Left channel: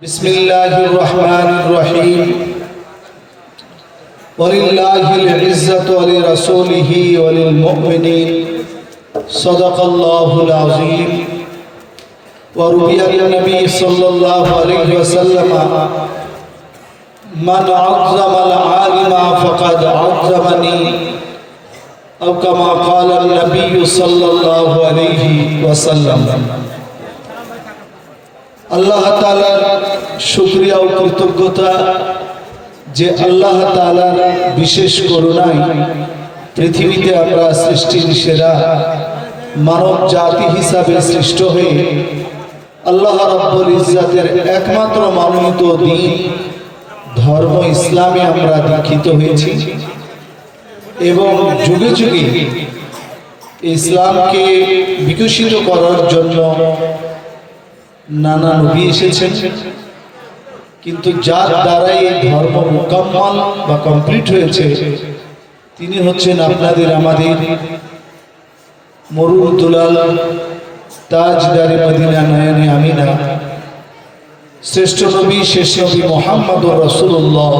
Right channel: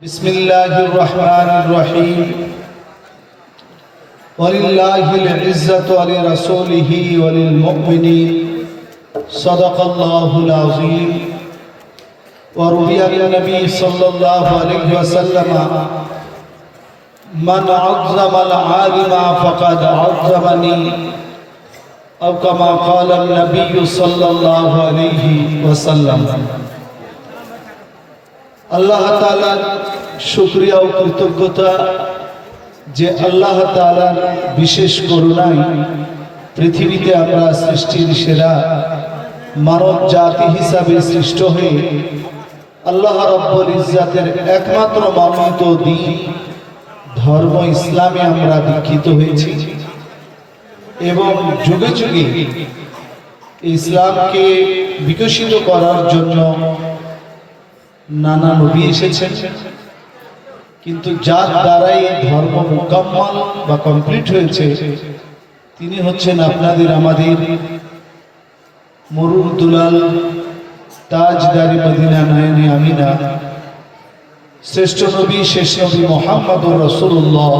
بسم الله الرحمن الرحيم ولله العزة ولرسوله وللمؤمنين صدق الله العظيم وروي النبي صلى الله عليه وسلم من عظم العالم فقد عظمني أو كما قال النبي صلى الله عليه وسلم আল্লাহ তাআলার শুকরিয়া ও কৃতজ্ঞতা যে আল্লাহ তাআলার বিশেষ করুণায় পৃথিবীতে আমরা সৃষ্টির সেরা মানব জাতি হিসাবে সৃষ্ট হয়ে আল্লাহ রাব্বুল ইজ্জাতের একমাত্র মানোনীত দ্বীন ধর্ম ইসলামে আমরা দীক্ষিত হয়েছি এবং যুগে যুগে ইসলামকে বিকশিত করার জন্য নানা নবী এসেছেন, কিন্তু যার দ্বারাই ধর্ম মুকাম্মাল বা কমপ্লিট হয়েছে তিনি হচ্ছেন আপনাদের আমাদের মরুর দুলাল তাজদারে মদিনা নয়নে আমিনা শ্রেষ্ঠ নবী শেষ নবী মুহাম্মদুর রাসূলুল্লাহ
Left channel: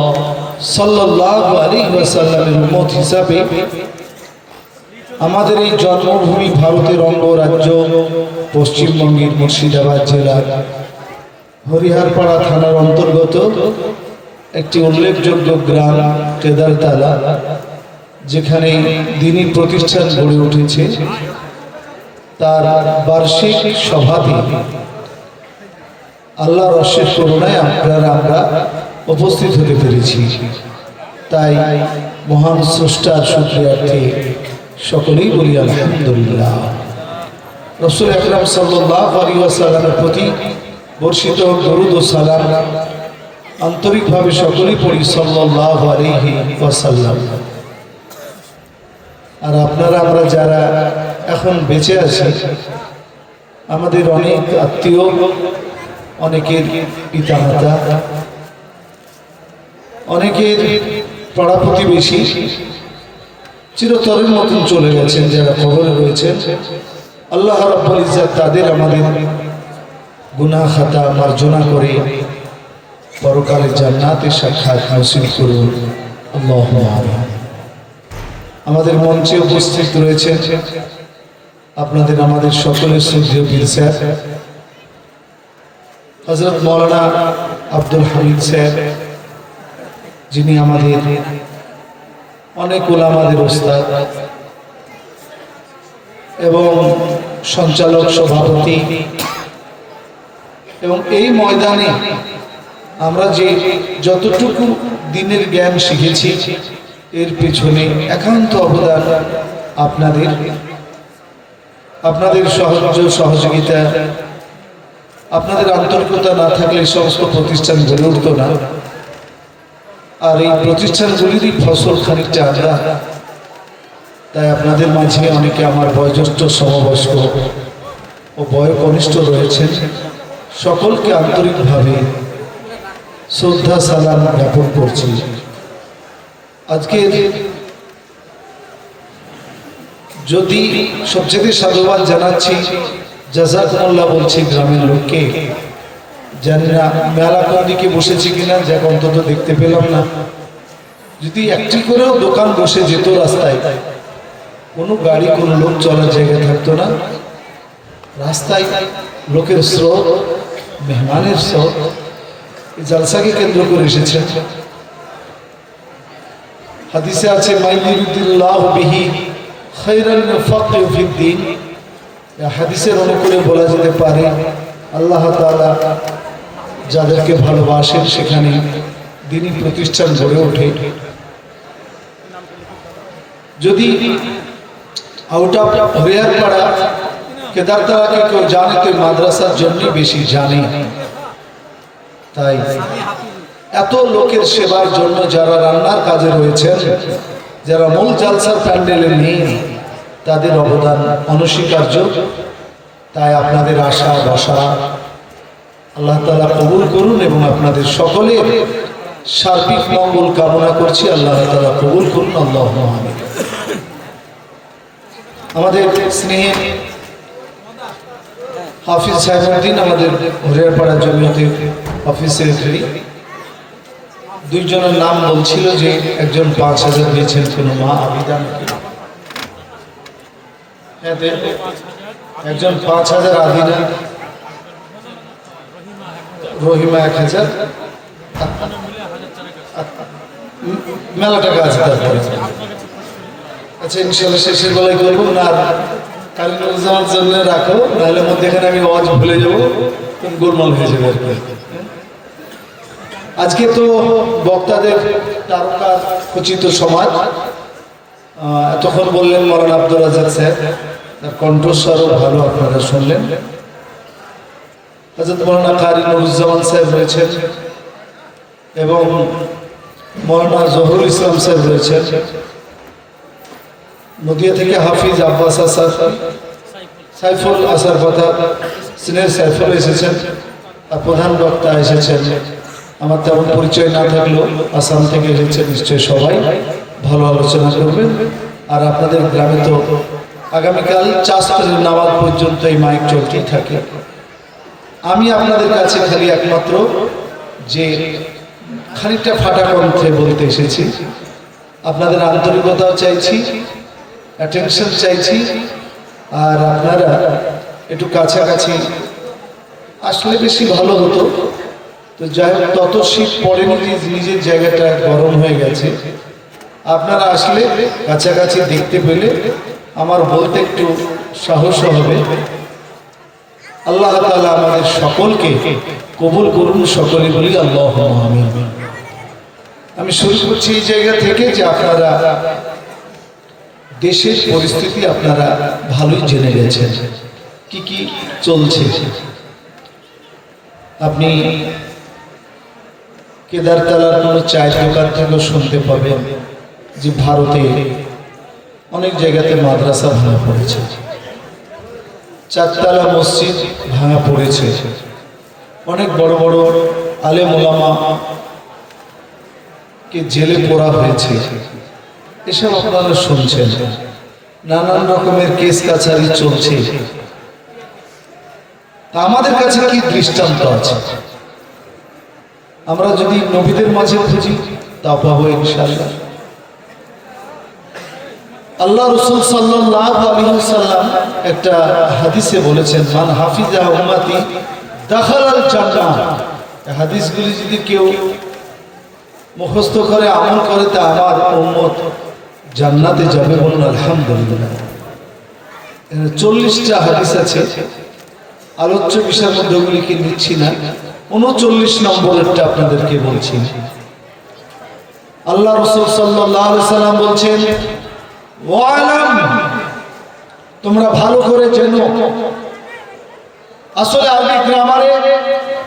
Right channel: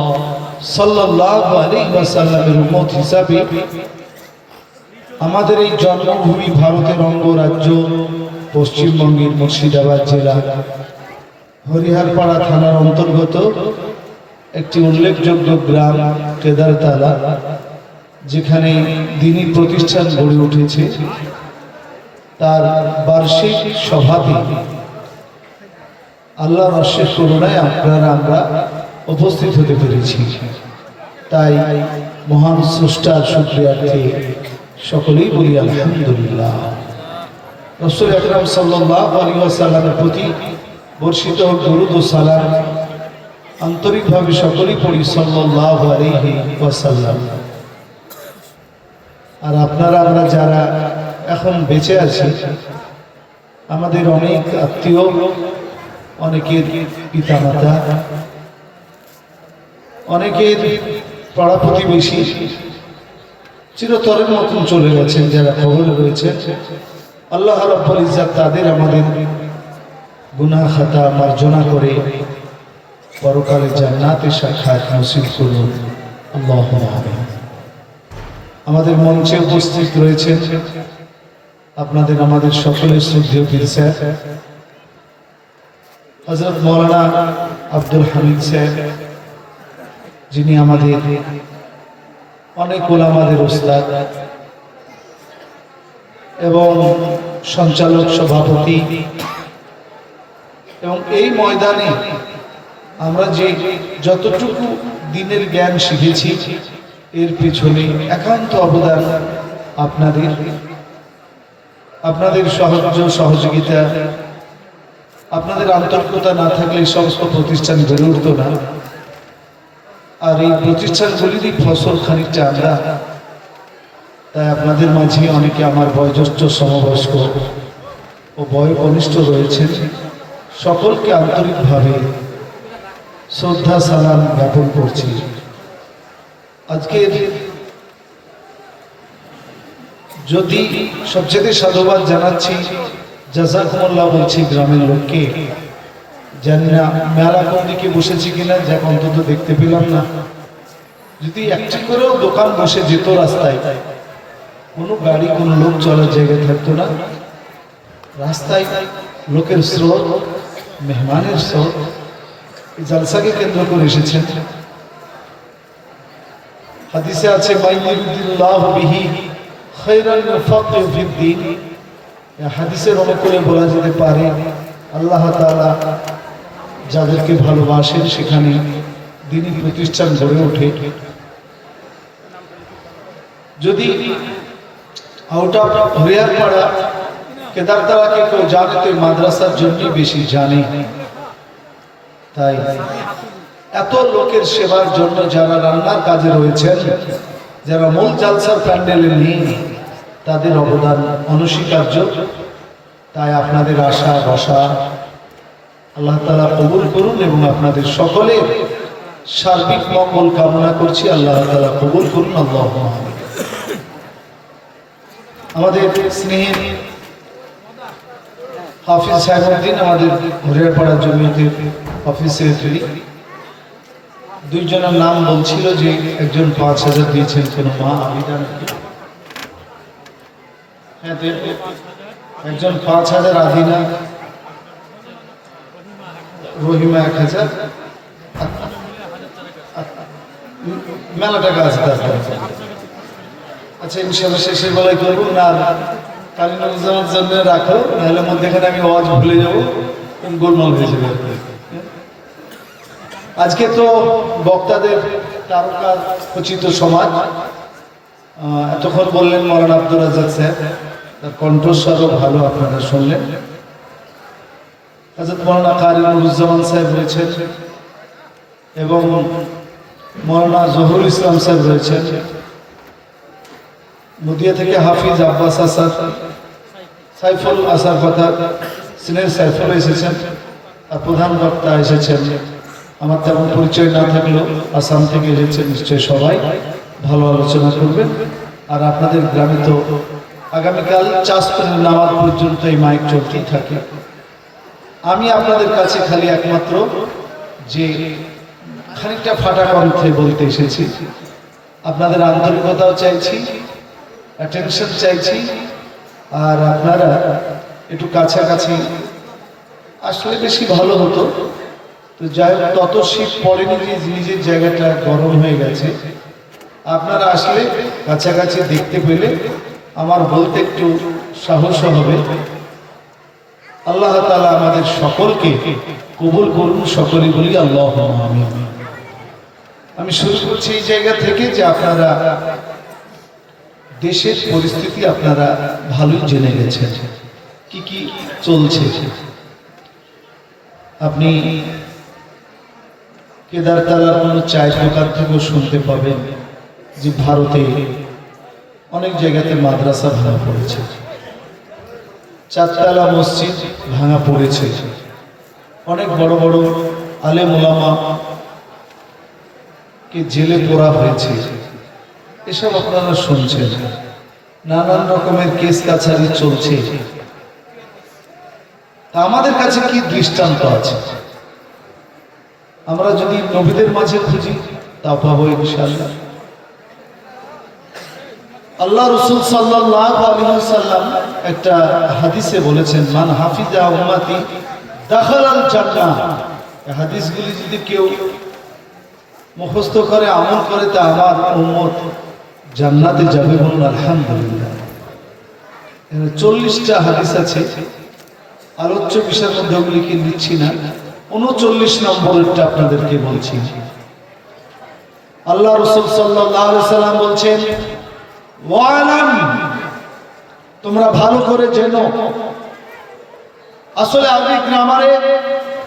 সাল্লাল্লাহু আলাইহি ওয়াসাল্লামের উম্মত হিসাবে আমাদের এই জন্মভূমি ভারতের অঙ্গরাজ্য পশ্চিমবঙ্গের মুর্শিদাবাদ জেলার হরিহরপাড়া থানার অন্তর্গত একটি উল্লেখযোগ্য গ্রাম কেদারতলা, যেখানে দ্বীনি প্রতিষ্ঠান গড়ে উঠেছে, তার বার্ষিক সভাতে আল্লাহর অশেষ করুণায় আমরা উপস্থিত হতে পেরেছি। তাই মহান স্রষ্টার শুকরিয়ার্থে সকলেই বলি আলহামদুলিল্লাহ। রাসূল আকরাম সাল্লাল্লাহু আলাইহি ওয়াসাল্লামের প্রতি বর্ষিত দরুদ ও সালাম আন্তরিকভাবে সকলেই পড়ি সাল্লাল্লাহু আলাইহি ওয়াসাল্লাম। আর আপনারা আমরা যারা এখন বেঁচে আছি, আমাদের অনেক আত্মীয়, অনেকের পিতামাতা, অনেকের পাড়া প্রতিবেশী চিরতরের মতন চলে গেছেন, যারা কবরে রয়েছেন। আল্লাহ রাব্বুল ইজ্জাত তাদের আমাদের গুনাহ খাতা মার্জনা করে পরকালে জান্নাতের সাক্ষাৎ নসিব করুন, আল্লাহুম্মা আমিন। আমাদের মঞ্চে উপস্থিত রয়েছেন আপনাদের আমাদের সকলের শ্রদ্ধেয় পীর সাহেব হযরত মাওলানা আব্দুল হামিদ সাহেব, যিনি আমাদের অনেক উলামাদের ওস্তাদ এবং সঞ্চালক সভাপতি। এবং এই ময়দানে আমরা যে যতটুকু দিনের জ্ঞান শিখেছি, এর পেছনে একান্ত অবদান আপনাদের সহযোগিতা, আপনাদের আন্তরিকতা না থাকলে এই সমস্ত প্রতিষ্ঠান গড়ে উঠত না। আর এই প্রতিষ্ঠানগুলিরই ফসল খানিকটা আমরা। তাই আপনাদের মাঝে অনেকে আমার বয়োজ্যেষ্ঠ, সমবয়স্ক ও বয়োকনিষ্ঠ রয়েছেন, সকলকে আন্তরিকভাবে শ্রদ্ধা সালাম জ্ঞাপন করছি। আজকে যদি সবচেয়ে সাধুবাদ জানাচ্ছি, জাযাকুমুল্লাহ বলছি গ্রামের লোককে। জানি না মেলা কোন দিকে বসেছে কিনা, যাক অন্তত দেখতে পেলাম না। যদি একটি করেও দোকান বসে যেত রাস্তায়, কোনো গাড়ি কোনো লোক চলার জায়গা থাকতো না, রাস্তায় লোকের স্রোত, মেহমানের স্রোত। এই জালসাকে কেন্দ্র করে এসেছেন। হাদিসে আছে মাইয়ুরিদুল্লাহু বিহি খায়রান ইউফাক্কিহু ফিদ্দীন। এই হাদিসের অনুকূলে বলা যেতে পারে আল্লাহ তাআলা যাদেরকে ভালোবাসেন সেখানে দ্বীনি প্রতিষ্ঠান গড়ে ওঠে। যদি আউট অফ হরিহরপাড়া কেদারতলাকে কেউ জানে তো মাদ্রাসার জন্য বেশি জানে। তাই এত লোকের সেবার জন্য যারা রান্নার কাজে রয়েছেন, যারা মূল জালসার প্যান্ডেলে নেই, তাদের অবদান অনস্বীকার্য। তাই আপনাদের আশা বসা আল্লাহ তাআলা কবুল করুন এবং আপনাদের সকলের সার্বিক মঙ্গল কামনা করছি। আল্লাহ তাআলা কবুল করুন, আল্লাহুম্মা আমিন। আমাদের স্নেহের হাফিজ সাহেবউদ্দিন আমাদের হরিহরপাড়া জমিয়তের অফিস সেক্রেটারি, দুইজনের নাম বলছিল যে একজন 5,000 দিয়েছেন কোনো মা আবিদা নাকি, একজন 5,000 আদিনা, রহিমা 1,000, মেলা টাকা আছে তার কাছে। আচ্ছা ইনশাল্লাহ শেষের বেলায় করবো না, আর কালীনগরের জন্য রাখো, নাহলে মধ্যেখানে আমি আওয়াজ ভুলে যাবো, তুমি গোলমাল হয়ে যাবে আর কি। আজকে তো বক্তাদের তারকা খচিত সমাজ, এতক্ষণ বললেন মৌলানা আব্দুর রাজ্জাক স্যার, তার কণ্ঠস্বরও ভালো আপনারা শুনলেন। হযরত মৌলানা কারি নুরুজ্জামান সাহেব রয়েছেন এবং মৌলানা জহুরুল ইসলাম সাহেব রয়েছেন। নদিয়া থেকে হাফিজ আব্বাস আসার, সাইফুল আসার কথা, সিনিয়র সাইফুল এসেছেন, আর প্রধান বক্তা এসেছেন। আমার তেমন পরিচয় না থাকলেও আসাম থেকে এসেছেন, নিশ্চয়ই সবাই ভালো আলোচনা করবেন। আর আপনাদের গ্রামে তো আগামীকাল চাষের নামাজ পর্যন্ত এই মাইক চলতেই থাকে। আমি আপনাদের কাছে খালি একমাত্র যে খানিকটা ফাটা কণ্ঠে বলতে এসেছি, আপনাদের আন্তরিকতাও চাইছি, অ্যাটেনশন চাইছি, আর আপনারা একটু কাছাকাছি আসলে বেশি ভালো হতো। তো যাই হোক, তত শীত পড়েনি, নিজের জায়গাটা গরম হয়ে গেছে। আপনারা আসলে কাছাকাছি দেখতে পেলে আমার বলতে একটু সাহস হবে। আল্লাহ তাআলা আমাদের সকলকে কবুল করুন, সকলে বলি আল্লাহুম্মা আমিন। আমি শুরু করছি এই জায়গা থেকে যে আপনারা দেশের পরিস্থিতি আপনারা ভালোই জেনে গেছেন, কি কি চলছে। আপনি কেদারতলার কোনো চায়ের দোকান থেকেও শুনতে পাবেন যে ভারতে অনেক জায়গাতে মাদ্রাসা ভাঙা পড়েছে, 4 তলা মসজিদ ভাঙা পড়েছে, অনেক বড় বড় আলেম ওলামা কে জেলে পোড়া হয়েছে। এসব আপনারা শুনছেন, নানান রকমের কেস কাছারি চলছে। তা আমাদের কাছে কি দৃষ্টান্ত আছে? আমরা যদি নবীদের মাঝে খুঁজি তাও পাবো ইনশাআল্লাহ। আল্লাহ রাসূল সাল্লাল্লাহু আলাইহি ওয়াসাল্লাম একটা হাদিসে বলেছেন, মান হাফিজা উম্মতি দাখালাল জান্নাহ। এই হাদিসগুলি যদি কেউ মুখস্থ করে আমল করে তা আমার উম্মত জান্নাতে যাবে, বলুন আলহামদুলিল্লাহ। 40টা হাদিস আছে, আলোচ্য বিষয়ের মধ্যে ওগুলিকে নিচ্ছি না, 39 নম্বরেরটা আপনাদেরকে বলছি। আল্লাহ রাসূল সাল্লাল্লাহু আলাইহি ওয়াসাল্লাম বলছেন, ওয়ালাম, তোমরা ভালো করে জেনো। আসলে আরবি গ্রামারে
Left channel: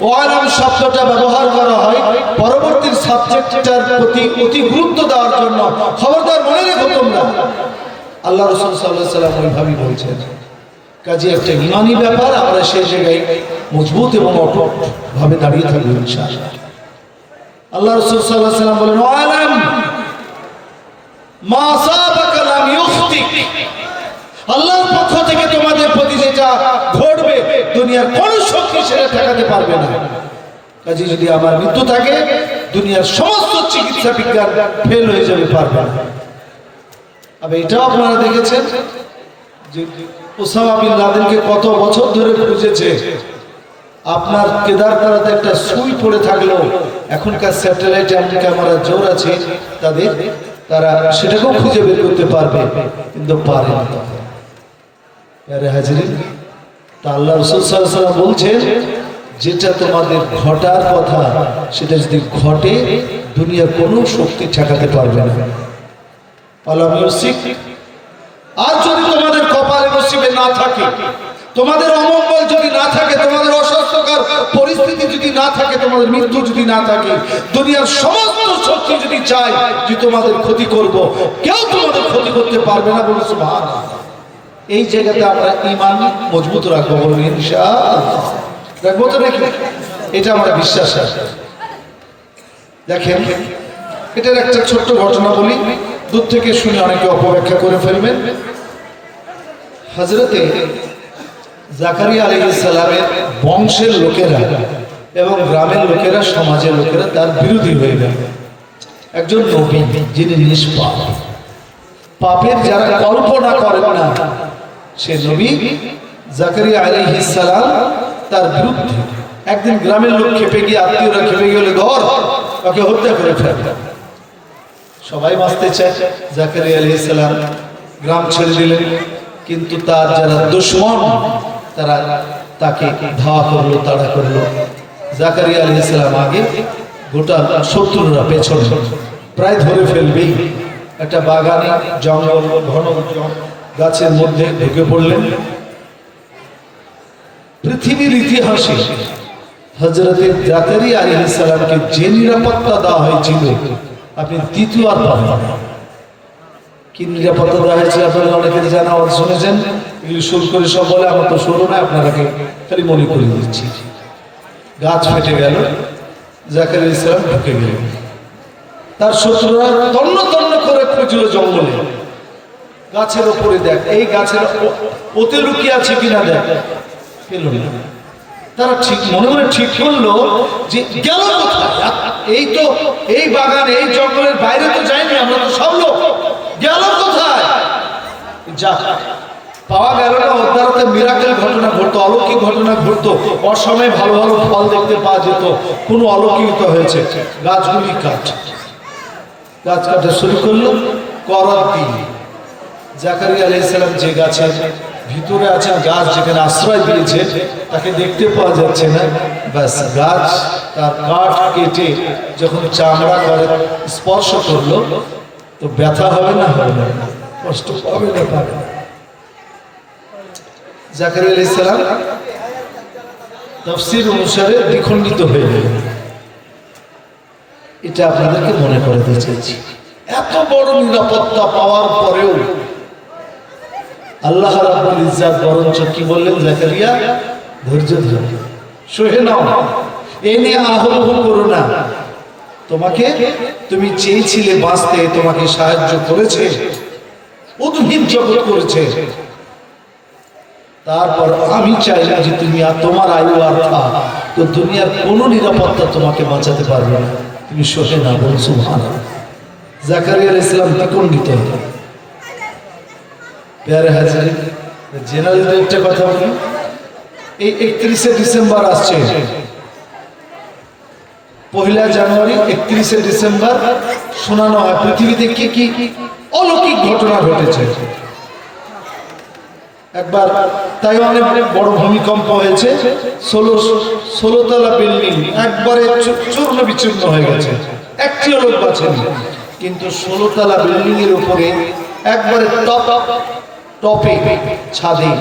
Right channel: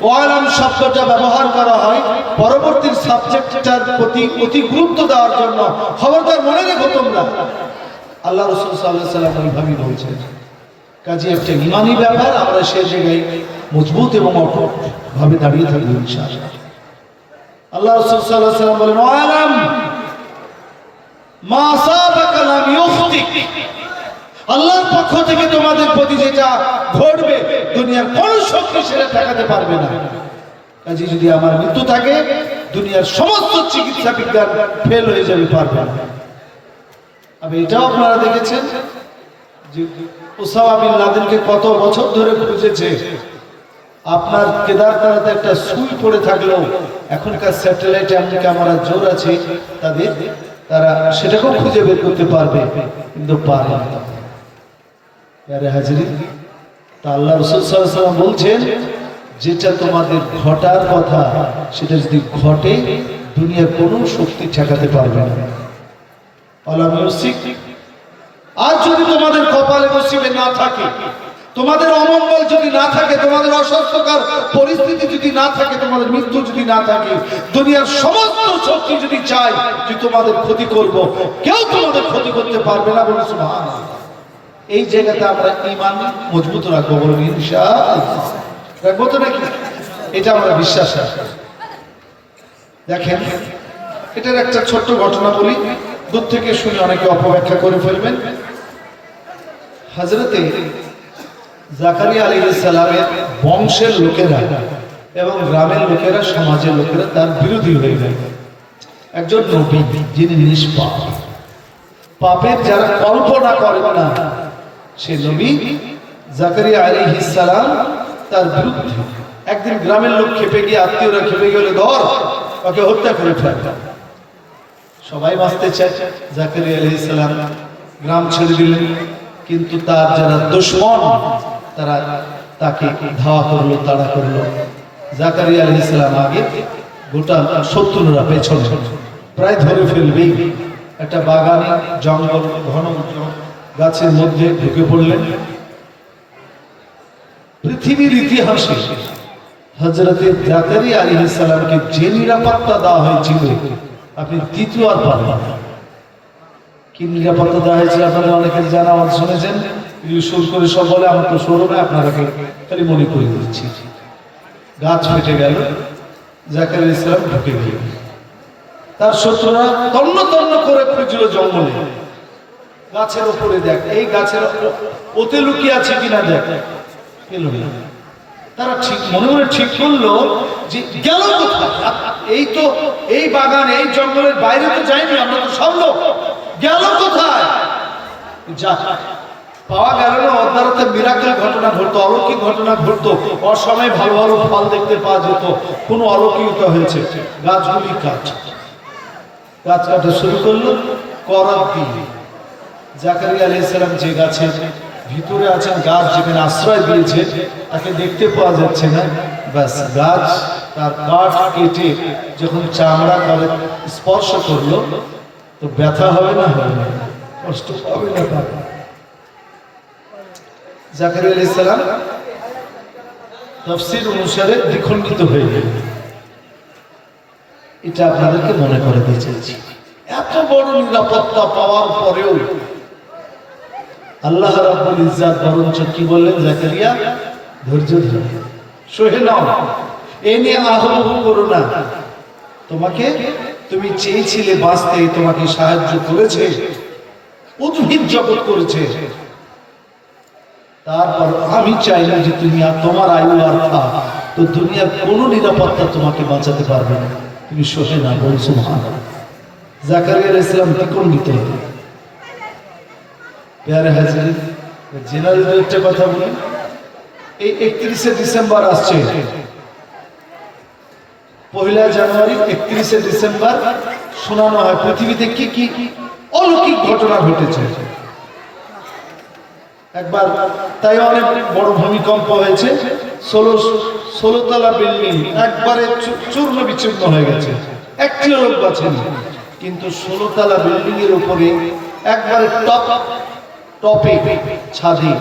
ওয়ালাম শব্দটা ব্যবহার করা হয় পরবর্তী সাবজেক্টটার প্রতি অতি গুরুত্ব দেওয়ার জন্য। খবরদার মনে রেখো তোমরা, আল্লাহ রাসূল সাল্লাল্লাহু আলাইহি ওয়াসাল্লাম ওইভাবেই বলছেন। কাজে একটা ইমানি ব্যাপার, আমরা সেই জায়গায় মজবুত এবং অটুট ভাবে দাঁড়িয়ে থাকবো ইনশাআল্লাহ। আল্লাহ রাসূল সাল্লাল্লাহু আলাইহি ওয়াসাল্লাম বলেন, ওয়ালাম মা সাবাকা লাম ইউখতিক। আল্লাহর পক্ষ থেকে তোমাদের প্রতি যেটা ঘটবে দুনিয়ার কোন শক্তি সেটা ঠেকাতে পারবে না। কাজে যদি আমার মৃত্যু থাকে, দুনিয়ার সমস্ত চিকিৎসা বিজ্ঞান ফেল হয়ে যাবে, পারবে না। আবার এটাও আপনারা দেখেছেন যে ওসামা বিন লাদেনকে কত বছর ধরে খুঁজেছে। আপনার কেদারতলাতে একটা সুই পড়ে থাকলেও এখনকার স্যাটেলাইট ক্যামেরা জোর আছে তাদের, তারা সেটাকেও খুঁজে বের করতে পারবে, কিন্তু পারে না। আরে হাজরিন, তা আল্লাহ রাসূল সাল্লাল্লাহু আলাইহি ওয়াসাল্লাম বলছেন, যেটা তোমাদের ঘটার কথা সেটা যদি ঘটে, দুনিয়ার কোনো শক্তি ঠেকাতে পারবে না। আলাম ইউসিক। আর যদি তোমাদের কপালে নসিবে না থাকে, তোমাদের অমঙ্গল যদি না থাকে, তোমাদের অস্বাস্থ্যকর পরিস্থিতি যদি না থাকে, তোমাদের মৃত্যু যদি না থাকে, দুনিয়ার সমস্ত শক্তি যদি চায় যে তোমাদের ক্ষতি করব, কেউ তোমাদের ক্ষতি করতে পারবে না। বলে সুবহানাল্লাহ। এই জায়গাতে আমরা ঈমান মজবুত রাখবো, বলুন ইনশাআল্লাহ। রাখবো তো নাকি? এটা আমরা বিশ্বাস রাখি। দেখেন, এটার একটা ছোট্ট ঘটনা বলি, দূর থেকে শুনে অনেকে অপব্যাখ্যা করে ফেলবেন। হযরতে জাকারিয়া আলাইহিস সালামের বংশের লোকেরা এবং গ্রামের লোকেরা, সমাজের লোকেরা তার বিরোধী হয়ে গেল। একজন নবী যিনি নিষ্পাপ, পাপের যারা কল্পনা করেন না, সে নবী জাকারিয়া আলাইহিস সালাম তার বিরুদ্ধে। একদিন গ্রামের লোক খেপে গিয়ে, আত্মীয়রা খেপে গেলে, ধর ওকে হত্যা করে ফেলতেন। সবাই বাঁচতে চায়, জাকারিয়া আলাইহিস সালাম গ্রাম ছেড়ে দিলেন। কিন্তু তার যারা দুশমন তারা তাকে ধাওয়া করলো, তাড়া করলো। জাকারিয়া আলাইহিস সালাম আগে, গোটা শত্রুরা পেছনে, প্রায় ধরে ফেলবেই। একটা বাগানে জঙ্গল, ঘন গাছের মধ্যে ঢুকে পড়লেন। পৃথিবীর ইতিহাসে হযরত জাকারিয়া আলাইহিস সালামকে যে নিরাপত্তা দেওয়া হয়েছিল আপনি দ্বিতীয়বার পাবেন না। কি নিরাপত্তা দেওয়া হয়েছে আপনারা অনেকের জানা, শুনেছেন, এগুলি সুর করে সব বলে, আমার তো শুরু নয়, আপনারাকে খালি মনে করে দিচ্ছি। গাছ ফেটে গেল, জাকারিয়া আলাইহিস সালাম ঢুকে গেলেন। তার শত্রুরা তন্ন তন্ন করে খুঁজল জঙ্গলে, গাছের উপরে, দেখ এই গাছের ওতে লুকিয়ে আছে কিনা, দেখ, পেল না। তারা ঠিক মনে মনে ঠিক করলো যে গেল কোথায়, এই তো এই বাগান, এই জঙ্গলের বাইরে তো যাইনি, আমরা তো সব লোক, গেল কোথায়? যা পাওয়া গেল না, অদ্বারাতে মিরাকেল ঘটনা ঘটতো, অলৌকিক ঘটনা ঘটতো, অসময়ে ভালো ভালো ফল দেখতে পাওয়া যেত, কোনো অলৌকিকতা হয়েছে। গাছগুলি গাছ কাটা শুরু করলো, করার দিন জাকারিয়া আলাইহিস সালাম যে গাছের ভিতরে আছেন, গাছ যেখানে আশ্রয় দিয়েছে তাকে দেখতে পাওয়া যাচ্ছে না। ব্যাস, গাছ তার কাঠ কেটে যখন চামড়া করে স্পর্শ করলো, তো ব্যথা হবে না, হবে না, কষ্ট পাবে না, পাবে না। জাকারিয়া আলাইহিস সালাম তাফসীর অনুসারে দ্বিখণ্ডিত হয়ে গেলেন। এটা আপনাদেরকে মনে করে দিতে চাইছি। এত বড় নিরাপত্তা পাওয়ার পরেও আল্লাহ রাব্বুল ইজ্জত বরঞ্চ কি বললেন, জাকারিয়া ধৈর্য ধরো, সহে নাও, এ নিয়ে আহ্লাদ করো না। তোমাকে, তুমি চেয়েছিলে বাঁচতে, তোমাকে সাহায্য করেছে, উদ্ভিদ জগৎ করেছে, তারপর আমি চাই না যে তুমি আর তোমার আয়ু আর থাক, তো দুনিয়ার কোনো নিরাপত্তা তোমাকে বাঁচাতে পারবে না, তুমি সহে নাও, বল সুবহানাল্লাহ। জাকারিয়া আলাইহিস সালাম দ্বিখণ্ডিত হলেন। প্যারে হাজির, জেনারেল একটা কথা বলি, এই 31শে ডিসেম্বর আসছে, 1 জানুয়ারি 31শে ডিসেম্বর শোনানো হয় পৃথিবীতে কি কি অলৌকিক ঘটনা ঘটেছে। একবার তাইওয়ানে বড় ভূমিকম্প হয়েছে, 16 তলা বিল্ডিং একবারে চূর্ণ বিচূর্ণ হয়ে গেছে, একটিও লোক বাঁচেনি। কিন্তু 16 তলা বিল্ডিং এর উপরে একবারে টপে ছাদে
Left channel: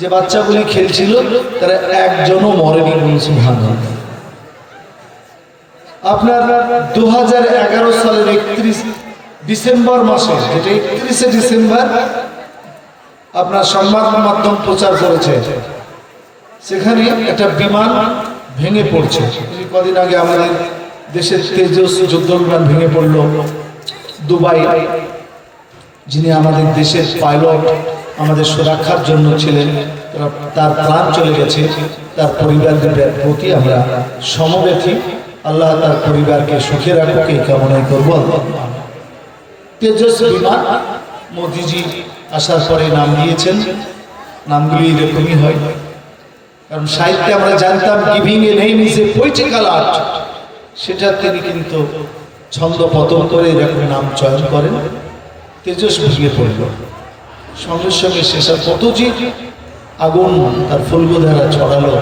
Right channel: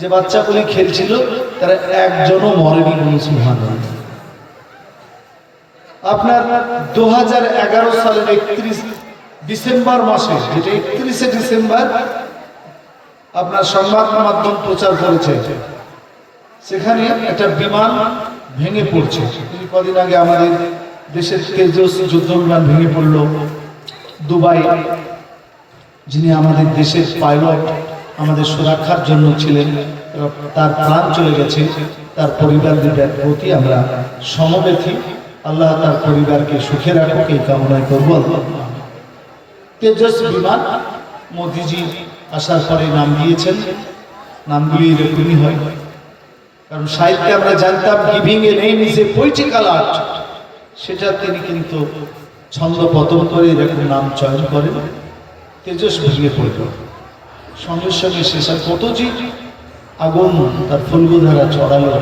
যে বাচ্চাগুলি খেলছিল, তারা একজনও মরেনি, সুবহানাল্লাহ। আপনার 2011 সালের 31 ডিসেম্বর মাসে, যেটা 31শে ডিসেম্বর আপনার সংবাদ মাধ্যম প্রচার করেছে, সেখানে একটা বিমান ভেঙে পড়ছে। কদিন আগে আমাদের দেশের তেজস যুদ্ধ বিমান ভেঙে পড়লো। দুবাই, যিনি আমাদের দেশের পাইলট, আমাদের সুরক্ষার জন্য ছিলেন, তার প্রাণ চলে গেছে। তার পরিবারের প্রতি আমরা সমবেথী। আল্লাহ তার পরিবারকে সুখে রাখুক, এই কামনাই করব। তেজস বিমান মোদিজি আসার পরে নাম দিয়েছেন, নামগুলি এরকমই হয়। কারণ সাহিত্যে আমরা জানতাম giving a name is a poetical art, সেটা তিনি কিন্তু ছন্দ পতন করে এরকম নাম চয়ন করেন। তেজস ভেঙে পড়ল, সঙ্গে সঙ্গে শেষের কত যে আগুন তার ফুলবোধারা ছড়ালো,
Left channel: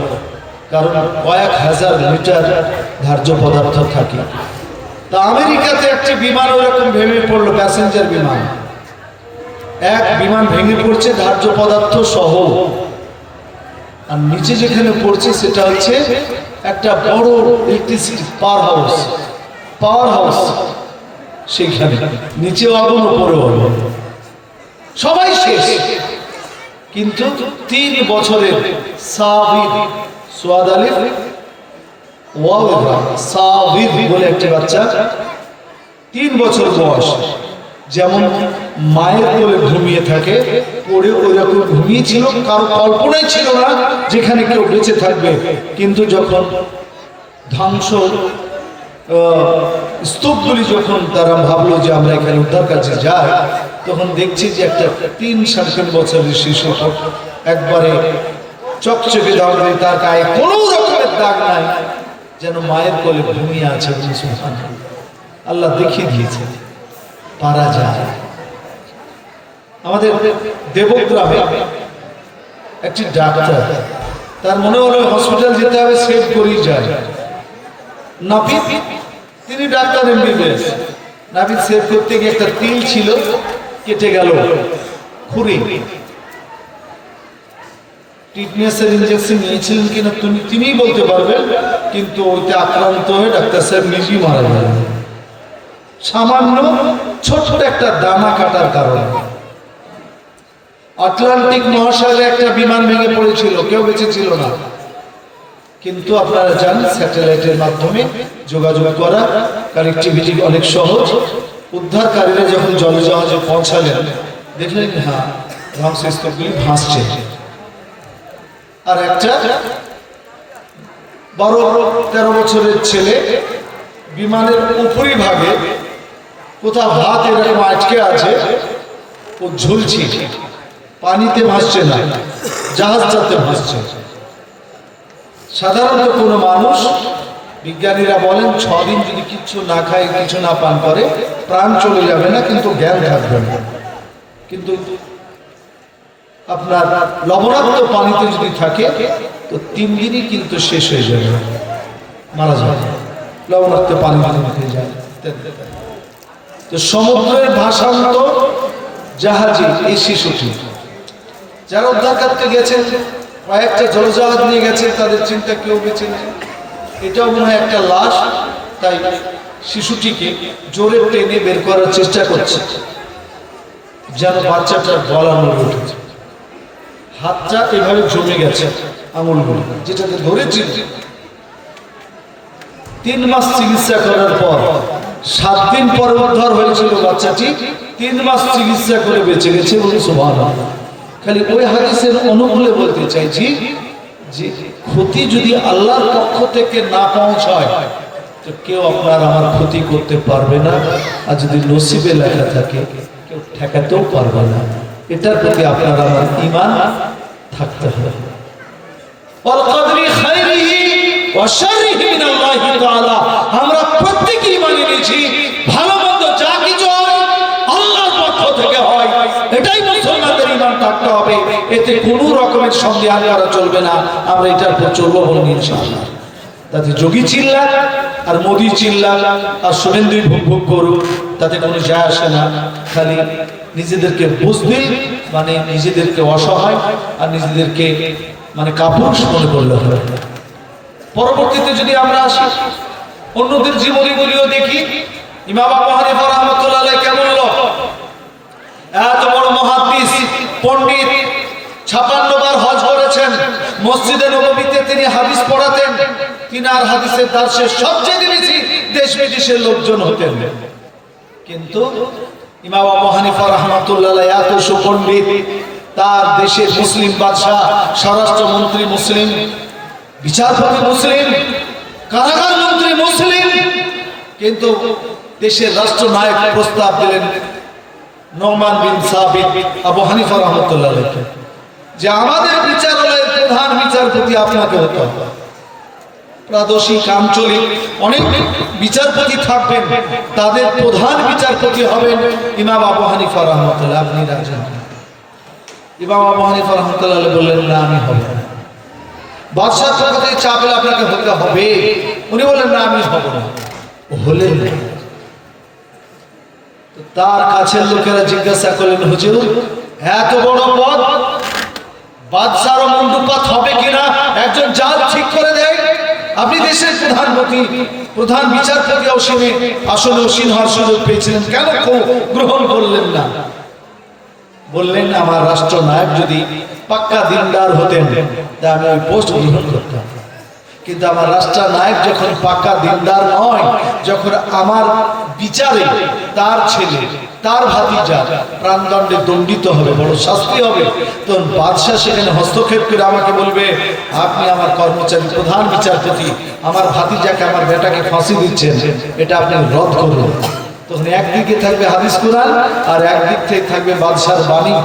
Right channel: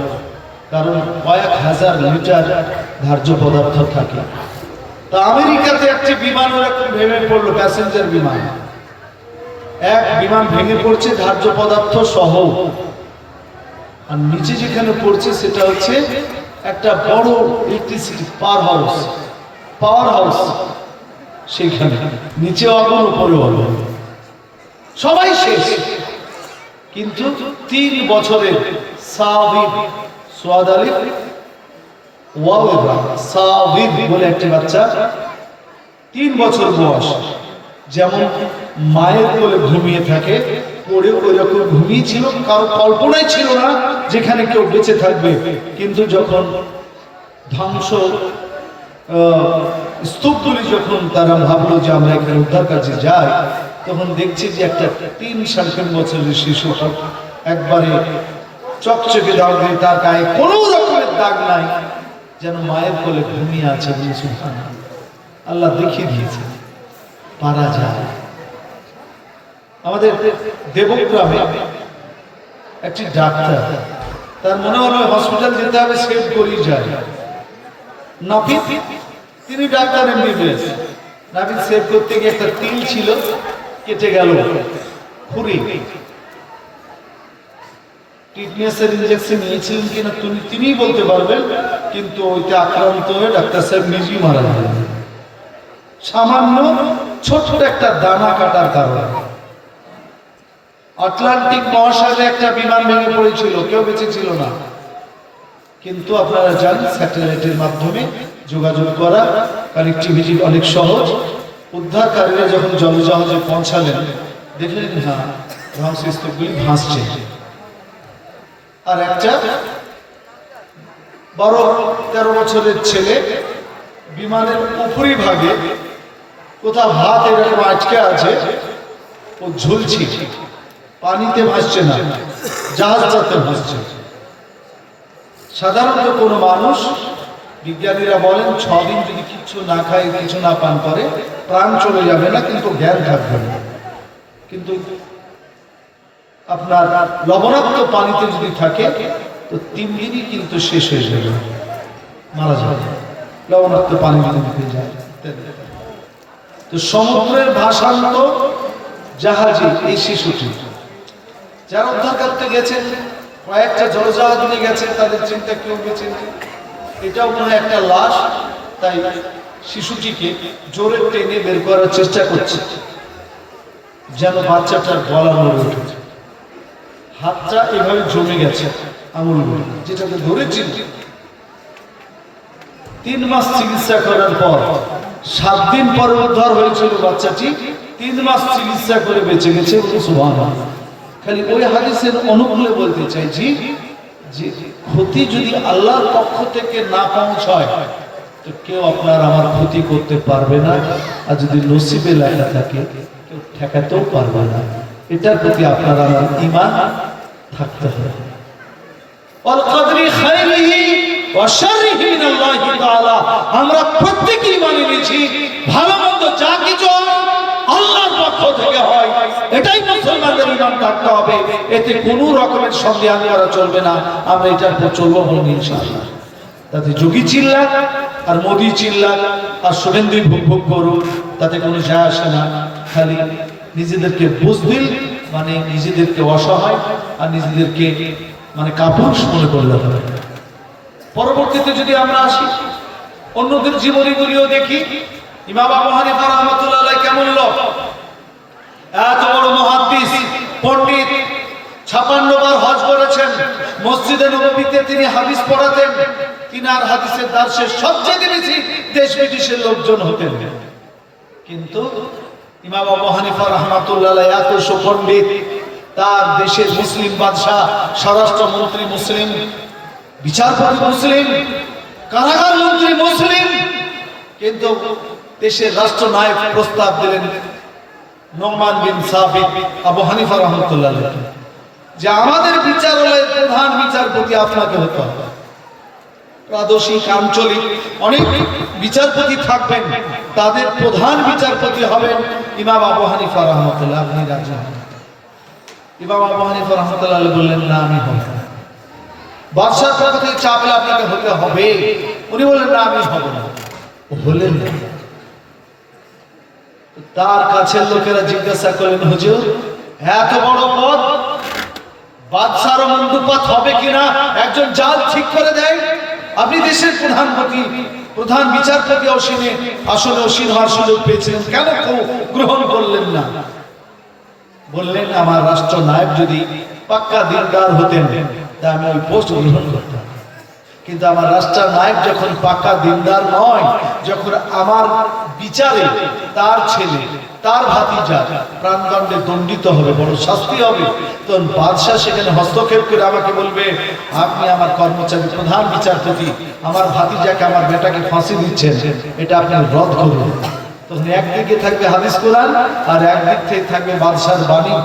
কারণ কয়েক হাজার লিটার ধার্য পদার্থ থাকে। তা আমেরিকাতে একটি বিমান ওরকম ভেঙে পড়লো, প্যাসেঞ্জার বিমান, এক বিমান ভেঙে পড়ছে ধার্য পদার্থ সহ। আর নিচে যেখানে পড়ছে সেটা হচ্ছে একটা বড় ইলেকট্রিসিটি পাওয়ার হাউস, সেইখানে নিচে আগুন, উপরে আগুন, সবাই শেষ। কিন্তু 3 বছরের সাবির বলে একটি বাচ্চা, 3 বছর বয়স, যেমন মায়ের কোলে ঘুমিয়ে থাকে, পড়ে ওই রকম ঘুমিয়েছিল। কারো কল্পনাই ছিল না যেখানে কেউ বেঁচে থাকবে। কিন্তু যখন ধ্বংস স্তূপগুলি যখন তারা ভাবলো যে আমরা এখানে উদ্ধার কাজে যাই, তখন দেখছি যে একটা 3-3.5 বছরের শিশু একবারে চকচকে দাঁড়িয়ে, তার গায়ে কোনো রকমের দাগ নাই, যেন মায়ের কোলে ঘুমিয়ে আছে। আল্লাহ দেখিয়ে দিয়েছে পারা যায়। আমাদের দেবগ্রামে একটি ডাক্তার, তার মনে হলো হসপিটাল যেতে হবে, সেভ করেই যায়। নাপিত, তিনি ডাক্তার এমবিবিএস, নাপিত সেভ করতে গিয়ে একটা তিল ছিল, কেটে গেল খুঁড়ি। টিটনেসের ইঞ্জেকশন নিয়েছিলেন কিনা তিনিই বলতে পারবেন, কিন্তু ওইটা আক্রান্ত হয়ে ডাক্তার সাহেব নিজেই মারা গেলেন, সামান্য ছোট্ট একটা দানা কাটার কারণে। আটলান্টিক মহাসাগরে একটা বিমান ভেঙে পড়েছিল, কেউ বেঁচে ছিল না, কিন্তু আপনারা জানেন স্যাটেলাইটের মাধ্যমে যোগাযোগ করা, কানেক্টিভিটি অনেক সহজ। উদ্ধারকারীরা যখন জলজাহাজে পৌঁছালেন, দেখলেন হ্যাঁ ধ্বংসস্তূপগুলি ভাসছে। আর একটা 12-13 বছরের ছেলে বিমানের উপরি ভাগে কোথাও হাত এরকম আটকে আছে, ও ঝুলছে, পানিতে ভাসছে না, জাহাজটাতে ভাসছে। সাধারণত কোনো মানুষ, বিজ্ঞানীরা বলেন 6 দিন যদি কিছু না খায়, কিছু না পান করে, প্রাণ চলে যাবে না, কিন্তু জ্ঞান থাকবে না। কিন্তু আপনার লবণাক্ত পানিতে যদি থাকে তো 3 দিনই কিন্তু শেষ হয়ে যাবে, মারা যাবে, লবণাক্ত পানি দিতে যায়। তো সমুদ্রের ভাসান্ত জাহাজে এই শিশুটি, যারা উদ্ধার করতে গেছেন, কয়েকটা জলজাহাজ নিয়ে গেছেন, তাদের চিন্তা কেউ বেঁচে নেই, এটাও মনে হয় একটা লাশ। তাই শিশুটিকে জোরে টেনে বের করার চেষ্টা করছে, যেন বাচ্চাটার গলা নড়ে উঠেছে, হাতটা এভাবে জমে গেছে, আঙুলগুলো যেটাকে ধরেছিল। 3 মাস চিকিৎসা করার পর 7 দিন পর উদ্ধার হয়েছিল বাচ্চাটি, 3 মাস চিকিৎসা করে বেঁচে গেছে। সুবহানাল্লাহ। খালি ওই হাদিসের অনুকূলে বলতে চাইছি যে ক্ষতি যদি আল্লাহর পক্ষ থেকে না পৌঁছায় তো কেউ আপনার আমার ক্ষতি করতে পারবে না, আর যদি নসিবে লেখা থাকে কেউ ঠেকাতেও পারবে না। এটার প্রতি আপনার আমার ঈমান থাকতে হবে। আমরা প্রত্যেকেই মানে নিয়েছি ভালো মন্দ যা কিছু হয় আল্লাহর পক্ষ থেকে হয়, এটাই মুসলমানদের ঈমান থাকতে হবে। এতে কোনো রকমের সন্দেহ করা চলবে না। আমরা এটার উপর চলবো বলুন ইনশাআল্লাহ। তাতে যোগী চিল্লা আর মোদি চিল্লা আর সুরেন্দ্র ভোগ ভোগ করুক, তাতে কোনো যায় আসে না। খালি নিজেদেরকে বুঝদিল মানে নিজেদেরকে অসহায় আর নিজেদেরকে মানে কাপুরুষ মনে করলে হবে। পরবর্তীতে যদি আমরা আসি অন্যদের জীবনীগুলিও দেখি, ইমাম আবু হানিফা রাহমাতুল্লাহ আলাইহি কেমন লোক, এত বড় মুহাদ্দিস পণ্ডিত, 56 বার হজ করেছেন, মসজিদে নববীতে তিনি হাদিস পড়াতেন, তিনার হাদিসের দার্সে সবচেয়ে বেশি দেশ বিদেশের লোকজন হতেন। কিন্তু ইমাম আবু হানিফা রাহমাতুল্লাহ আলাইহি এত সুপণ্ডিত, তার দেশের মুসলিম বাদশাহ, স্বরাষ্ট্রমন্ত্রী মুসলিম, বিচারপতি মুসলিম, কারাগার মন্ত্রী মুসলিম, কিন্তু দেশের রাষ্ট্রনায়ক প্রস্তাব দিলেন নোমান বিন সাবিত আবু হানিফা রাহমাতুল্লাহ আলাইহি যে আমাদের বিচারালয়ের প্রধান বিচারপতি আপনাকে হতে হবে। প্রাদেশিক আঞ্চলিক অনেক বিচারপতি থাকবেন, তাদের প্রধান বিচারপতি হবেন ইমাম আবু হানিফা রাহমাতুল্লাহ। আপনি রাজি? ইমাম আবু হানিফা রাহমাতুল্লাহ বললেন না, আমি হব না। বাদশাহ পক্ষ থেকে চাপ এলে আপনাকে হতে হবে। উনি বললেন না, আমি হব না। হলেন না। তার কাছের লোকেরা জিজ্ঞাসা করলেন, হুজুর এত বড় পদ, বাদশার মন্ডুপাত হবে কিনা, একজন জাল ঠিক করে দেয়, আপনি দেশের প্রধানমন্ত্রী, প্রধান বিচারপতি অসীনে আসলে অসীন হওয়ার সুযোগ পেয়েছিলেন, কেন গ্রহণ করলেন না? বললেন আমার রাষ্ট্রনায়ক যদি পাক্কা দিনদার হতেন তা আমি ওই পোস্ট গ্রহণ করতাম। কিন্তু আমার রাষ্ট্রনায়ক যখন পাকা দিনদার নয়, যখন আমার বিচারে তার ছেলে তার ভাতিজা প্রাণদণ্ডে দণ্ডিত হবে, বড় শাস্তি হবে, তখন বাদশাহ সেখানে হস্তক্ষেপ করে আমাকে বলবে, আপনি আমার কর্মচারী প্রধান বিচারপতি, আমার ভাতিজাকে আমার বেটাকে ফাঁসি দিচ্ছেন, এটা আপনি রদ করুন। তখন একদিকে থাকবে হাদিস কোরআন আর একদিক থেকে থাকবে বাদশাহর বাণী।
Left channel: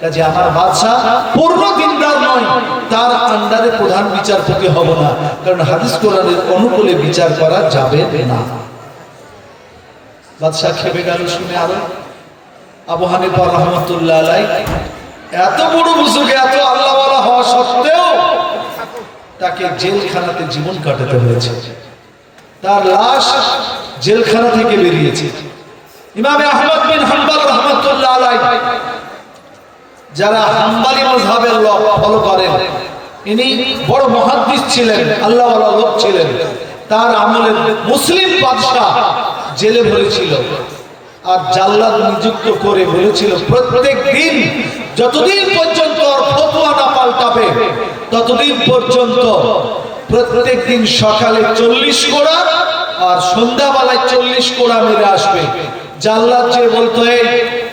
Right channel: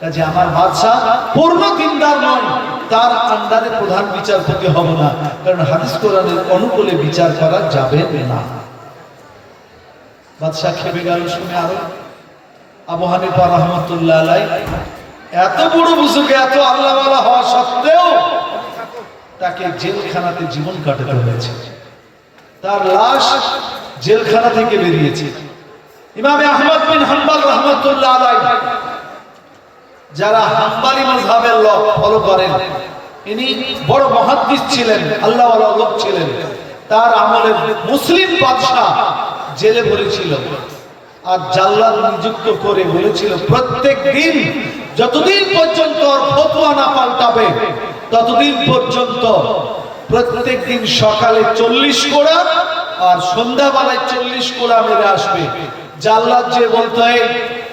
কাজে আমার বাদশাহ পূর্ণ দিনদার নয়, তার আন্ডারে প্রধান বিচারপতি হব না, কারণ হাদিস কোরআনের অনুকূলে বিচার করা যাবে না। বাদশাহ খেপে গেল শুনে। আরো আবু হানিফা রাহমাতুল্লাহ আলাইহি এত বড় বুজুর্গ, এত আল্লাহওয়ালা হওয়া সত্ত্বেও তাকে জেলখানাতে জীবন কাটাতে হয়েছে। তার লাশ জেলখানা থেকে বেরিয়েছে। ইমাম আহমদ বিন হাম্বল রাহমাতুল্লাহ আলাইহি, যারা হাম্বলি মাযহাবের লোক ফলো করেন, ইনি বড় মুহাদ্দিস ছিলেন, আল্লাহওয়ালা লোক ছিলেন। তার আমলে মুসলিম বাদশাহ জেলে ভরেছিল আর জাল্লাদ নিযুক্ত করে বলেছিল, প্রত্যেক দিন যতদিন পর্যন্ত ফতোয়া না পাল্টাবে ততদিন পর্যন্ত প্রত্যেক দিন সকালে 40 কোড়া আর সন্ধ্যাবেলায় 40 কোড়া মেরে আসবে। জাল্লাদ যে বলতো,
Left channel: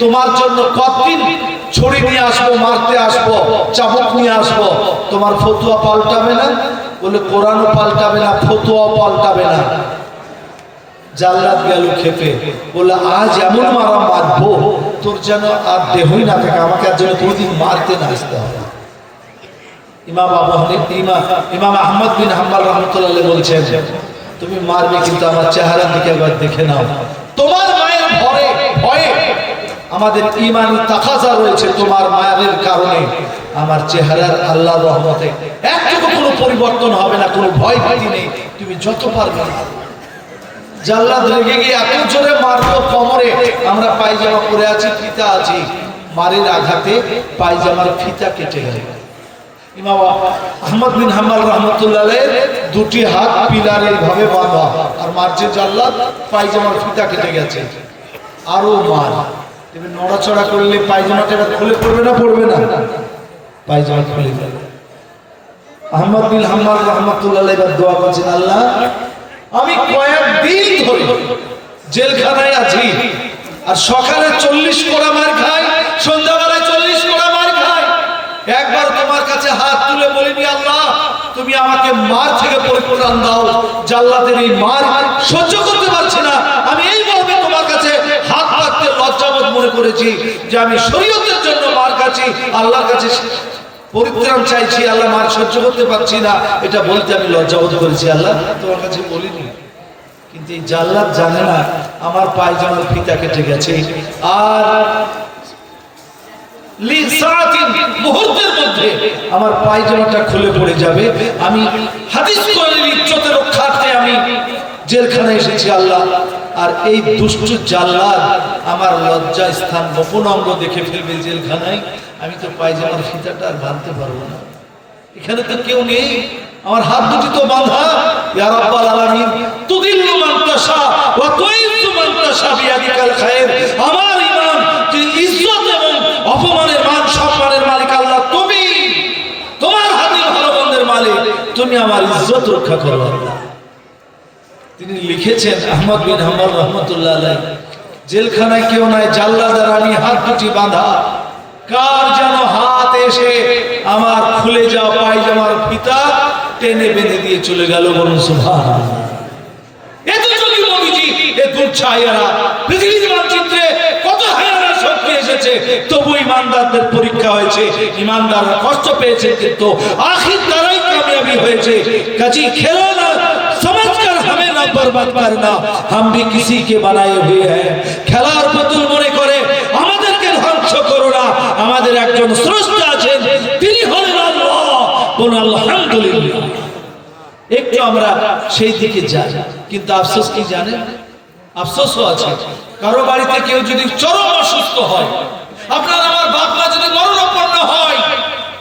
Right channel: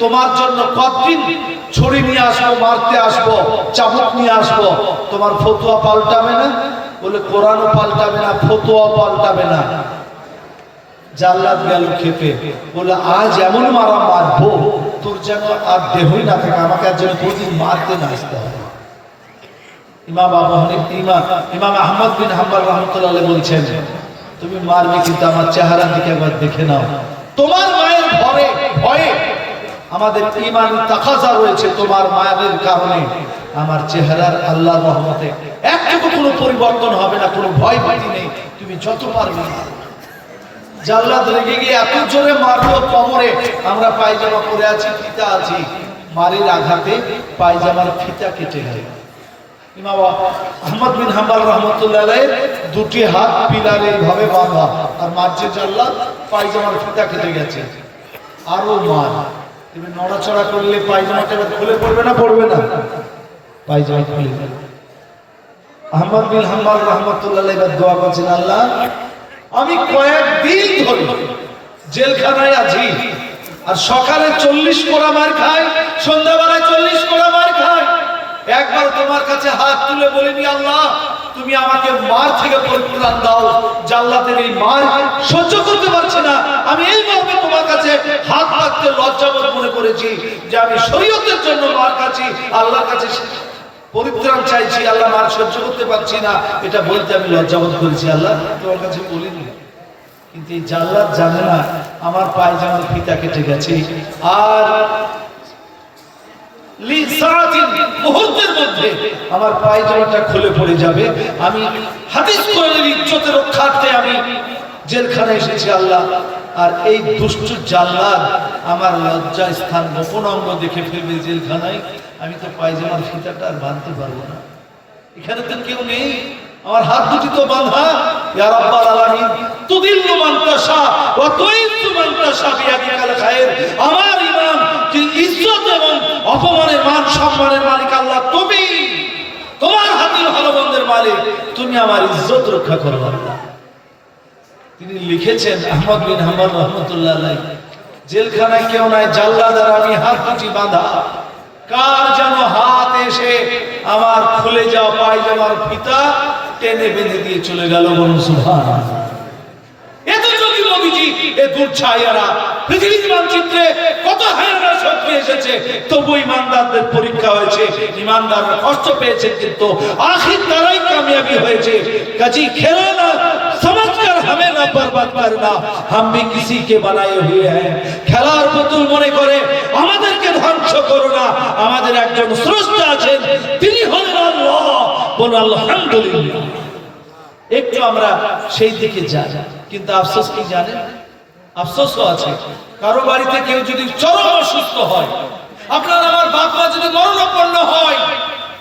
তোমার জন্য কতদিন ছুরি নিয়ে আসবো, মারতে আসবো, চাবুক নিয়ে আসবো, তোমার ফতোয়া পাল্টাবে না? বলে কোরআনও পাল্টাবে না, ফতোয়াও পাল্টাবে না। জাল্লাদ গেল খেপে, বলে আজ এমন মারা মারবো তোর যেন আর দেহই না থাকে, আমাকে আর যেন দুদিন মারতে না আসতে হবে। ইমাম আহমদ বিন হাম্বল রাহমাতুল্লাহ আলাইহি বলছেন, তুমি মারবে কিন্তু আমার চেহারার দিকে একবার দেখে নাও। তোমার মায়ের ভয়ে আমাদের ঈমানি তাকাজা রয়েছে, তোমার মায়ের কারণে আমার চেহারার আল্লাহর রহমতে একটুকু কোনো পরিবর্তন হবে না, কোনো ভয় ভীতি নেই, তুমি যত পারবে। জাল্লাদ রেগে গিয়ে এত জোরে মারলো কোমরে, আমরা পায়জামা পরে আছি, ফিতা আছি, মারির আঘাতে পায়জামার ফিতা কেটে গেল। ইমাম আহমদ বিন হাম্বল রাহমাতুল্লাহ আলাইহির দুটি হাত পিলারে এইভাবে বাঁধা, আর মারছে জাল্লাদ, পায়জামার ফিতা কেটে গেছে। আরো মার, তুমি নড়াচড়া করলে পায়জামাটা খুলে পড়বে না? পড়বে না, পায়জামা খুলে যাবে। আহমদ বিন হাম্বল রাহমাতুল্লাহ আলাইহি দোয়া করছেন, আল্লাহ আমি কয়েকদিন ধরে জেলখানায় আছি, আর সকালে 40 কোড়া মার খাই, সন্ধ্যাবেলায় 40 কোড়া মার খাই, একবার তোমার কাছে হাত তুলে বলিনি, আল্লাহ তুমি আমাকে মার থেকে পরিত্রাণ দাও, জাল্লাদের এই মার সহ্য করতে পারছি না। আমি এইভাবে তোমার কাছে হাত পাততে লজ্জাবোধ মনে করেছি যে আমি শরীয়তের জন্য মার খাচ্ছি, আল্লাহর কাছে পরিত্রাণ চাইছি, আল্লাহ মার সহ্য করতে পারছি না, এটা বলতে আমি লজ্জাবোধ করেছি, আল্লাহ তোমার কাছে বলিনি। কিন্তু এই জাল্লাদ জানে না আমার পায়জামা ফিতা কেটে গেছে, আর মুহূর্তের মধ্যে আমার পায়জামাটা খুলে পড়ে যাবে। আমি হাদিস কোরআনের ইজ্জতের রক্ষার্থে আমি জেলখানায় এসেছি আল্লাহ, আর এই দুষ্ট জাল্লাদ আমার লজ্জা স্থান গোপন অঙ্গ দেখে ফেলবে জেলখানায়, আমি তো পায়জামার ফিতাটা আর বাঁধতে পারবো না, এখানে তো কেউ নেই, আমার হাত দুটি তো বাঁধা। ইয়া রাব্বাল আলামিন, তুদিল্লু মান তাশা ওয়া তুইজ্জু মান তাশা বিয়াদিকাল খায়র। আমার ইমাম যে ইজ্জত এবং অপমানের মান সম্মানের মালিক আল্লাহ, তুমি, তোমার হাতে ভালো মন্দের মালিক, তুমি আমার ইজ্জত রক্ষা করো আল্লাহ। তিনি লিখেছেন আহমদ বিন হাম্বল রাহমাতুল্লাহ আলাইহি, জেলখানায় কেউ নাই, জাল্লাদ আর আমি হাত দুটি বাঁধা, কার যেন হাত এসে আমার খুলে যাওয়া পায়জামার ফিতা টেনে বেঁধে দিয়ে চলে গেল। বলুন সুবহানাল্লাহ। এত যোগী নবীজি, এ দুর্ছায়ারা পৃথিবীর মানচিত্রে কত হায়ারা শক্তি এসেছে, তবু ইমানদারদের পরীক্ষা হয়েছে, ইমানদাররা কষ্ট পেয়েছে, কিন্তু আখির তারাই কামিয়াবি হয়েছে। কাজী খেলো না সমঝকর হমেं না বরবাদ করনা, हम भी किसी के बनाए हुए हैं। খেলার পুতুল মনে করে আমাদেরকে ধ্বংস করো না, আমাদের একজন স্রষ্টা আছেন, তিনি হলেন আল্লাহ। বলুন আলহামদুলিল্লাহ। একটু আমরা সেই দিকে যাই, কিন্তু আফসোস কি জানেন, আফসোসও আছে, কারো বাড়িতে কেউ যদি চরম অসুস্থ হয়, আপনার আমার বাপ মা যদি মরণাপন্ন হয়,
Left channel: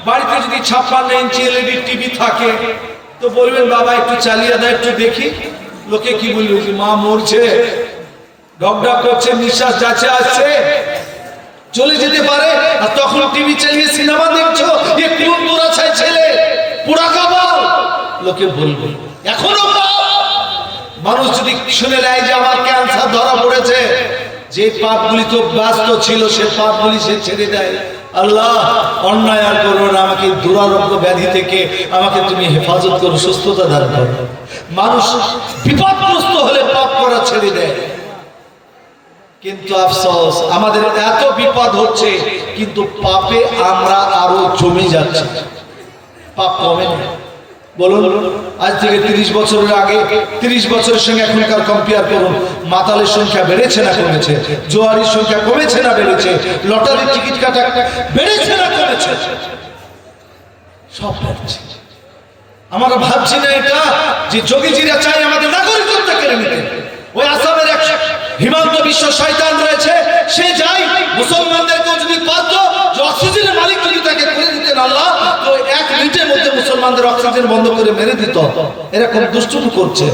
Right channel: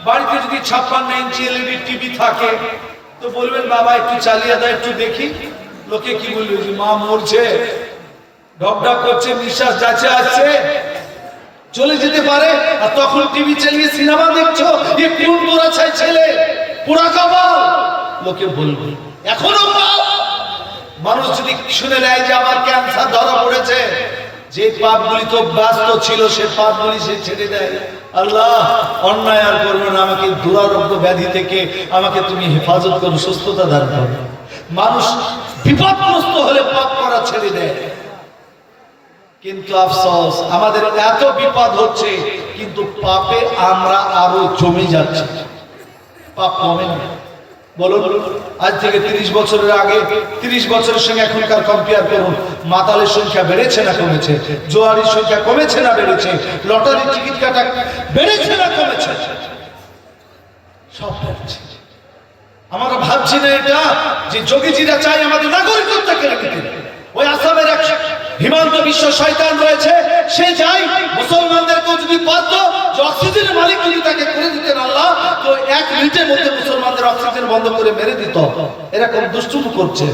বাড়িতে যদি 56 ইঞ্চি এলইডি টিভি থাকে, তো বলবেন বাবা একটু চালিয়ে দাও, একটু দেখি। লোকে কি বলবে, যে মা মরছে, ডকডক করছে, নিঃশ্বাস যাচ্ছে আসছে, চলে যেতে পারে, আর তখন টিভি চালিয়ে সিনেমা দেখছো, এ কোন পুরা ছাই ছেলে, পুরা কাবাল। লোকে বলবে। এখনো মানুষ যদি শুনে নেয় যে আমার ক্যান্সার ধরা পড়েছে, যে পাপগুলি খুব ব্যস্ত ছিল সে পাপগুলি সে ছেড়ে দেয়। আল্লাহ অন্যায় আর করবো না, আমাকে দুরারোগ্য ব্যাধি থেকে আমাকে তুমি হেফাজত করো, সুস্থতা দান করো। মানুষ বিপদগ্রস্ত হলে পাপ করা ছেড়ে দেয়, কিন্তু আফসোস আমাদের এত বিপদ হচ্ছে কিন্তু পাপে আমরা আরো জমে যাচ্ছি, পাপ কমে না। বলুন আজ থেকে 30 বছরের আগে 30 বছরের সঙ্গে এখনকার কম্পেয়ার করুন, মাতালের সংখ্যা বেড়েছে না কমেছে? জোয়ারির সংখ্যা কমেছে না বেড়েছে? লটারির টিকিট কাটা বেড়েছে না কমেছে? সব বেড়েছে। আমরা ভাবছি না এটা যে যোগীজিরা চাই আমাদের নাগরিকত্ব কেড়ে নিতে। ওই আসামের এক হিমান্ত বিশ্ব শয়তান রয়েছে, সে চাই মুসলমানদেরকে যদি পারতো যে অক্সিজেনের মালিক যদি তাকে করে দিতেন আল্লাহ, তো 1 মিনিটের মধ্যে মুসলমানদের অক্সিজেন বন্ধ করে মেরে দিত। এরকম দুষ্টুমি করছে।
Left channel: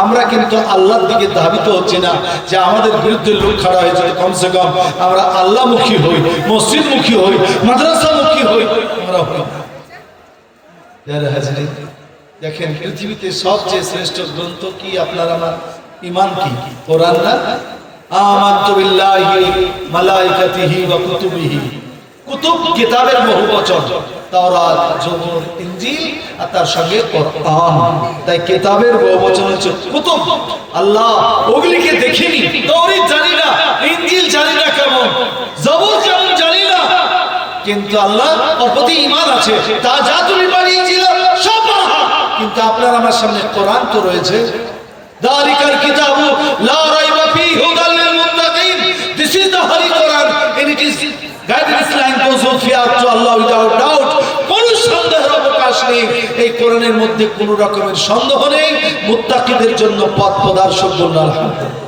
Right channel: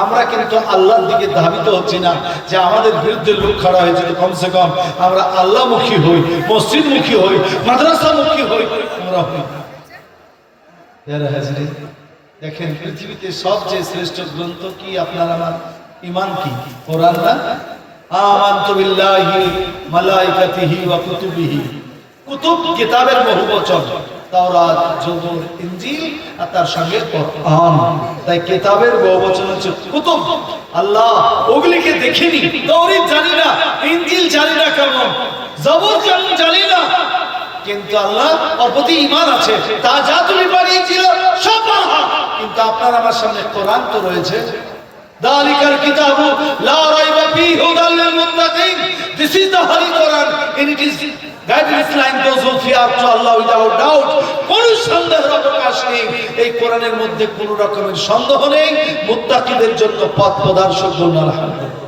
আমরা কিন্তু আল্লাহর দিকে ধাবিত হচ্ছি না যে আমাদের বিরুদ্ধে লোক খাড়া হয়েছে, তো কমসে কম আমরা আল্লাহমুখী হই, মসজিদমুখী হই, মাদ্রাসামুখী হই। আমরা হই দেখেন পৃথিবীতে সবচেয়ে শ্রেষ্ঠ গ্রন্থ কি? আপনার আমার ঈমান কি? কোরআন না? আমানতু বিল্লাহি মালাইকাতিহি ওয়া কুতুবিহি। কুতুব কিতাবের বহুবচন, তাওরাত, জবুর, ইনজিল আর তার সঙ্গে কোরআন। তাই কিতাবের বহুবচন হচ্ছে কুতুব। আল্লাহ ওগুলিকে দেখিনি, তাওরাত জানি না, ইনজিল জানি না কেমন, জবুর কেমন জানি না, কিন্তু আল্লাহ ওর প্রতি ঈমান আছে। তা যা তুমি বানিয়েছিল সব ভালো, কিন্তু আপনার আমার সামনে কোরআন তো রয়েছে। দালিকাল কিতাবু লা রাইবা ফীহি হুদাল লিল মুত্তাকিন। This is the holy Quran and it is guidance line those who fear to Allah without doubt. কোনো সন্দেহের অবকাশ নেই, এই কোরআনের মধ্যে কোনো রকমের সন্দেহ নেই। মুত্তাকিদের জন্য পথ প্রদর্শক। বলুন আলহামদুলিল্লাহ।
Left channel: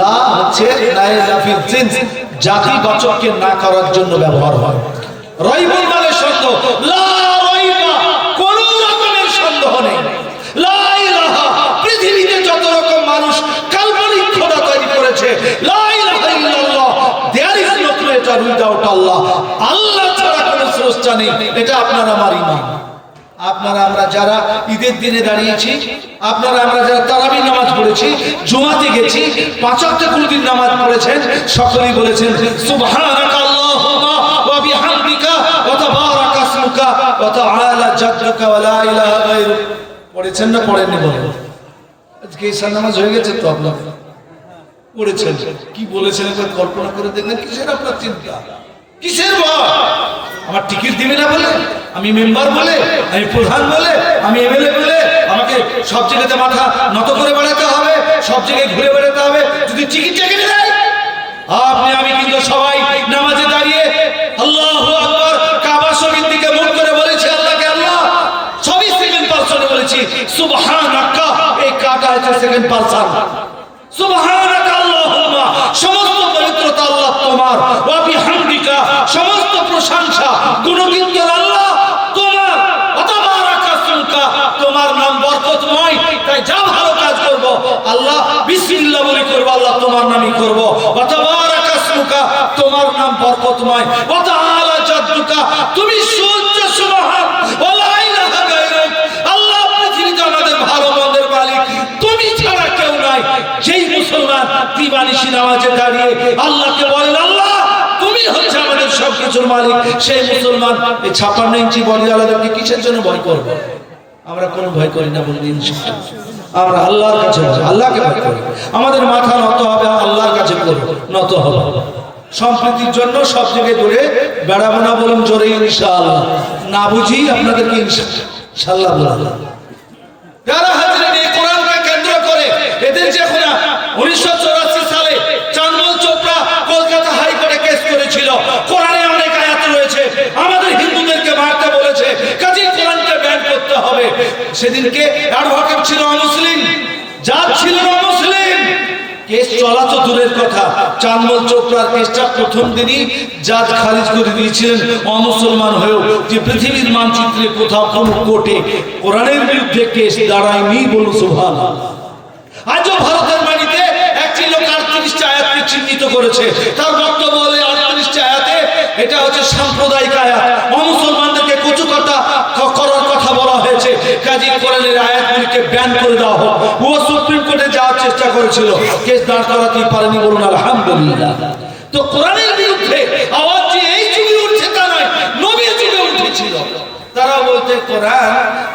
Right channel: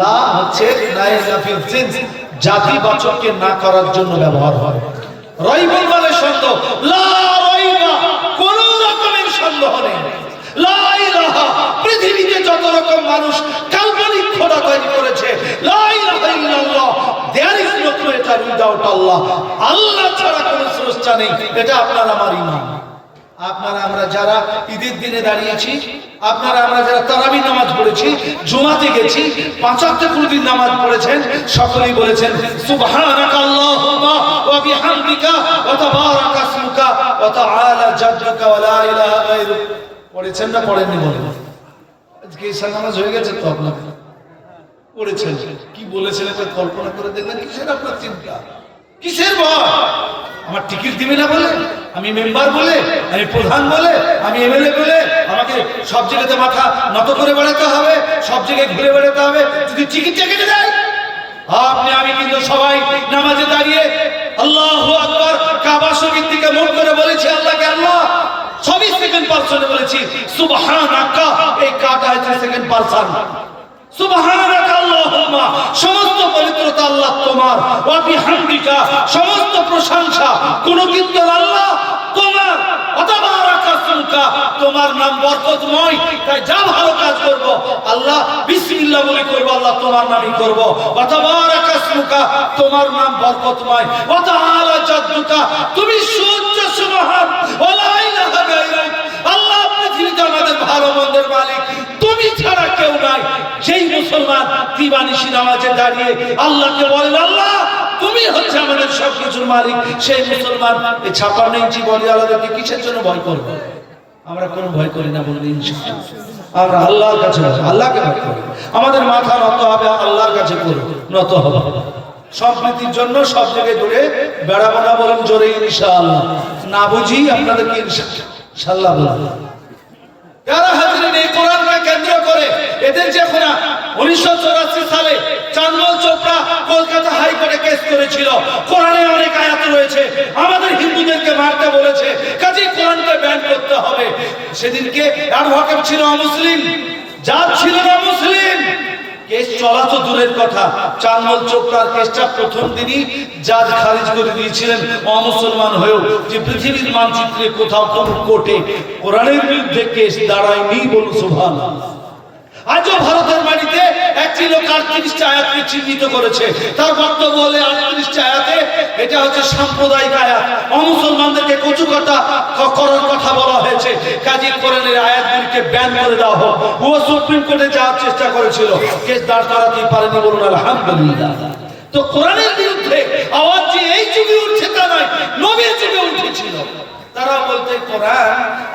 লা হচ্ছে নাইলাফিল জিন্স, জাতিবাচককে না করার জন্য ব্যবহার হয়। রাইবুল মানে সন্দেহ, লা রাইবা কোনো রকমের সন্দেহ নেই। লা ইলাহা, পৃথিবীতে যত রকম মানুষ কাল্পনিক খোদা তৈরি করেছে, লা ইলাহা ইল্লাল্লাহ, there is no creator without Allah. আল্লাহ ছাড়া কোনো স্রষ্টা নেই, এটা আপনার আমার ঈমান। আপনারা আমরা যারা ঈদের দিনে দাঁড়িয়েছি, আপনারা আমরা যারা তারাবির নামাজ পড়েছি, জুমাতে গেছি, 5 ওয়াক্ত কোনদিন নামাজ পড়েছেন, সকলেই বলেছেন সুবহানাকা আল্লাহুম্মা ওয়া বিহামদিকা ওয়া তাবারাকা ইসমুকা ওয়া তাআলা জাদ্দুকা ওয়া লা ইলাহা গায়রুক। পড়েছেন না পড়েননি বলেন? আজকে ঈশার নামাজ হয়ে গেছে তো আপনারা পড়েছেন, কি বলেছেন একবার কল্পনা করে দেখবেন। কিসের আপনার চিন্তা, কিসের ভয়? আমার টিকিট দিবে না বলে, আমি মেম্বার বলে, আমি প্রধান বলে, আমি এমএলএ বলে আমাকে সব জায়গাতে মাথা নত করে বেড়াতে হবে, সব জায়গায় ঘুরে বেড়াতে হবে যদি টিকিটটা কেটে দেয়? আপনি আমি কিন্তু সবাই নামাজে দাঁড়িয়ে আল্লাহু আকবার কাবা শরীফের দিকে মুখ করে বলেছি আল্লাহকে আল্লাহ। সবই সেকেন্ড পারসনে বলেছি সুবহানাকা, এই কাটা হচ্ছে সেকেন্ড পারসন। সুবহানাকা আল্লাহুম্মা, সমস্ত পবিত্রতা আল্লাহ তোমার, ওয়া বিহামদিকা, সমস্ত প্রশংসা গুণকীর্তন আল্লাহ তোমার, ওয়া তাবারাকা ইসমুকা, তোমার নাম বরকতময়। তাই যা ভালো কাজ করব আল্লাহ বিসমিল্লাহ বলে করব, আল্লাহ তোমার নামই করব। ওয়া তাবারাকা ইসমুকা, তোমার নাম বরকতময়। ওয়া তাআলা জাদ্দুকা, তুমি সুউচ্চ সুবহান, ওয়া লা ইলাহা গায়রুক। আল্লাহ পৃথিবীতে আমাদের ভালো মন্দের মালিক তুমি ছাড়া কেউ নাই। যেই মুসলমান দিবানিশি নামাজে দাঁড়িয়ে আল্লাহকে বলেন আল্লাহ তুমি হচ্ছে আমাদের সবকিছুর মালিক, সেই মুসলমান এই 56 ইঞ্চি বলিওয়ালাদেরকে কিসের জন্য ভয় করব? আমরা কোনো ভয় করি না বললে ইনশাআল্লাহ আমরা আল্লাহর কাছে আল্লাহকে ভয় করি। আমাদের মাথা নত হবে, আল্লাহর কাছে নত হবে। সম্প্রীতির জন্য সব জায়গায় দূরে বেড়াবো না, বলুন জোরে ইনশাআল্লাহ। না বুঝি আপনাদেরকে ইনশাআল্লাহ বলা। যারা হাজিরিন এই কোরআনকে কেন্দ্র করে এদের যে এখন 1984 সালে চাঁদমল চোপড়া কলকাতা হাইকোর্টে কেস করেছিল, কোরআনে অনেক আয়াত রয়েছে আমাদের হিন্দুদেরকে মারতে বলেছে, কাজেই কোরআনকে ব্যান করতে হবে। সেদিনকে অ্যাডভোকেট ছিল অমুসলিম, জাজ ছিল অমুসলিম। কেস চলা তো দূরের কথা, চাঁদমল চোপড়ার কেসটা প্রথম দিনই জাজ খারিজ করে দিয়েছিলেন অমুসলমান হয়েও, যে পৃথিবীর মানচিত্রে কোথাও কোন কোর্টে কোরআনের বিরুদ্ধে কেস দাঁড়ায়নি। বলুন সুবহানাল্লাহ। আজও ভারতের মাটিতে একটি লোক 38 38টা আয়াতকে চিহ্নিত করেছে। তার বক্তব্য হলে 38টা আয়াতে এটা হচ্ছে সাম্প্রদায়িক আয়াত, অমুসলমানদেরকে কচুকাটা করার কথা বলা হয়েছে। কাজী কোরআনের আয়াতগুলিকে ব্যান করে দেওয়া হোক। ও সুপ্রিম কোর্টে যাওয়ার চেষ্টা করেছিল, কেস দাঁড় করাতেই পারেনি, বলুন আলহামদুলিল্লাহ। তো কোরআনের বিরুদ্ধে আওয়াজ যে এই যুগে উঠছে তা নয়, নবীর যুগে উঠেছিল। তারা বলতে কোরআন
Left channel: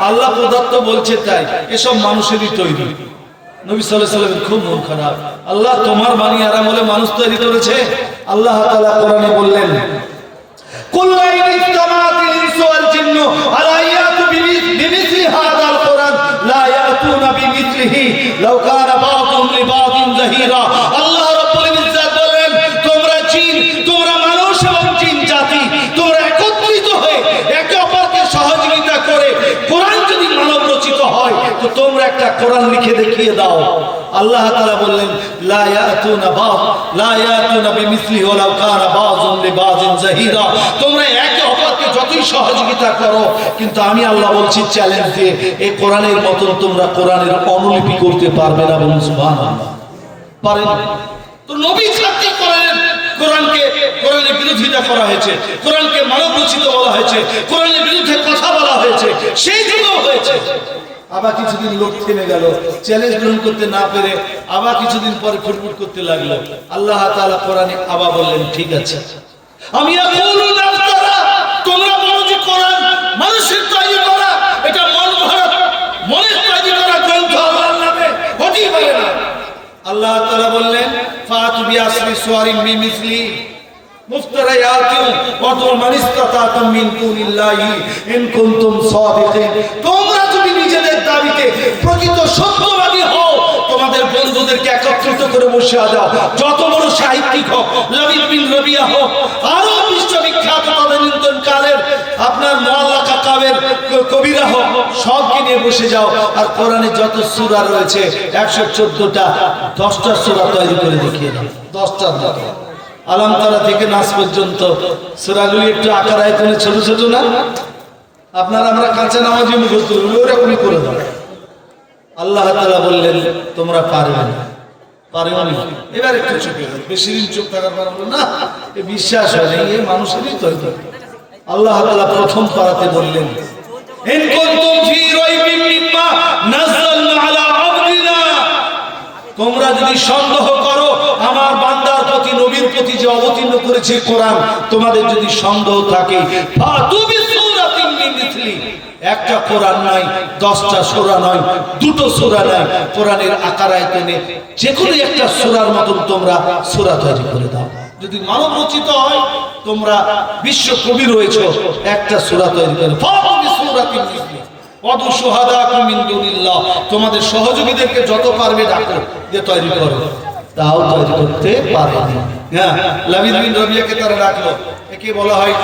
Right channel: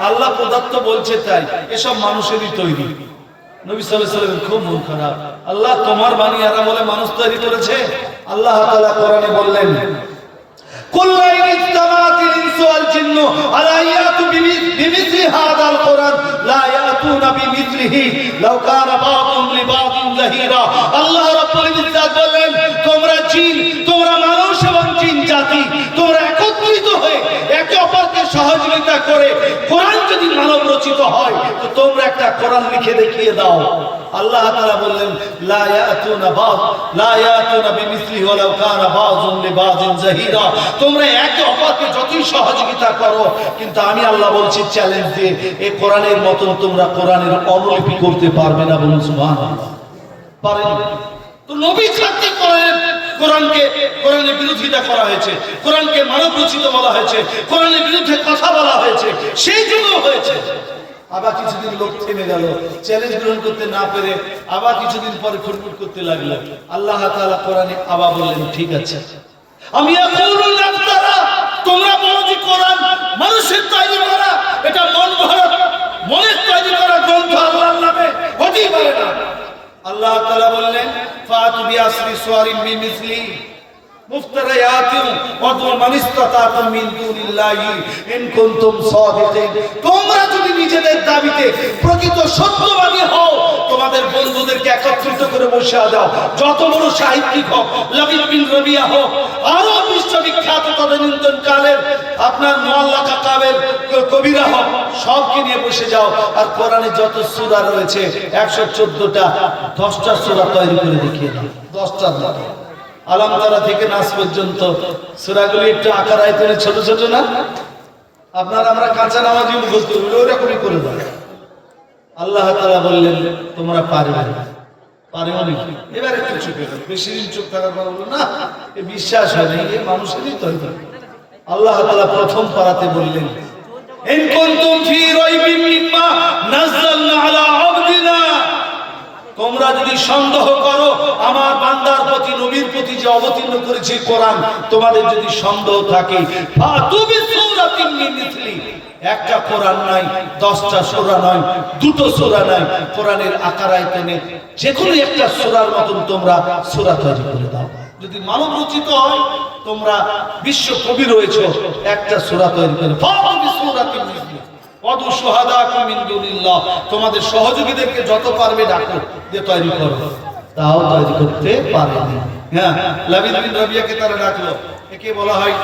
আল্লাহ প্রদত্ত বলছে তাই, এসব মানুষেরই তৈরি। নবী সাল্লাল্লাহু আলাইহি ওয়াসাল্লামের খুব মন খারাপ, আল্লাহ তোমার বাণী আর বলে মানুষ তৈরি করেছে। আল্লাহ তাআলা কোরআনে বললেন, কুল লাইন ইসতামাতিল ইনসু ওয়াল জিন্নু আলা ইয়াতু বিমিসলি হাযাল কোরআন লা ইয়াতুনা বিমিসলিহি লাউ কানা বা'দুহুম লিবা'দিন যাহিরা। আল্লাহ রাব্বুল ইজ্জাত বলেন, তোমরা জিন, তোমরা মানুষ এবং জিন জাতি, তোমরা একত্রিত হয়ে একে অপরকে সহযোগিতা করে কোরআন যদি মানব রচিত হয় তো তোমরা একটা কোরআন লিখে দেখিয়ে দাও। আল্লাহ তাআলা বললেন, লা ইয়াতুনা বিমিসলিহি ওয়ালাউ কানা বা'যুহুম লিবা'দিন যাহিরা। তোমরা একে অপরকে যতই সহযোগিতা করো, কিন্তু আমি আল্লাহ বলছি চ্যালেঞ্জ দিয়ে, এই কোরআনের মতন তোমরা কোরআনের অনুলিপি করতে পারবে না। বলুন সুবহানাল্লাহ, পারেন? তো নবী ছাত্রী কোরআনের বিরোধিতা করা হয়েছে, কোরআনকে মানব রচিত বলা হয়েছে, কোরআনের বিরুদ্ধে কথা বলা হয়েছে, সেই যুগও হয়েছে। আবার কিছুদিন লোক থেমে গেল, চ্যালেঞ্জ গ্রহণ করতে না পেরে আবার কিছুদিন পরে ফুটফুট করতে লাগলো। আল্লাহ তাআলা কোরআনে আবার বললেন, ঠিক আছে, আমি তোমরা বলো যে কোরআন মানুষের তৈরি করা, এটা মন ভরা মনের তৈরি করা গ্রন্থ, আল্লাহর নামে হতেই পারে না। আল্লাহ তাআলা বললেন, ফাতু বিআশরি সুওয়ারিন মিসলি মুফতারায়াতিন ওয়াদউ মান ইসতাতাতুম মিন দুনিল্লাহি ইন কুনতুম সাদিকিন। তোমরা যদি নিজেদের দাবিতে প্রকৃত সত্যবাদী হও, তোমাদের বন্ধুদেরকে একত্রিত করে বসিয়ে দাও, যত বড় সাহিত্যিক হোক, লাবিদ বিন রবিয়া হোক, আরো বিশ্ববিখ্যাত তদানীন্তন কালের আপনার মোয়াল্লা কাকাবের কবিরা হোক, সবকে নিয়ে বসে যাও, আর কোরআনে যত সূরা রয়েছে 114টা, 10টা সূরা তৈরি করে দেখিয়ে দাও। 10টা আলাম তারা থেকে নাস পর্যন্ত সূরাগুলি একটু আকার আয়তনে ছোট ছোট না? আপনারা আমরা কাঁচা নামাজি মুখস্থ ওরকমই করে দেবো। আল্লাহ তাআলা বললেন, তোমরা পারবে না, পারবে না। এবার একটু চুপ গেল, বেশি দিন চুপ থাকার পর বললো না, এ বিশ্বাস হয় না, এ মানুষেরই তৈরি। আল্লাহ তাআলা প্রথম পারাতে বললেন, ইন কুনতুম ফি রাইবিন মিম্মা নাযালনা আলা আবদিনা। তোমরা যদি সন্দেহ করো আমার বান্দার প্রতি, নবীর প্রতি যে অবতীর্ণ করেছে কোরআন, তোমাদের যদি সন্দেহ থাকে, ফাতু বিসূরাতিন মিন মিসলি। একটা কোরআন নয়, 10টা সূরা নয়, 2টো সূরা নয়, কোরআনের আকার আয়তনে যে কোনো একটা সূরার মতন তোমরা সূরা তৈরি করে দাও। যদি মানব রচিত হয়, তোমরা বিশ্ব কবি রয়েছে, একটা সূরা তৈরি করে ফাতু বিসূরাতিন মিসলি ওয়াদউ শুহাদাকুম মিন দুনিল্লাহ। তোমাদের সহযোগীদেরকে যত পারবে ডাকো, যে তৈরি করো। তাও তৈরি করতে পারেনি। হ্যাঁ, লাবিদ বিন রবিয়াকে তারা ডাকলো, একে বলা হয়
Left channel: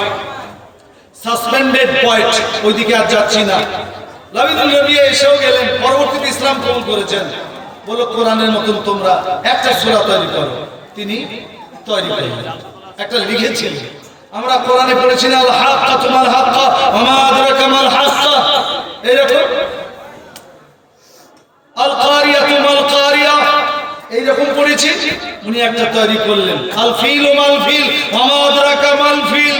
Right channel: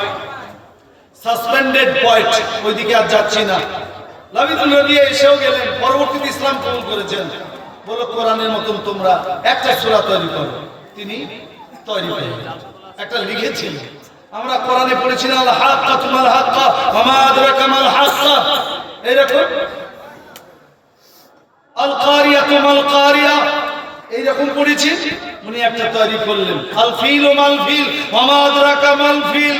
সাসপেন্ডেড পয়েন্ট, ওইদিকে আর যাচ্ছি না। লাবিদ বিন রবিয়া এসেও গেলেন, পরবর্তীতে ইসলাম কবুল করেছেন। বলো কোরআনের মতন তোমরা একটা সূরা তৈরি করো। তিনি তৈরি করলেন, একটা লিখেছিলেন। আমরা কোরআনে পড়েছি না, আল হাক্কা তুমাল হাক্কা ওয়া মা আদরাকা মাল হাক্কা, এইরকম আল কারিয়া তুমাল কারিয়া, এইরকম পড়েছি। উনি একটা তৈরি করলেন, আল ফিল মাল ফিল ওয়া মা আদরাকা মাল ফিল।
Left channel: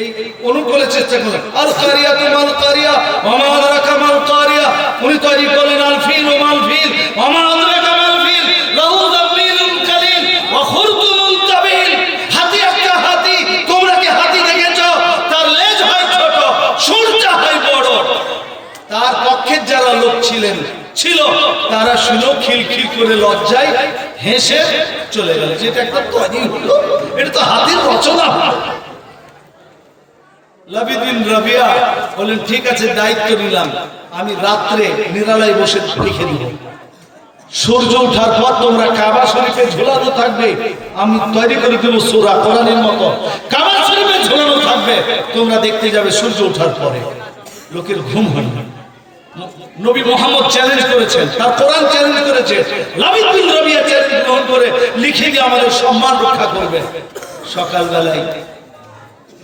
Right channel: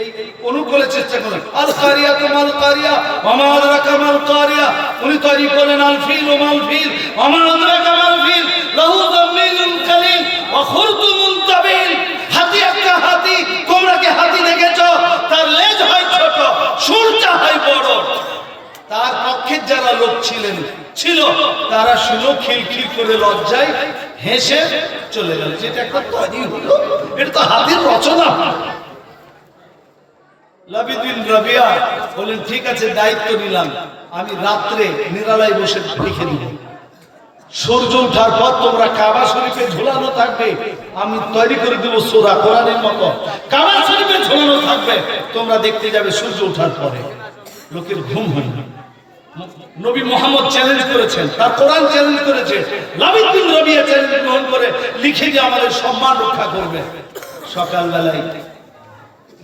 এই অনুকূলে চেষ্টা করলেন, আল কারিয়া তুমাল কারিয়া ওয়া মা আদরাকা মাল কারিয়া। উনি তৈরি করলেন, আল ফিল মাল ফিল ওয়া মা আদরাকা মাল ফিল লাহু যামিলুন কালিল ওয়া খুরতুমুন তাবিল। হাতি একটা হাতি, তোমরা কি হাতি দেখেছো? তার লেজ হয় ছোট, সুরটা হয় বড়। তার পক্ষের যারা লোক ছিল তারা শুনো খিলখিল করে লজ্জায় হেসে চলে গেল, যেটা একটা তৈরি হলো, এটা তো হাতির রচনা। লাবিদ বিন রবিয়া বলেন, ঠিক আছে, দায়িত্ব নিলাম, আমি রাত্রে নিরালায় বসে লিখে দিব। সূর্য ওঠার পর তোমরা কাবা শরীফে ঝুলানো থাকবে, আমি তৈরি করে দেবো সূরা কোরআনের মতো, কাবা শরীফে ঝুলানো থাকবে, তোমরা দেখতে যাবে সূর্য ওঠার পরে। লোকের ঘুম হয়নি। নবী মুহাম্মদ চ্যালেঞ্জ করেছেন, তার কোরআন চ্যালেঞ্জ করেছে। লাবিদ বিন রবিয়া চ্যালেঞ্জ গ্রহণ করে লিখে দিয়ে আমাদের সম্মান রক্ষা করবে। সকালবেলায়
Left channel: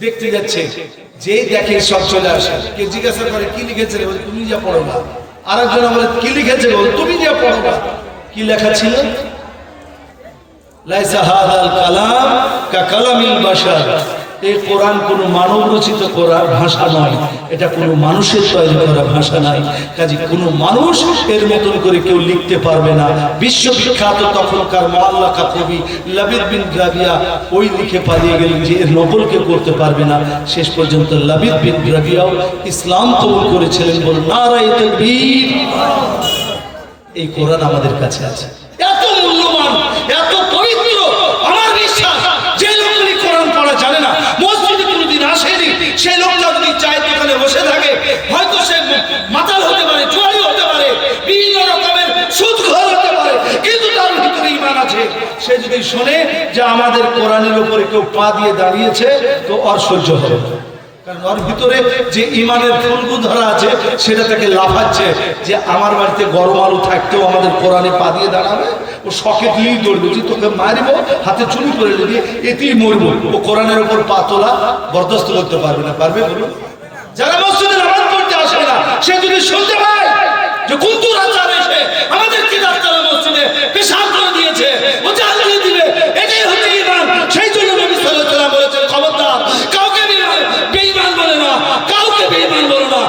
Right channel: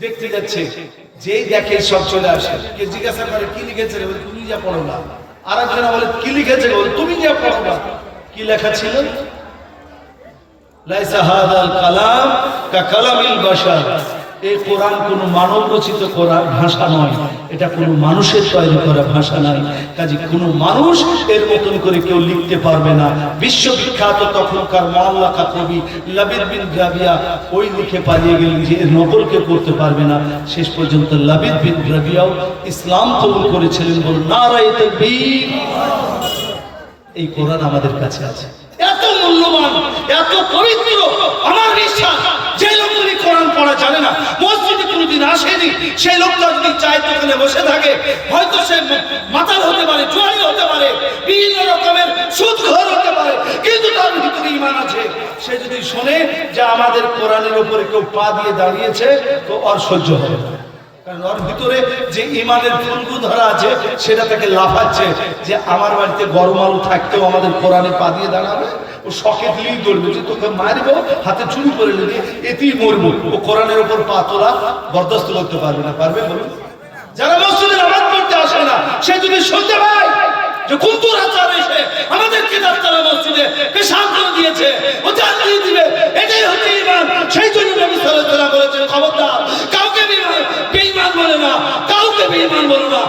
দেখতে যাচ্ছে, যেই দেখে সব চলে আসে। কে জিজ্ঞাসা করে কি লিখেছে, বলে তুমি যা পড়ো না। আরেকজন বলে কি লিখেছে, বলে তুমি যা পড়ো না। কি লেখা ছিল? লাইসা হাদাল কালাম কা কালামিল বাশার, এই কোরআন কোনো মানব রচিত করা ভাষা নয়, এটা কোনো মানুষের তৈরি করা ভাষা নয়। কাজে কোনো মানুষ এর মতন করে কেউ লিখতে পারবে না। বিশ্ববিখ্যাত তখনকার মুআল্লাকা কবি লাবিদ বিন রাবিয়া ওই লিখে পালিয়ে গেলেন যে এর নকল কেউ করতে পারবে না। শেষ পর্যন্ত লাবিদ বিন রাবিয়াও ইসলাম কবুল করেছিলেন। বলুন নারায়ে তাকবীর। এই কোরআন আমাদের কাছে আছে, এত মূল্যবান, এত পবিত্র। আমার বিশ্বাস যে লোকগুলি কোরআন পড়া জানে না, মসজিদে কোনোদিন আসেনি, সেই লোকটা যদি চায়ের দোকানে বসে থাকে, হয়তো সে মাতাল হতে পারে, জুয়ারি হতে পারে, বিভিন্ন রকমের সুদখোর হতে পারে, কিন্তু তার ভিতরে ঈমান আছে। সে যদি শোনে যে আমাদের কোরআনের উপরে কেউ পা দিয়ে দাঁড়িয়েছে, তো আর সহ্য হবে না। কারণ ওর ভিতরে যে ইমানের ফুলগু ধরা আছে, সেটা থেকে লাফাচ্ছে যে আমার বাড়িতে গরম আলু থাকতেও আমাদের কোরআনে পা দিয়ে দাঁড়াবে। ও শখে দিয়েই দৌড়বে যে তোকে মারবো, হাতে চুরি করে নেবে, এতেই মরবো। ও কোরআনের উপর পা তোলা বরদাস্ত করতে পারবে না। পারবে বলুন? যারা মসজিদে নামাজ পড়তে আসে না, সে যদি শুনতে পায় যে কুন্তুর আচার এসে আমাদের কিদারতলা মসজিদে পেশাব করে দিয়েছে, ও জানিয়ে দিবে এটাই হচ্ছে ঈমান। সেই জন্য নবী সাল্লাল্লাহু আলাইহি ওয়াসাল্লাম বলেছেন, খবরদার কাউকে বেঈমান বলে না, কাউকে বেঈমান বলো না।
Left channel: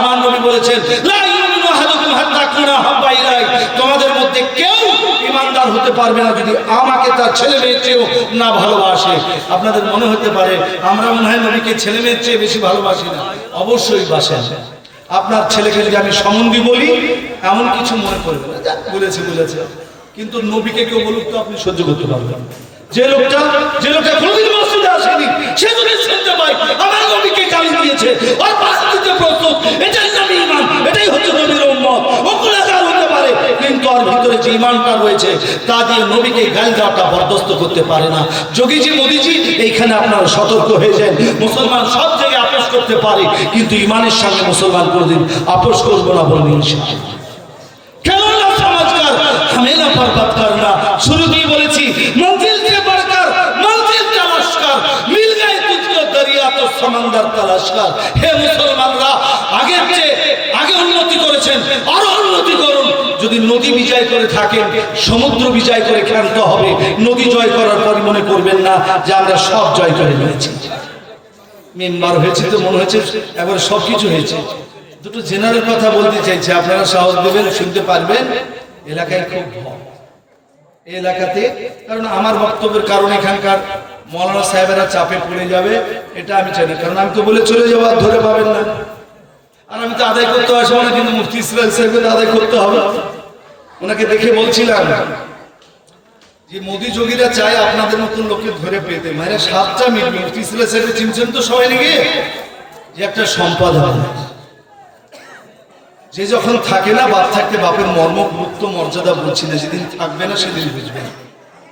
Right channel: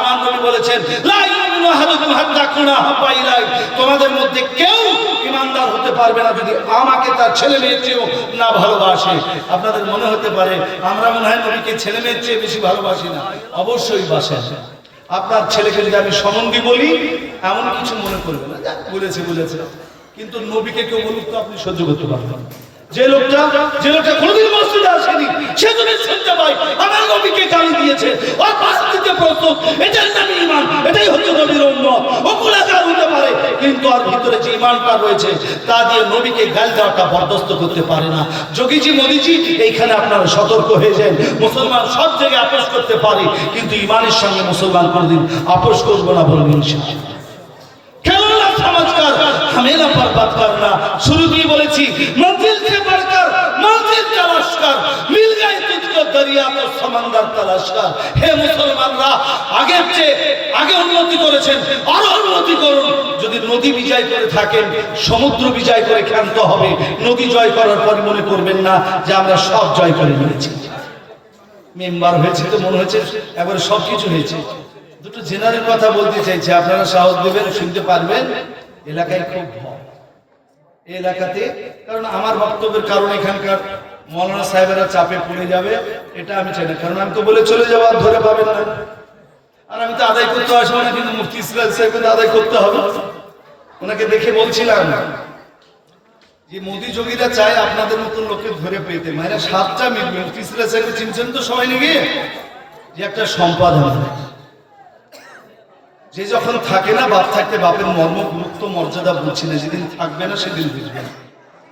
আমার নবী বলেছেন, লা ইউমিনু আহাদুকুম হাত্তা কুনা হাব্বা ইলাই, তোমাদের মধ্যে কেউ ঈমানদার হতে পারবে না যদি আমাকে তার ছেলে মেয়ের চেয়েও না ভালোবাসে। আপনাদের মনে হতে পারে আমরা মনে হয় নবীকে ছেলে মেয়ের চেয়ে বেশি ভালোবাসি না। অবশ্যই বাসেন। আপনার ছেলেকে যদি আমি সম্বন্ধী বলি, এমন কিছু মনে করবেন না, বলেছে, কিন্তু নবীকে কেউ বলুক তো আপনি সহ্য করতে পারবেন। যে লোকটা কোনদিন মসজিদে আসেনি, সে যদি শুনতে পায় আমার নবীকে গালি দিয়েছে, ওর পাশ দিতে প্রস্তুত, এটাই নামে ঈমান, এটাই হচ্ছে নবীর উম্মত। ও গুনাহগার হতে পারে, কিন্তু ওর ভিতরে যে ঈমানটা রয়েছে তা দিয়ে নবীকে গালি দেওয়াটা বরদাস্ত করতে পারে না। যোগীজি মোদিজি এইখানে আপনারা সতর্ক হয়ে যান। মুসলমান সব জায়গায় আপোষ করতে পারে, কিন্তু ঈমানের সঙ্গে মুসলমান কোনদিন আপোষ করবো না বলবেন ইনশাআল্লাহ। কেমন না সমাজকার হামেলা বরবাদ করনা, শুরুতেই বলেছি মঞ্জিল সে বড়কর মঞ্জিল তালাশ কর, মিল গয়ে তুঝকো দরিয়া তো সমুদ্র তালাশ কর। হে মুসলমানরা, আগে উন্নতি করেছেন, আরো উন্নতি করুন। যদি নদী বিজয় করে থাকেন, সমুদ্র বিজয় করে ক্ষান্ত হবে। নদী জয় করার পর মনে করবেন না যে আমরা সব জয় করে নিয়েছি। মেম্বার হয়েছে তো মনে হয়েছে এবার সবকিছু হয়েছে। দুটো জেনারেল কথা বলতে চাইছে, আপনারা সাহস দেবেন, শুনতে পারবেন। এলাকায় খুব ভয় এই এলাকাতে, কারণ আমার বক্তব্যের কারণে এখানকার মৌলানা সাহেবেরা চাপে পড়ে যাবে, এটা আমি চাই না। কারণ আমি তো বলে চলে যাবো, আর ধরে পাবেন না। আর আমি তো আদায় করতে আসবো না, কিন্তু মুফতি ইসরাইল সাহেবের আদায় করতে হবে। ওনাকে দেখে বলছিলাম যে মোদি যোগীরা চায় আপনাদের মতন লোককে ধরে পেতে, মানে 7টা মিনিট। মুফতি ইসরাইল সাহেব চিনছেন তো সবাই নাকি, যে একটা সম্পদ হয়, যে যখন থাকে না, বাপ থাকতে বাপের মর্ম গুরুত্ব মর্যাদা বুঝছি না, যেদিন থাকবে না সেদিন বুঝবেন।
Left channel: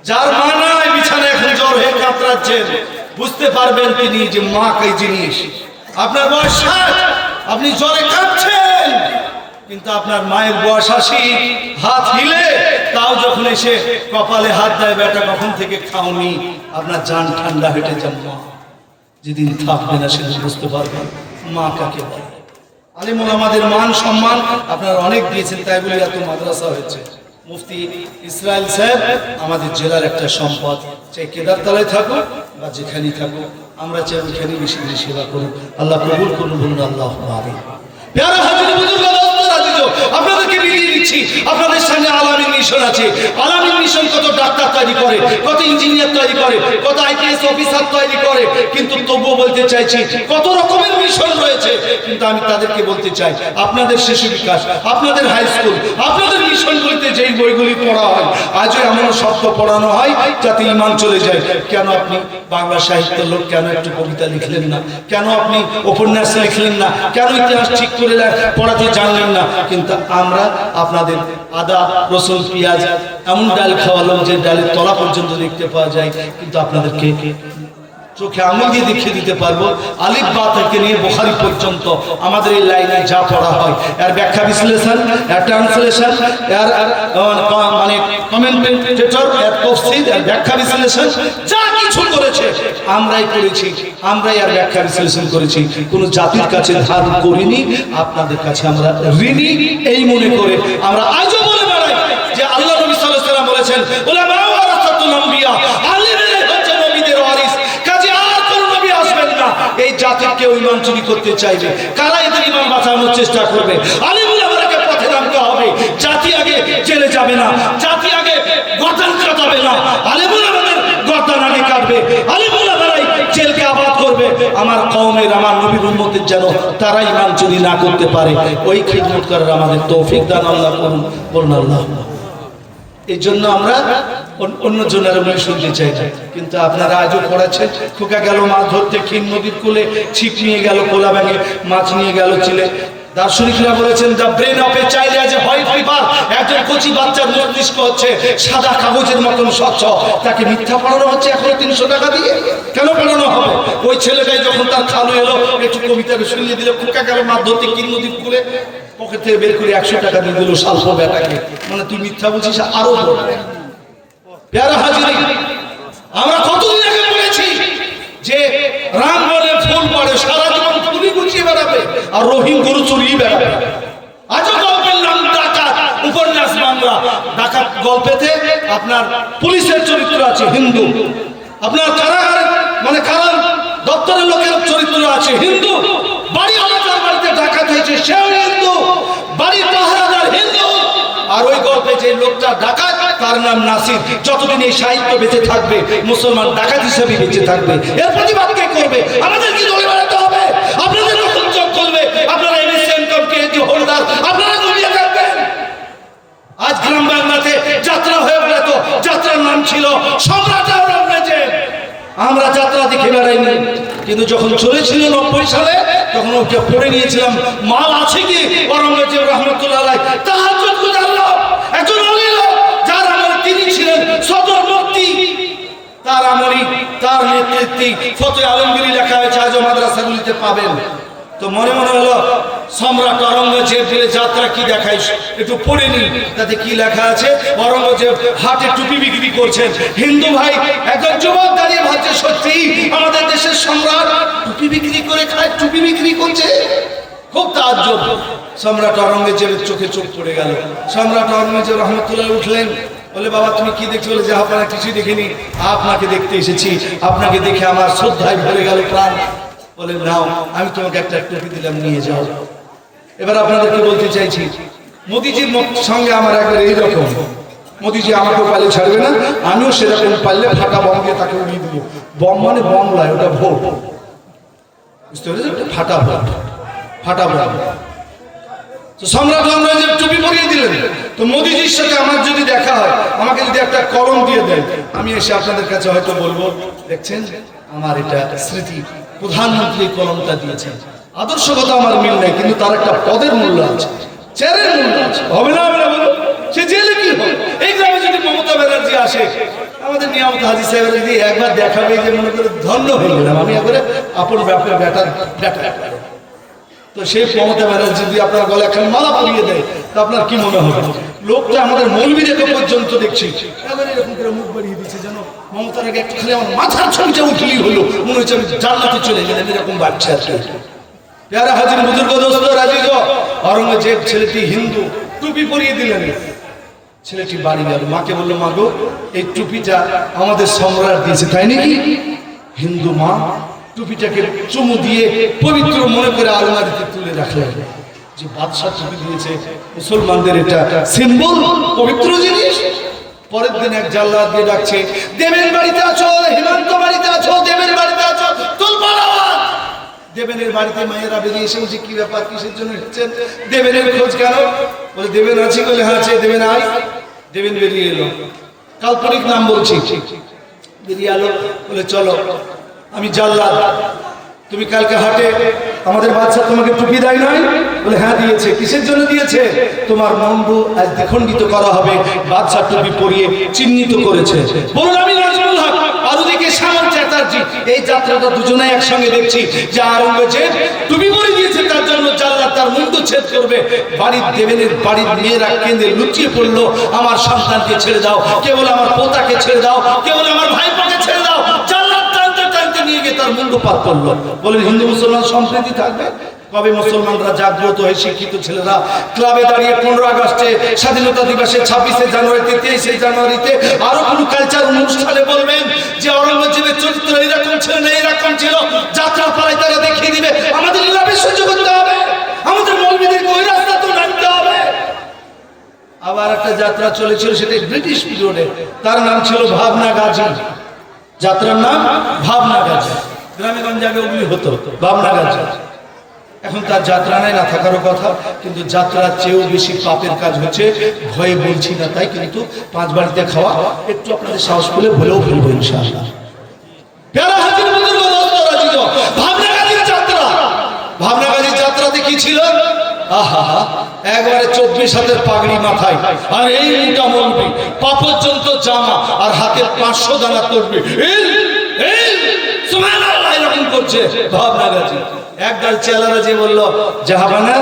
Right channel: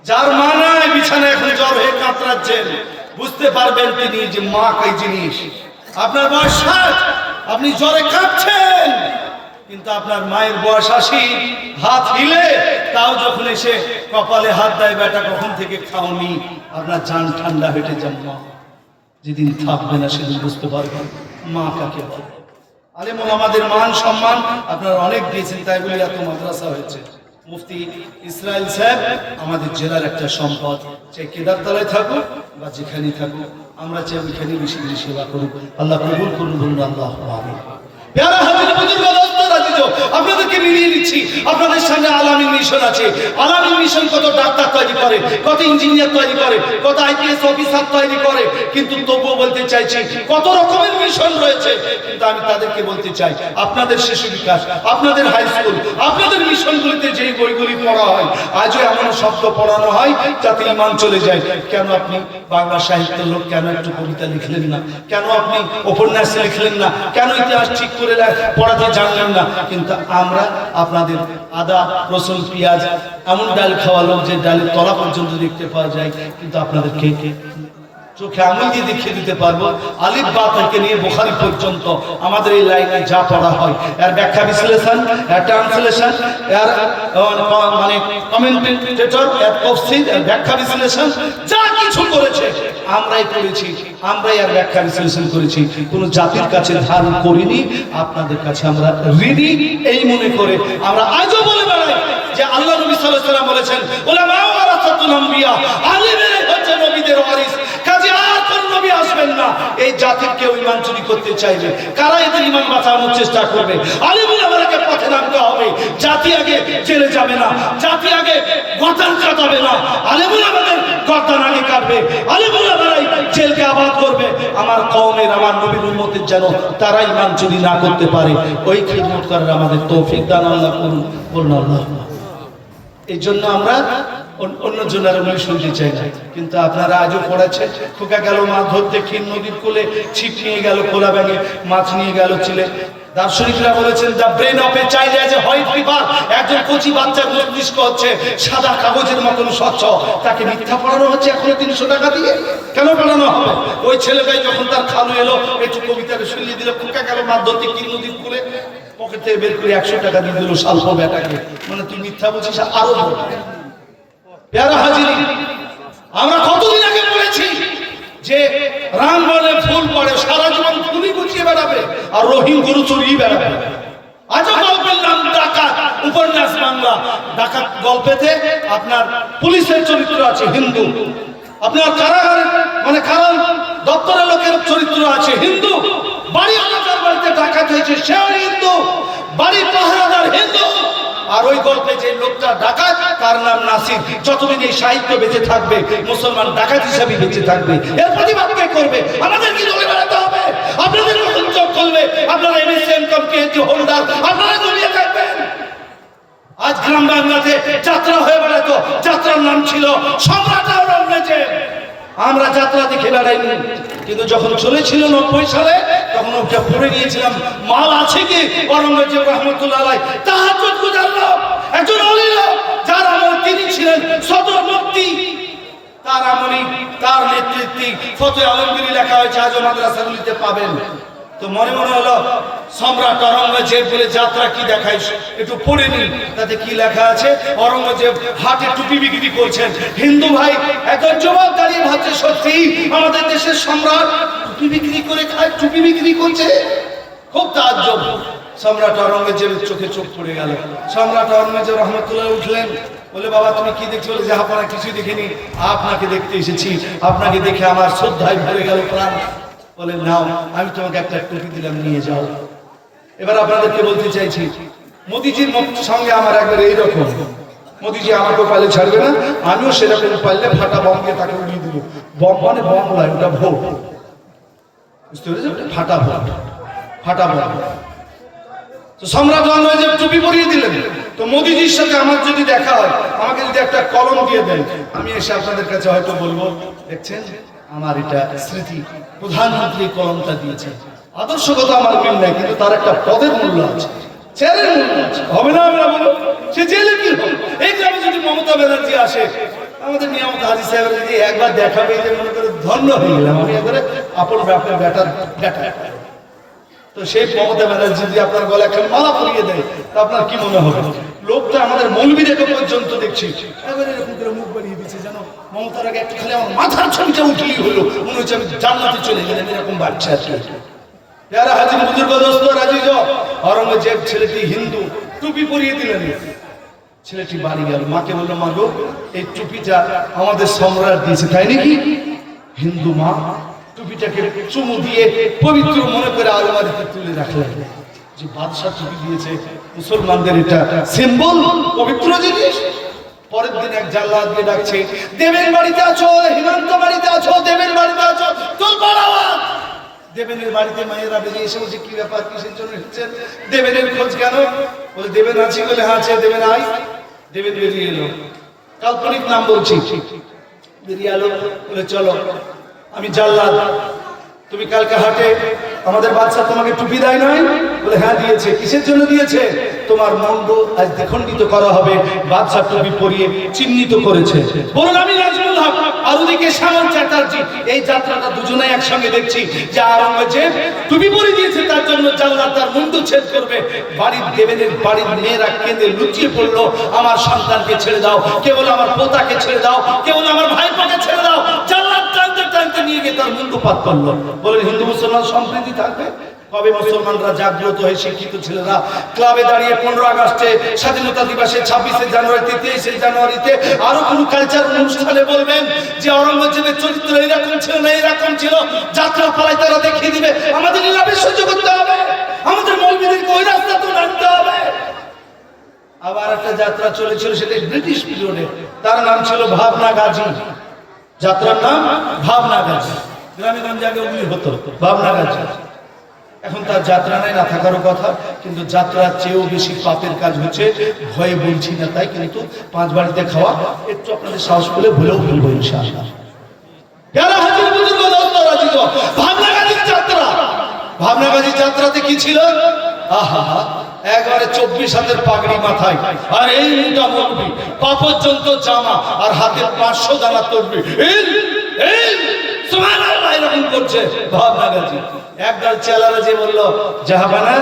যার মা নাই, বিছানায় এখন জ্বর হয়ে কাতরাচ্ছেন, বুঝতে পারবেন তিনি যে মা কই জিনিস। আপনার বয়স 60, আপনি জ্বরে কাঁপছেন, কিন্তু আপনার মায়ের বয়স 80, হাত হিলে তাও যখন এসে কপালে হাত দেয়, বেটা কখন থেকে খাওনি, আপনার জান ঠান্ডা হেঁটে যান। মা যেদিন থাকবে না সেদিন বুঝতে পারবেন মা কাকে বলে। আলেম ওলামাদের মান সম্মান আপনারা অনেক দিয়েছেন, তাই বলে এত মাদ্রাসা হয়েছে। মুফতি ইসরাইল সাহেব আমাদের জেলার একটা সম্পদ, চাই কেদারতলায় থাকুক বা যেখানেই থাকুক, আমরা চাই ওইখানেই বেশি বেশি সেবা করুন। আল্লাহ কবুল করুন, বলুন আল্লাহ আমিন। প্যারা হাজির বুজুর্গ আপনাদেরকে মিলিয়ে দিচ্ছি, আপনাদের সামনে আলামিন মিশন আছে। আলামিন মিশন কত ডাক্তার তৈরি করে, কত ইঞ্জিনিয়ার তৈরি করে, কত আইপিএস অফিসার তৈরি করে, কিন্তু তবুও বলতে চাইছি কত রকমের মিশন রয়েছে। কিন্তু আমি তাদেরকে বলতে চাই, আপনাদের শিশু বিকাশ, আপনাদের হাই স্কুল, আপনাদের মিশনগুলিতে যেই বইগুলি পড়া হয়, আজও এমন শব্দ পড়ানো হয় যাতে ঈমান চলে যায়। কেন আপনি বাংলা সাহিত্যের লোক, কেন একটু কবিতা লিখলেন না? কেন আপনি উপন্যাস লিখলেন না? কেন ইতিহাস ঠিক করে পড়াতে জানলেন না? কিন্তু আমরা আপনাদের আদা, রসুন, পেঁয়াজ এমন ডাল খাওয়ালাম যে ডালের তলা পর্যন্ত দেখতে পাওয়া যায়, কিন্তু আপনাদেরকে চোখে আঙুল দিয়ে দেখিয়ে দিতে পারবো আলিফ বা থেকে নিয়ে বুখারী পর্যন্ত আমাদের এই লাইনে যা পড়া হয়, এর ব্যাখ্যা বিশ্লেষণ, এর ট্রান্সলেশন, এর মানে কমেন্টেটর, এর তাফসীর, এর ব্যাখ্যা বিশ্লেষণ যা কিছু করেছে আমরাই করেছি, আমরাই এর ব্যাখ্যা বিশ্লেষণ করেছি। কোনো জাতির কাছে ধার করিনি, আপনাদের কাছে আমরা ঋণী এই মনে করে আমরা আজও বলে বেড়াই যে আল্লাহ নবী সাল্লাল্লাহু আলাইহি ওয়াসাল্লাম বলেছেন, উলামা ওয়ারাসাতুল ওয়ারাসাতুল আম্বিয়া, আলেমেরাই হচ্ছে নবীদের ওয়ারিস। কাজে আর কোন নবী আসবেন না এই জাতির কেউ ঈমান চুরি করতে চাইবে। কারা এদের ঈমান বাঁচানোর চেষ্টা করবে? আলেমুলামাকে পথে নামতে হবে। জাতি আগে জেলে যাবে না, জাতি আগে গর্দান কাটাবে না, আলেমুলামাদের গর্দান আগে কাটবে। আলেমুলামারাই জেলকে আবাদ করবে। আমার কওমের, আমার নবীর উম্মতের যেন তারা ঈমান চুরি না করতে পারে, ওই খিদমত করার আমাদের তৌফিক দান আল্লাহ করুন, বলুন আল্লাহ। এই জন্য আমরা অন্য জনের বলে শুনতে চাই না, কিন্তু আপনারা আজও পড়াচ্ছেন। খোকা গেল মাছ ধরতে ক্ষীণ নদীর কূলে, ছিপ নিয়ে গেল খোলা ব্যাঙে, মাছ নিয়ে গেল চিলে। দার্শনিকরা বলেছেন the brain of a child as a white paper. একজন কচি বাচ্চার মস্তিষ্ক হচ্ছে সাদা কাগজের মতন স্বচ্ছ, তাকে মিথ্যা পড়ানো হচ্ছে এখনো 300 টাকা দিয়ে। কেন পড়ানো হবে? ওই ছেলেটাই যখন তার খালো এলো একটু কবিতাকে শুনিয়ে দিল, খোকা গেল মাছ ধরতে ক্ষীণ নদীর কূলে, পকেট থেকে বের করে 100 টাকা দিয়ে দিল সালফ বেটাকে। মানে তুই মিথ্যা বলছিস আরো বল। প্যারা হাজিরি, আমরা কতদিন আগে বলেছি যে রাম বলে ফুল পড়ে, সারা জীবন ফুলই গুছিয়ে বেড়াবে আর রহিম গরু চুরিয়ে বেড়াবে। আজও গল্পের নাম ডাকাত, উপন্যাস বাংলা। ডাকাত গল্পেতে আপনার পুলিশের চরিত্র আছে হিন্দু, আপনার কারাগার মানে কারার দপ্তরের লোকের চরিত্র আছে হিন্দু, বাড়ি এলাকার বাড়িতে ডাকাত হয়েছে সেও হিন্দু, বাড়ি পাহারাদার হিন্দু। আর ওই গল্পে যে লোকটা ডাকাত তার নাম নাসির। যতদিন এই সাহিত্য বেঁচে থাকবে মুসলমান ডাকাত হিসাবে বেঁচে থাকবে। এর প্রতিবাদ কে করবে? আমাদের কি দলে বেড়াতে হবে? আপনাদের যখন চোখ করবে আপনারা এমএসএম কমকে হোল্ডার আপনারা ঘুমিয়ে থাকবেন। আজ গ্রাম বাংলাতে যাত্রা হয়ে বেড়াতো, যাত্রার নাম ছিল সম্রাট আওরঙ্গজেব। আমরা যাত্রা দেখে বেড়াইনি, কিন্তু যখন চলেছিল 90 সালে তখন ওটা পড়ে নিয়েছিলাম। মাল আছে কি আওরঙ্গজেব রহমতুল্লাহ আলাইহি তাহাজ্জুদ গুজারলো, একজন ওলি লোক যার আমলে তিনি ছিলেন সদর মুফতি, তার আমলে তার নেতৃত্বে ফতোয়া আলমগীরি লেখা হয়েছে, আজও মাদ্রাসাগুলিতে পাবেন। তো মনে মনে হলো সম্রাট আওরঙ্গজেব বলে যাত্রা কি দেখাই, একটু পড়ে নি তাতে কি লেখা আছে। আওরঙ্গজেব হাটে টুপি বিক্রি করছেন। হিন্দু ভাই একজন যুবক দাঁড়িয়ে ভাবছে সত্যি আমাদের দেশের সম্রাট টুপি বিক্রি করে খায়, টুপি বিক্রি করছে। খুব তাজ্জব। সম্রাট আওরঙ্গজেবের চোখে চোখ পড়ে গেল। সম্রাট আওরঙ্গজেব রহমতুল্লাহ উঠলেন, বলে বাবা তুমি কি দেখছো? বলে জাহাপানা কিছুই দেখিনি, আপনাকে দেখতে এসেছি, আপনাকে দেখে আমার শ্রদ্ধায় ভরে গেল প্রাণ। বলে নাও আমি তোমাকে একটা টুপি দিলাম, নিয়ে যাও। এবার আপনাদেরকে বলতে চাইছি মোদিজির সঙ্গে আমার একবার এইরকম, মোদিজি আমাকেও পালে ছাড়বে না, আমিও সেরকম পারলে ফাঁকা বম দিয়ে তাকে উড়িয়ে দেবো। বম মানে বম নয়, ওটা ভোট, বুঝতে পেরেছেন? ফাটা ভোট, ফাটা ভোট। তো সম্রাট আওরঙ্গজেব টুপি পরিয়ে দিলেন। তো মোদিজির সাথে আমার যদি দেখা হয়, আমাকে যদি একটা কলম দিয়ে দেয়, আমি এসে আপনাদের কাছে হয়তো বলবো দেখছেন আমার এটা স্মৃতি, প্রধানমন্ত্রী কলমটা দিয়েছেন। আদর্শগত আমার মিল নেই, কিন্তু তার একটা পদের মূল্য আছে, চেয়ারের মূল্য আছে। হবে না হবে না বলো, সে জেলে কি হবে? এই গ্রামে যদি মমতা ব্যানার্জি আসে, আমাদের নিয়ামত হাজি সাহেব যদি একবার দেখাবে যে মনে করে ধন্য হয়ে গেলাম আমি, একবারে আপন ব্যাপার ব্যাটার ব্যাটার। তো সেই মমতা ব্যানার্জি যদি আপনার গলা এখন মালা পরিয়ে দেয় তা আপনার কি মনে হবে? লোকটা আমাদের মৌলবীদেরকে পর্যন্ত দেখছি এবার এরকম করে মুখ বাড়িয়ে দিচ্ছে, জানো মমতার আগে একটু খালি আমার মাথার ছবিটা উঠলেই হলো, মনে হচ্ছে আমি জান্নাতে চলে গেলেন, এরকম ভাবছে আছে। প্যারা হাজির বুজুর্গ দোস্ত রাজিজ, আওরঙ্গজেব ছেলেটি হিন্দু, টুপি পরিয়ে দিলেন। ছেলেটি বাড়ি গেল, মাকে বললো মা গো এই টুপিটা আমাদের সম্রাট দিয়েছে, তাই নাকি? হিন্দু মা টুপিটাকে চুমু দিয়ে পবিত্র মনে করে আলমারিতে তুলে রাখলেন। যে বাদশাহ টুপি দিয়েছে, মুসলমানদের এটা সিম্বল, পবিত্র জিনিস। পরের দিন এক জাল্লাদ দিয়ে ডাকছে, দেবের বাড়িতে আছো, হিমান্ত বাড়িতে আছো, দেবের বাড়িতে আছো, তোলপাড় আওয়াজ। দেবেনের বাড়িতে মায়েরা বেরিয়ে এসে বলছে কি ব্যাপার, কিসের জন্য এসেছেন? দেবেনের খোঁজ কেন? বলে দেবেন আছি, বলে হ্যাঁ আছে। দেবেন আয়। দেবেন বেরিয়ে এলো, কাল্পনিক নাম বলছি, বেরিয়ে এলো, বলে চলো আমি জাল্লাদ, তুমি কালকে হাটে আমাদের বাদশা তোমাকে টুপি দেয় নাই? বলে হ্যাঁ দিয়েছে। কিসের জন্য দিয়েছে? তোমার মন্দ আজ দ্বিখণ্ডিত করা হবে, বাদশা টুপি পরিয়ে চিহ্নিত করেছে। বলুন আমি নাজমুল হক আর ওদিকে শ্যামল চ্যাটার্জি, এই যাত্রাটা দুজনেই একসঙ্গে দেখছি যে আওরঙ্গজেব টুপি পরিয়ে দিয়েছে, তার জন্য জাল্লাদ তার মুন্ডু ছেদ করবে। বাড়ির দেবেনের বাড়ির মেয়েরা কেঁদে লুচিয়ে পড়লো, আমার সন্তানকে ছেড়ে দাও, কেবল আমার পোতাকে ছেড়ে দাও, কেবল আমার ভাইপোকে ছেড়ে দাও। জাল্লাদ টানতে টানতে নিয়ে গিয়ে তার মুন্ডুপাত করলো, বলে হিন্দু মুসলমান সম্প্রীতি থাকবে। কবে মুসলমানরা জাগ্রত হয়ে শিক্ষিত ছেলেরা ক্লাবে দাঁড়িয়ে 15 আগস্টে, স্বাধীনতা দিবসে, 26শে জানুয়ারিতে, 23শে জানুয়ারিতে আরো কোন কালচার অনুষ্ঠানে বলবেন যে আওরঙ্গজেবের চরিত্র এরকম ছিল না, এরকম ছিল, যাত্রা পালায় তারা দেখিয়ে দিবে। আমাদের লীলাবে সহ্য করতে হবে, আমাদের মৌলবীদেরকে ওই রাস্তা তো নামতে হবে। আবার একটা যাত্রা চলেছিল, সেটা ব্রিটিশ পিরিয়ডে, তার নাম ছিল ভাবনা গাজী। যাত্রার নাম ভাবনা গাজী, গ্রামে গঞ্জে অগ্নি হতো ভাবনা গাজী। এখন তার যাত্রা নাই, না থাকারও কথা, কিন্তু যাত্রার চেয়েও বেশি পাপের কাজ হচ্ছে। ভয়ে বলছি না তাই, কিন্তু 5 বাড়িতে খাওয়া একটু আপনাদের সাহস করে ভুলেও ভুলবো ইনশাআল্লাহ। ভাবনা গাজীর যাত্রা, ভাবনা গাজীর যাত্রাতে কি ছিল? আহা, একবারে 24 হাতের পাগড়ি মাথায়, আর এই মোটা মৌলবি, পা পর্যন্ত জামা, আর হাতে 500 দানা তরবে, এরকম করছে ভাবনা গাজী। একদল চেলারা যে বললো, জাহাবানা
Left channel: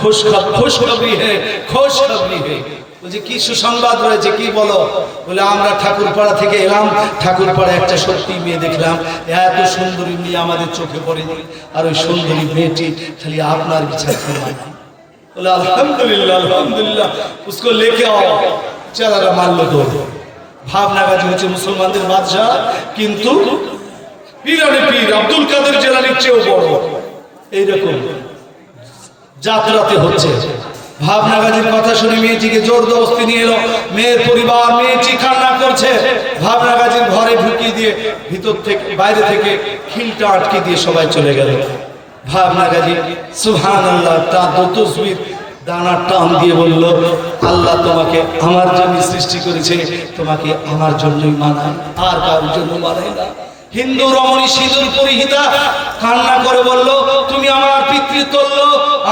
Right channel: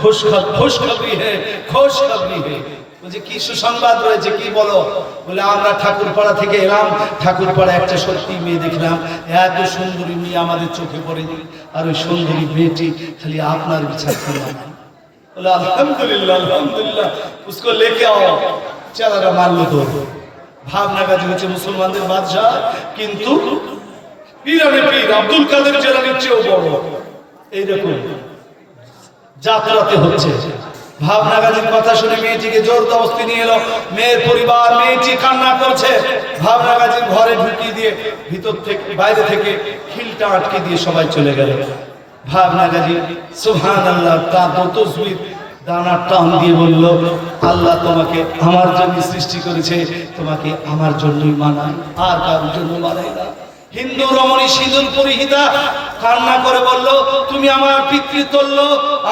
খুশখবরি হে, খুশখবরি হে। বলছে কি সুসংবাদ রয়েছে, কি বলো? বলে আমরা ঠাকুরপাড়া থেকে এলাম, ঠাকুরপাড়া একটা সত্যি মেয়ে দেখলাম, এত সুন্দরী মেয়ে আমাদের চোখে পড়েনি, আর ওই সুন্দরী মেয়েটি খালি আপনার বিচার করে। বলে আলহামদুলিল্লাহ, আলহামদুলিল্লাহ, উসকো লেকে আও। চেলারা মানলো তো। ভাবনা গাজী হচ্ছে মুসলমানদের বাদশাহ, কিন্তু পীরানে পীর আব্দুল কাদের জিলানীর চেয়েও বড়। এইরকম যাত্রাতে হচ্ছে। ভাবনা গাজীর কথা শুনে মেয়েটিকে জোরদস্তি নিয়ে এলো, মেয়ের পরিবার, মেয়েটি কান্না করছে। ভাবনা গাজীর ঘরে ঢুকিয়ে দিয়ে ভিতর থেকে, বাইরে থেকে খিলটা আটকে দিয়ে সবাই চলে গেল। ভাবনা গাজী সুবহানাল্লাহ তার তসবির দানা টান দিয়ে বলল, আল্লাহ তোমাকে আমার জন্য সৃষ্টি করেছে, তোমাকে আমার জন্যই মানায়, আর কারোর জন্য মানায় না। হিন্দু রমণী সিঁদুর পরিহিতা কান্না করে বলল, তুমি আমার পিতৃতুল্য,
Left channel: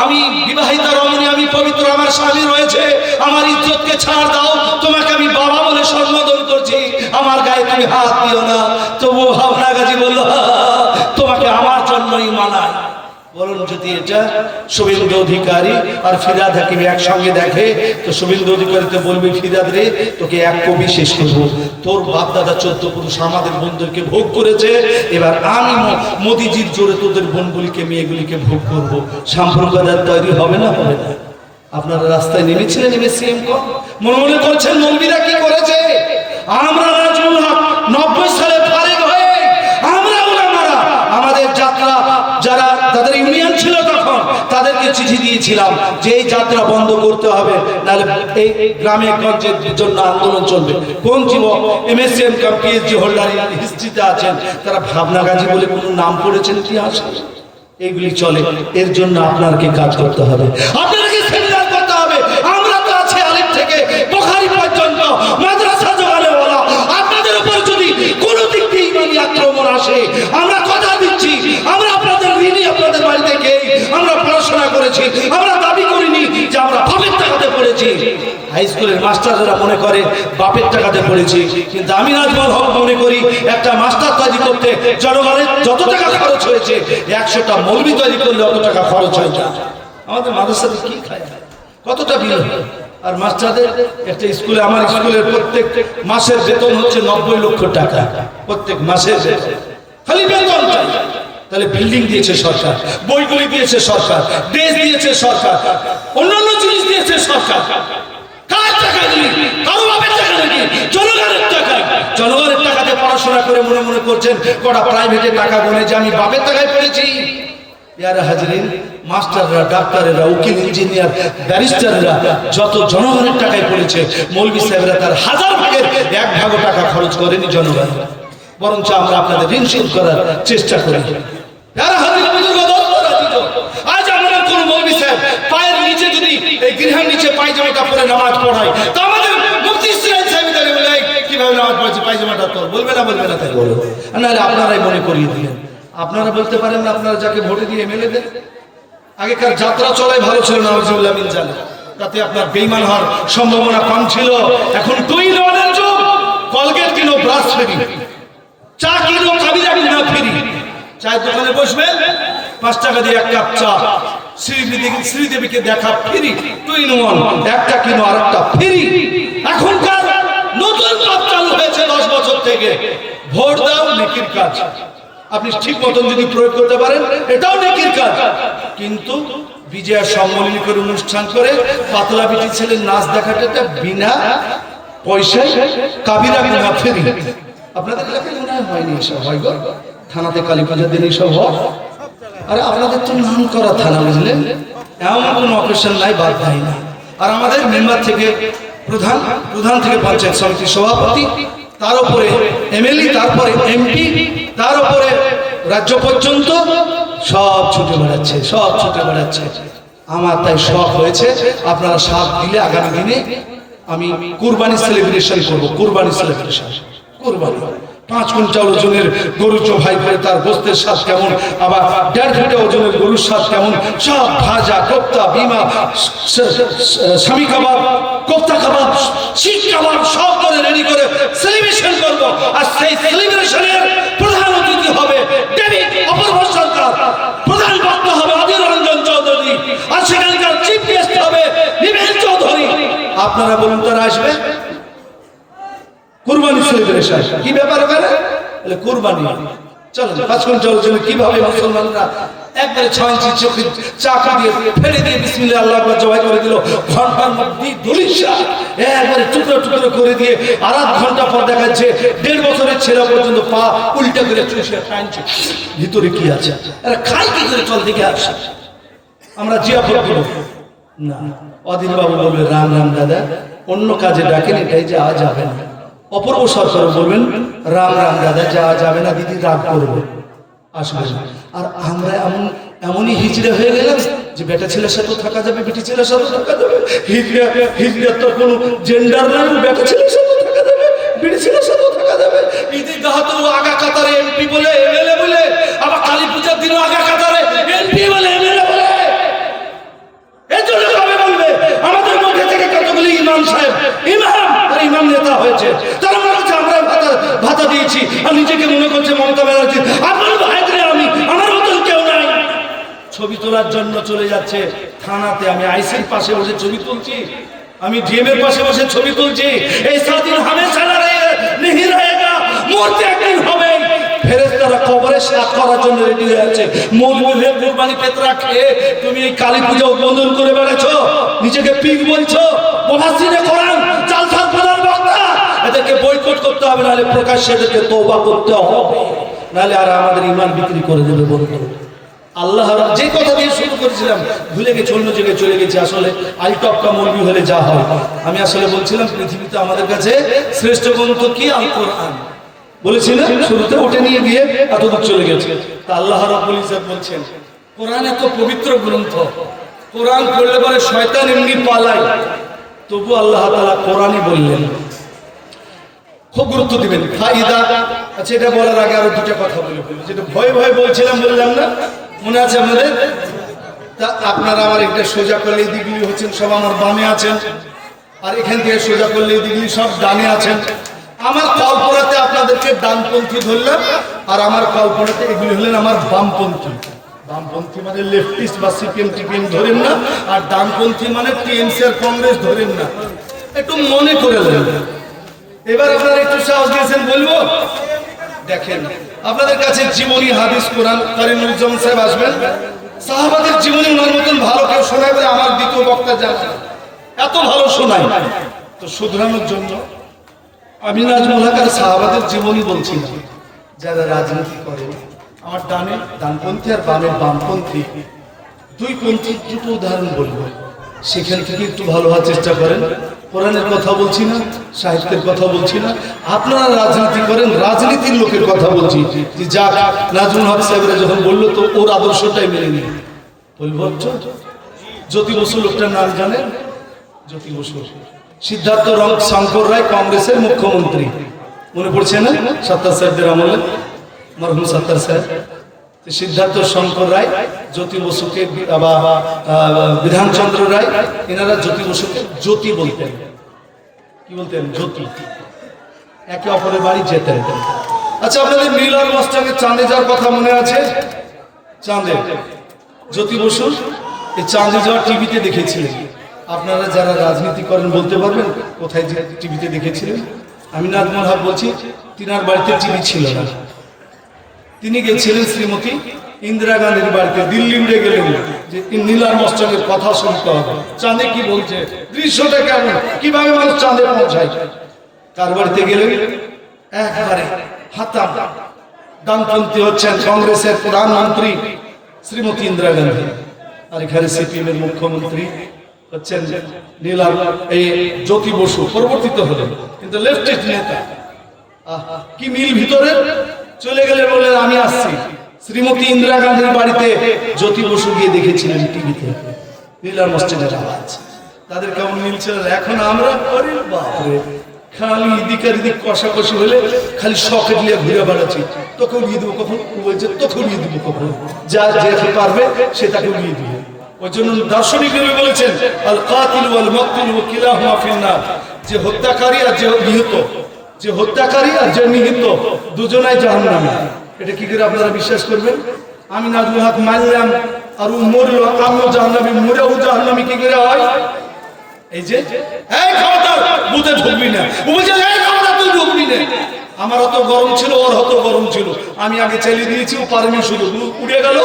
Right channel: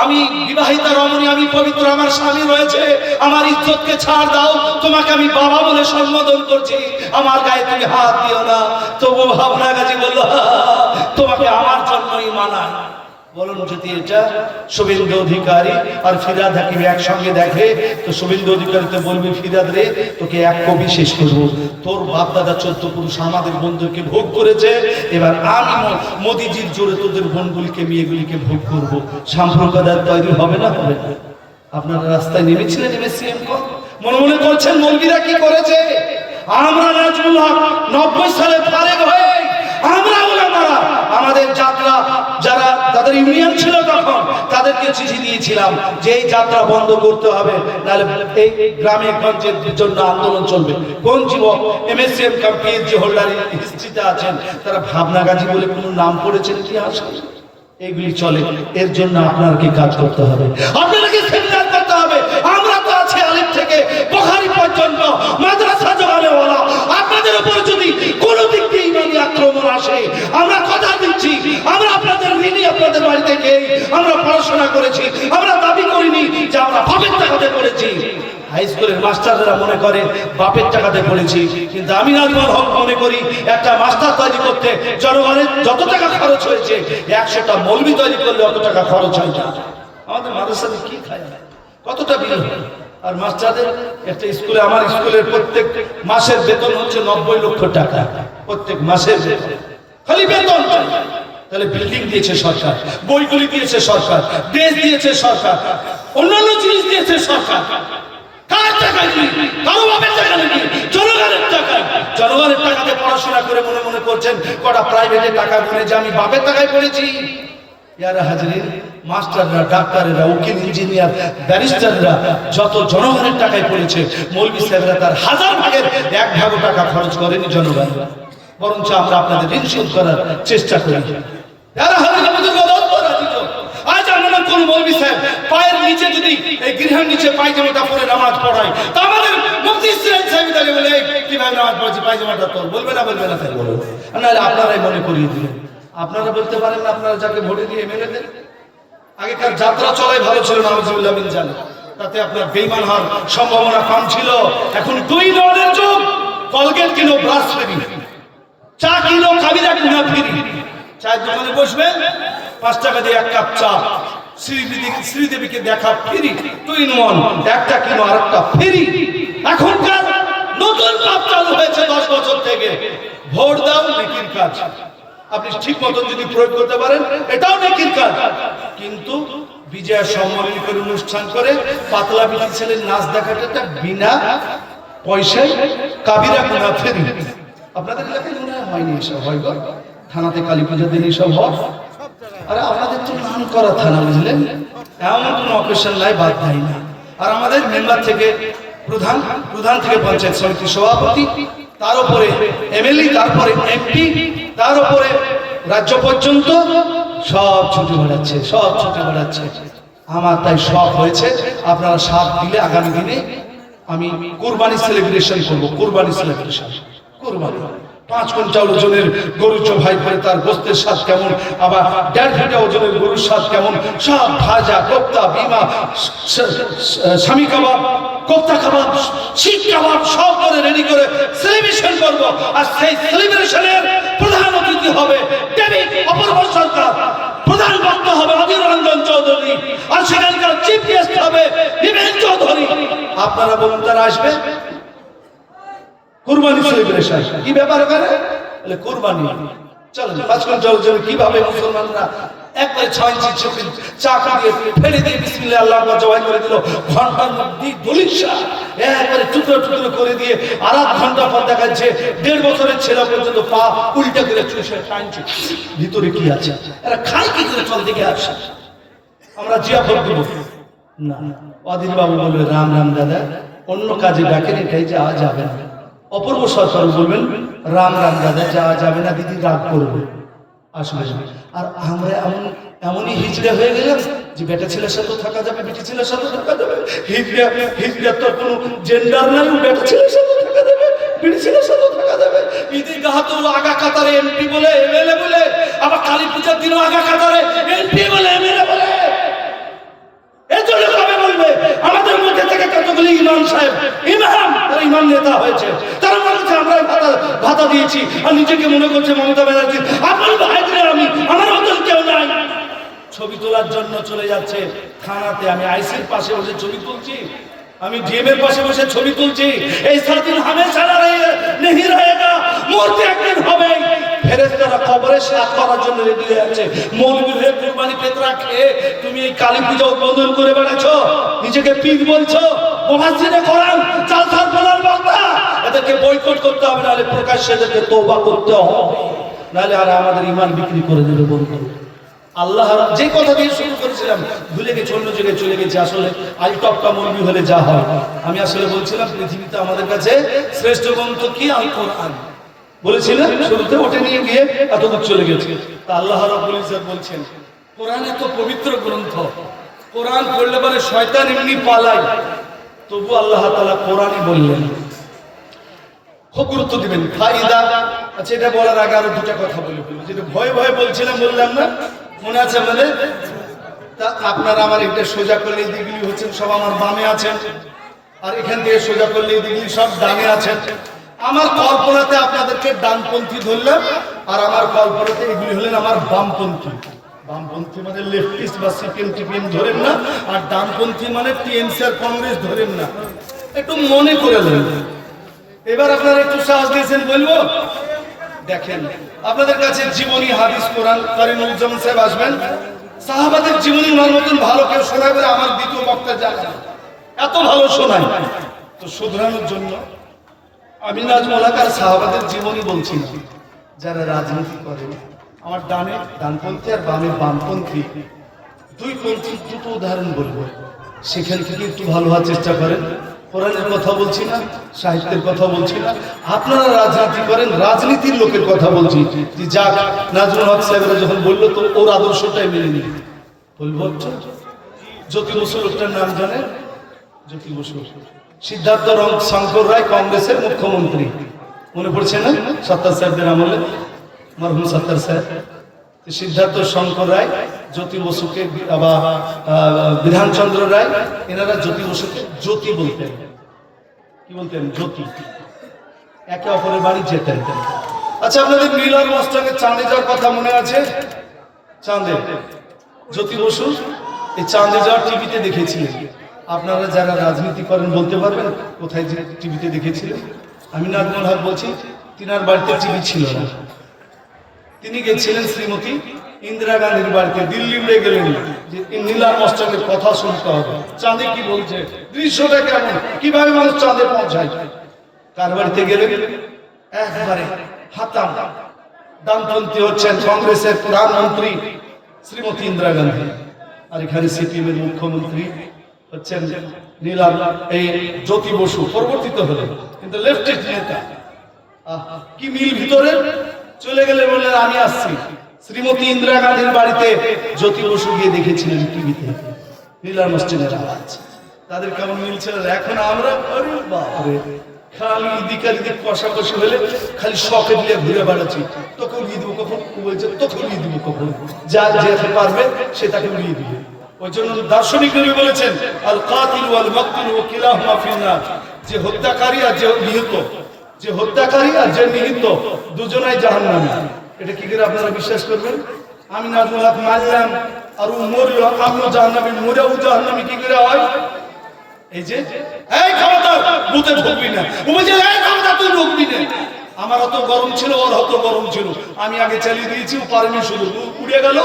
আমি বিবাহিতা রমণী, আমি পবিত্র, আমার স্বামী রয়েছে, আমার ইজ্জতকে ছাড় দাও, তোমাকে আমি বাবা বলে সম্বোধন করছি, আমার গায়ে তুমি হাত দিও না। তবু ভাবনা গাজী বলল, তোমাকে আমার জন্যই মানায়। বলুন, যদি এটা শুভেন্দু অধিকারী আর ফিরহাদ হাকিম একসঙ্গে দেখে, তো শুভেন্দু অধিকারী তো বলবে, ফিরহাদ রে, তোকে এক কবি শেষ করবো, তোর বাপ দাদা 14 পুরুষ আমাদের বোনদেরকে ভোগ করেছে, এবার আমি মোদিজির জোরে তোদের বোনগুলিকে, মেয়েগুলিকে ভোগ করবো। সাম্প্রদায়িক তৈরি হবে না? হবে না। আপনারা রাস্তায় নেমেছিলেন, এমএসসিএম মনে মনে করছেন মৌলবীরা কি করেছে? আমরা নাজমুল হক 90 সালে ফারেক হয়ে আমরা ওলামারা আমাদের যাত্রা, যারা তাদের ইউনিয়ন ছিল তখন, তাদেরকে চিঠি দিয়েছিলাম যে এই যাত্রা বন্ধ করতে হবে, নাহলে এই গ্রামে গঞ্জের জন্য আন্দোলন চলবে। কোন যুবক এমএসসিএম কাম পিএইচডি হোল্ডার হিস্ট্রিতে আছেন, তারা ভাবনা গাজী বলে কোনো নাম পড়েছেন ইতিহাসে? এইগুলি চলে। এর জন্য আপনাকে কাজ করতে হবে, আপনাকে সেমিনার করতে হবে। আমরা তো আছি আলিফ থেকে বুখারী পর্যন্ত মাদ্রাসা জোগানেওয়ালা। আপনাদের উপর যদি কোনো দিক দিয়ে ইমানি আক্রমণ আসে, আমরা কথা দিচ্ছি, আমরা আপনাদের ঋণী, আপনাদের বাড়ি থেকে আমরা পড়াশোনা করেছি, আমরা দাবি করিনি যে আমরা বাপের টাকাতে পড়েছি। হাই স্কুলের মাস্টাররা মনে করে বাপের টাকাতে পড়েছি, কিন্তু আমি নাজমুল হক মনে করি একটা মাস্টার তৈরি করতে জনগণের যত টাকা খরচ হয়েছে, 100টা মৌলবি তৈরি করলে অত টাকা খরচ হয় না। আমাদের মাদ্রাসাতে কি খায়, কতটা বিল হয়? আর মাস্টারদের একটা স্কুলে, আমার স্কুলের প্রত্যেক মাসের বেতন হচ্ছে 90 লক্ষ টাকা, প্রত্যেক মাসের বেতন, খালি বেতন চাই। তাহলে বিল্ডিং দিয়েছে সরকার, বইগুলি দিয়েছে সরকার, ড্রেস দিয়েছে সরকার, অন্যান্য জিনিস দিয়েছে সরকার। কার টাকা দিই? কারো বাপের টাকা নাকি? জনগণের টাকা। জনগণের টাকাতে পড়াশোনা করে মনে মনে করছেন কটা প্রাইভেটে টাকা গুনে যে আমি বাপের টাকায় পড়েছি। ইয়ারা হাজরিন, মাস্টাররা, ডাক্তারেরা, উকিল, ইঞ্জিনিয়ার, ব্যারিস্টাররা যত জনগণের টাকায় পড়েছে, মৌলভী সাহেবরা তার 1000 ভাগের 1 ভাগও টাকা খরচ করেনি জনগণ, বরঞ্চ আমরা আপনাদের ঋণ শোধ করার চেষ্টা করি। ইয়ারা হাজরিন, আজ আমাদের কোন মৌলভী সাহেব পায়ের নিচে যদি এই গৃহের নিচে পায়জামাটা পরে নামাজ পড়ায়, তা আমাদের মুফতি ইসরাইল সাহেব তাহলে বলে কিভাবে নামাজ পড়েছি, পায়জামাটা তোর, বলবে না? বলবে না? তাই বলবো। নাহলে আপনারাই মনে করিয়ে দিলেন। আপনারা বলতে পারেন না, আপনারা যাকে ভোটে দিয়ে এমএলএ দেন। আগেকার যাত্রা চলাই ভালো ছিল না, নাউজুবিল্লাহ মিন জালিক, তাতে আপনার বেঈমান হওয়ার সম্ভাবনা কম ছিল। এখন 2 লনের যুগ, কলগেট কিনো, ব্রাশ ফ্রি, চা কিনো, কাবিরা কিনো ফ্রি। চায়ের দোকানে বসবেন, 5 টাকা দিয়ে 1 কাপ চা, শ্রীদেবীকে দেখা ফ্রি, 2 in 1, একটা কিনো আরেকটা ফ্রি। এখনকার নতুন পাপ চালু হয়েছে 10 বছর থেকে, ভোট দাও নেকির কাজ। আপনি ঠিক মতন যদি প্রয়োগ করতে পারেন এটাও নেকির কাজ। কিন্তু বিজয়া সম্মেলনীর অনুষ্ঠান করে পাতলা বিটি ছেলের নাচ দেখাটা বিনা পয়সায় কাবিরা গুনাহ ফেরি। আপনাদের এলাকায় মনে হয়নি এসব হয় গো? থানাতে কালী পূজার দিন এসব হয়? আরে আপনাদের তো নাম করা থানা, বুঝলেন? এমন কোনো অকেশন নাই বাদ দেয় না। আর আমাদের মেম্বার থেকে প্রধান থেকে পঞ্চায়েত সমিতির সভাপতি, তার উপরে এমএলএ, তারপরে এমপি, তার উপরে রাজ্য পর্যন্ত সব ছুটে বেড়াচ্ছে, সব ছুটে বেড়াচ্ছে। আমার তাই শখ হয়েছে আপনারা সাথ দিলে আগামী দিনে আমি কুরবানি সেলিব্রেশন করবো। কুরবানি সেলিব্রেশন, কুরবানি 5 কুইন্টাল ওজনের গরু জবাই করে তার গোস্তের স্বাদ কেমন, আবার 1.5 ফিট ওজনের গরুর স্বাদ কেমন, সব ভাজা, কোপ্তা, বিমা, স্বামী কাবাব, কোপ্তা কাবাব, শিক কাবাব সব করে রেডি করে সেলিব্রেশন করব। আর সেই সেলিব্রেশনের প্রধান অতিথি হবে ডেভিড অপূর্ব সরকার, প্রধান বক্তা হবে অধীর রঞ্জন চৌধুরী, আর সেখানকার চিফ গেস্ট হবে নিবেন চৌধুরী। আপনারা বলুন তারা আসবে? কুরবানি সেলিব্রেশন কি ব্যাপার ওখানে? বলে কুরবানি। চলো 5 কুইন্টাল জন্য কিভাবে মুসলমানরা একবারে 6 ইঞ্চি চোখে চাকা দিয়ে ফেলে দিয়ে বিসমিল্লাহ আল্লাহু আকবার জবাই করে দিল। ঘন্টার মধ্যে দলিশা একবারে টুকরো টুকরো করে দিয়ে আর 8 ঘন্টা পর দেখা যাচ্ছে 1.5 বছরের ছেলে পর্যন্ত পা উল্টা করে চুষে টানছে। ভিতরে কি আছে? এরা খাই কি করে? চল দেখে আসা, আমরা জিয়াফত দেব না। অধীর বাবু বলবে রাম রাম দাদা, অন্য কাজে ডাকেন, এটাই যাওয়া যাবে না। অপূর্ব সরকার বলবেন রাম রাম দাদা, যাওয়া যাবে না, দিদি রাগ করবে, আসবে। আর আমরা এমনই হিজড়া হয়ে গেলাম যে বেটা ছেলের সাথেও থাকা যাবে, বেটি ছেলের সাথেও থাকা যাবে। হিজড়ার তো কোনো জেন্ডার নাই, বেটা ছেলের সাথেও থাকা যাবে, বেটি ছেলের সাথেও থাকা যাবে। ঈদের গাহাতো আগা কাতারে এমপি বলে, এমএলএ বলে, আবার কালী পূজার দিনও আগা কাতারে এমপি বলে, এমএলএ বলে। এর জন্য কবে বলবে আমাদের মধ্যে থেকে কতগুলি ইমাম সাহেব, ইমাম আর ইমাম নেতা হয়েছে, তারা মনে হচ্ছে আমরা ভাতা দিয়েছি আর নিজেকে মনে করছে মমতা ব্যানার্জি। আমার ভাইদের আমি, আমার মতন কেউ নাই। ছবি তোলার জন্য চলে যাচ্ছে থানাতে। আমি আইসির পাশে বসে ছবি তুলছি, আমি ডিএম এর পাশে বসে ছবি তুলছি। এই সাদিন হামেশা নেহি রহেগা, মরতে একদিন হবে। ফেরেশতারা কবরে সাত করার জন্য রেডি হয়ে আছে। মৌলবীদের কুরবানি পেতরা খেয়ে তুমি এই কালী পূজা উদ্বোধন করে বেড়াচ্ছো, নিজেকে পীর বলছো, মুফাসসিরে কোরআন, জালসা প্রধান বক্তা। এদেরকে বয়কট করতে হবে, নাহলে প্রকাশ্যে এদেরকে তওবা করতে হবে, নাহলে আর আমাদের ঈমান বিক্রি করে দেবে বন্ধু। আল্লাহ যে কথা দিয়ে শুরু করেছিলাম ভুলে গেছি, অন্য জায়গায় চলে গেছি। আসলে আলটপকা মৌলবী হলে যা হয়, আমি আসলে বলছিলাম পৃথিবীতে আমাদের কাছে শ্রেষ্ঠ গ্রন্থ কি? আল কোরআন। বলেছিলেন শুরুতে, ওটা নিয়ে গিয়ে এতদূর চলে গেছে। তা আল্লাহ রাব্বুল ইজ্জত বলছেন কোরআন এত পবিত্র গ্রন্থ, কোরআন পড়লে পরে শয়তান এমনি পালায়, তবু আল্লাহ তাআলা কোরআনই বললেন। খুব গুরুত্ব দিবেন। ফায়দা, আচ্ছা এটা বলার আগে আরো দুটো কথা বলে ফেলি, যেটা ভয়ে ভয়ে বলছিলাম, বললাম না, মনে আছে আপনাদের? তা আপনারা আমার একটা সোজা করলে এই দিকগুলি হচ্ছেন সব আমার বামে আছেন, আর এখান থেকে সোজা করলে এই দিকগুলি সব ডানে আছেন। আমার কল্পনাতে আপনাদেরকে ডানপন্থী ধরলাম, আর আমার কল্পনাতে এগুলি হলেন আমার বামপন্থী। বামপন্থী মানে লেফটিস্ট বা সিপিএম টিপিএম ধরেন না, আর ডানপন্থী মানে টিএমসি আর কংগ্রেস ধরেন না, একটু মনে করে নেন। এবার আপনারা একটু সাহস দিয়েছেন, বলবো দেখেন আপনাদের কাছে জীবনী হাদিস কোরআন কারিমুজ্জামান সাহেব আসবেন, সাহাবাদের জীবনী ওনার মতন ভালো কেউ শোনায় বলে আমার দ্বিতীয় বক্তা জানে, এত ভালো শোনায়। তো শুধরানোর জন্য আমি নাজমুল হক আর সাহাবাদের জীবনী বলছি না। যারা রাজনীতি করে, আমার ডানে ডানপন্থী আর বামে বামপন্থী, দুই পন্থী দুটো উদাহরণ বলবো, সেখান থেকে একটু ভালো হওয়ার চেষ্টা করেন। কোরআনের কথা বলছি না, সাহিত্যের কথা বলছি না। আপনারা রাজনীতি করেন, রাজনীতির লোকের কথা বলছি। যে যাক, নাজমুল হক সাহেবরা যখন বললো তো ওর আদর্শটাই মেনে নিই। বলবো জ্যোতি বসু লোকটার নাম জানেন? জ্যোতি বসু, সিদ্ধার্থ শঙ্কর রায় কংগ্রেসের মুখ্যমন্ত্রী, মনে পড়ছে না? সত্তার সাহেবদের আমলে, মরহুম সত্তার সাহেব। সিদ্ধার্থ শঙ্কর রায় জ্যোতি বসুকে, বিধানচন্দ্র রায়, এনারা জ্যোতি বসুকে জ্যোতি বলতেন। কি বলতেন? জ্যোতি। একে অপরের বাড়ি যেতেন। আচ্ছা, আপনাদের মিলার মস্তাকে চাঁদে যাওয়ার কথা মনে আছে? চাঁদে জ্যোতি বসু এই চাঁদে যাওয়ার টিভিতে দেখেছিলেন। আপনারা যারা রাজনীতি করেন বলতে পারবেন কোথায় যে টিভিতে দেখেছিলেন? আমি নাজমুল হক বলছি, তিনার বাড়িতে টিভি ছিল না। তিনি গেছিলেন শ্রীমতী ইন্দিরা গান্ধীর বাড়িতে, দিল্লি উড়ে গেলেন যে নীলার মস্তকের কথা শুনতে হবে, চাঁদে কি বলছে, দৃশ্যটা কেমন, কিভাবে মানুষ চাঁদে পৌঁছায়। তার বাড়িতে গেলেন, একবারে হাতাম ডানপন্থী হচ্ছেন কংগ্রেসের প্রধানমন্ত্রী শ্রীমতী ইন্দিরা গান্ধী, আর এখানে সিপিএম এর মুখ্যমন্ত্রী হচ্ছেন নীলার এই জ্যোতি বসু, পরিবর্তিত হলেন কিন্তু লেফটিস্ট নেতা। কি মিল ভিতরে। চলে গেলে বললেন আমি আসছি। শ্রীমতী ইন্দিরা গান্ধীর বাড়িতে জ্যোতি বসু গিয়ে দেখেছিলেন টিভিতে নীলার মসজিদের আওয়াজ, তাদের কেমন মিল ছিল। এখন আমরা বাপরে খালি ইদিকার ইদিক কষাকষি হলে খালি শখে দিয়ে ঘুরে বেড়াচ্ছি, তখন উড়িয়ে দেবো কখন, বলছে তখন উড়িয়ে দেবো কখন, যা যেতে পারবে সে তাকে উড়িয়ে দিবে। ওই জন্য দার্শনিক বলেছেন আল কাতিল ওয়াল মাকতুল কিলাহুমা ফিন্নার, যে হত্যাকারী আর যে নিহত, যে হত্যাকারী আর যে নিহত দুজনাই জাহান্নামে। এটা কি করে আপনারা বিশ্বাস করবেন? আমি নাজমুল হক মারলাম আর ও মরলো, আমিও জাহান্নামী, মরেও জাহান্নামী, কি করে হয়? এই যে এই ক্ষমতা বুঝে ঢুকবি না, ও বলছে এই ক্ষমতা তুই ঢুকবি না। আমার অত গরম ছিল, ওর অত গরম ছিল, আমি আগে চালিয়ে দিয়েছি, ও পারেনি, শুধু উড়ে গেল।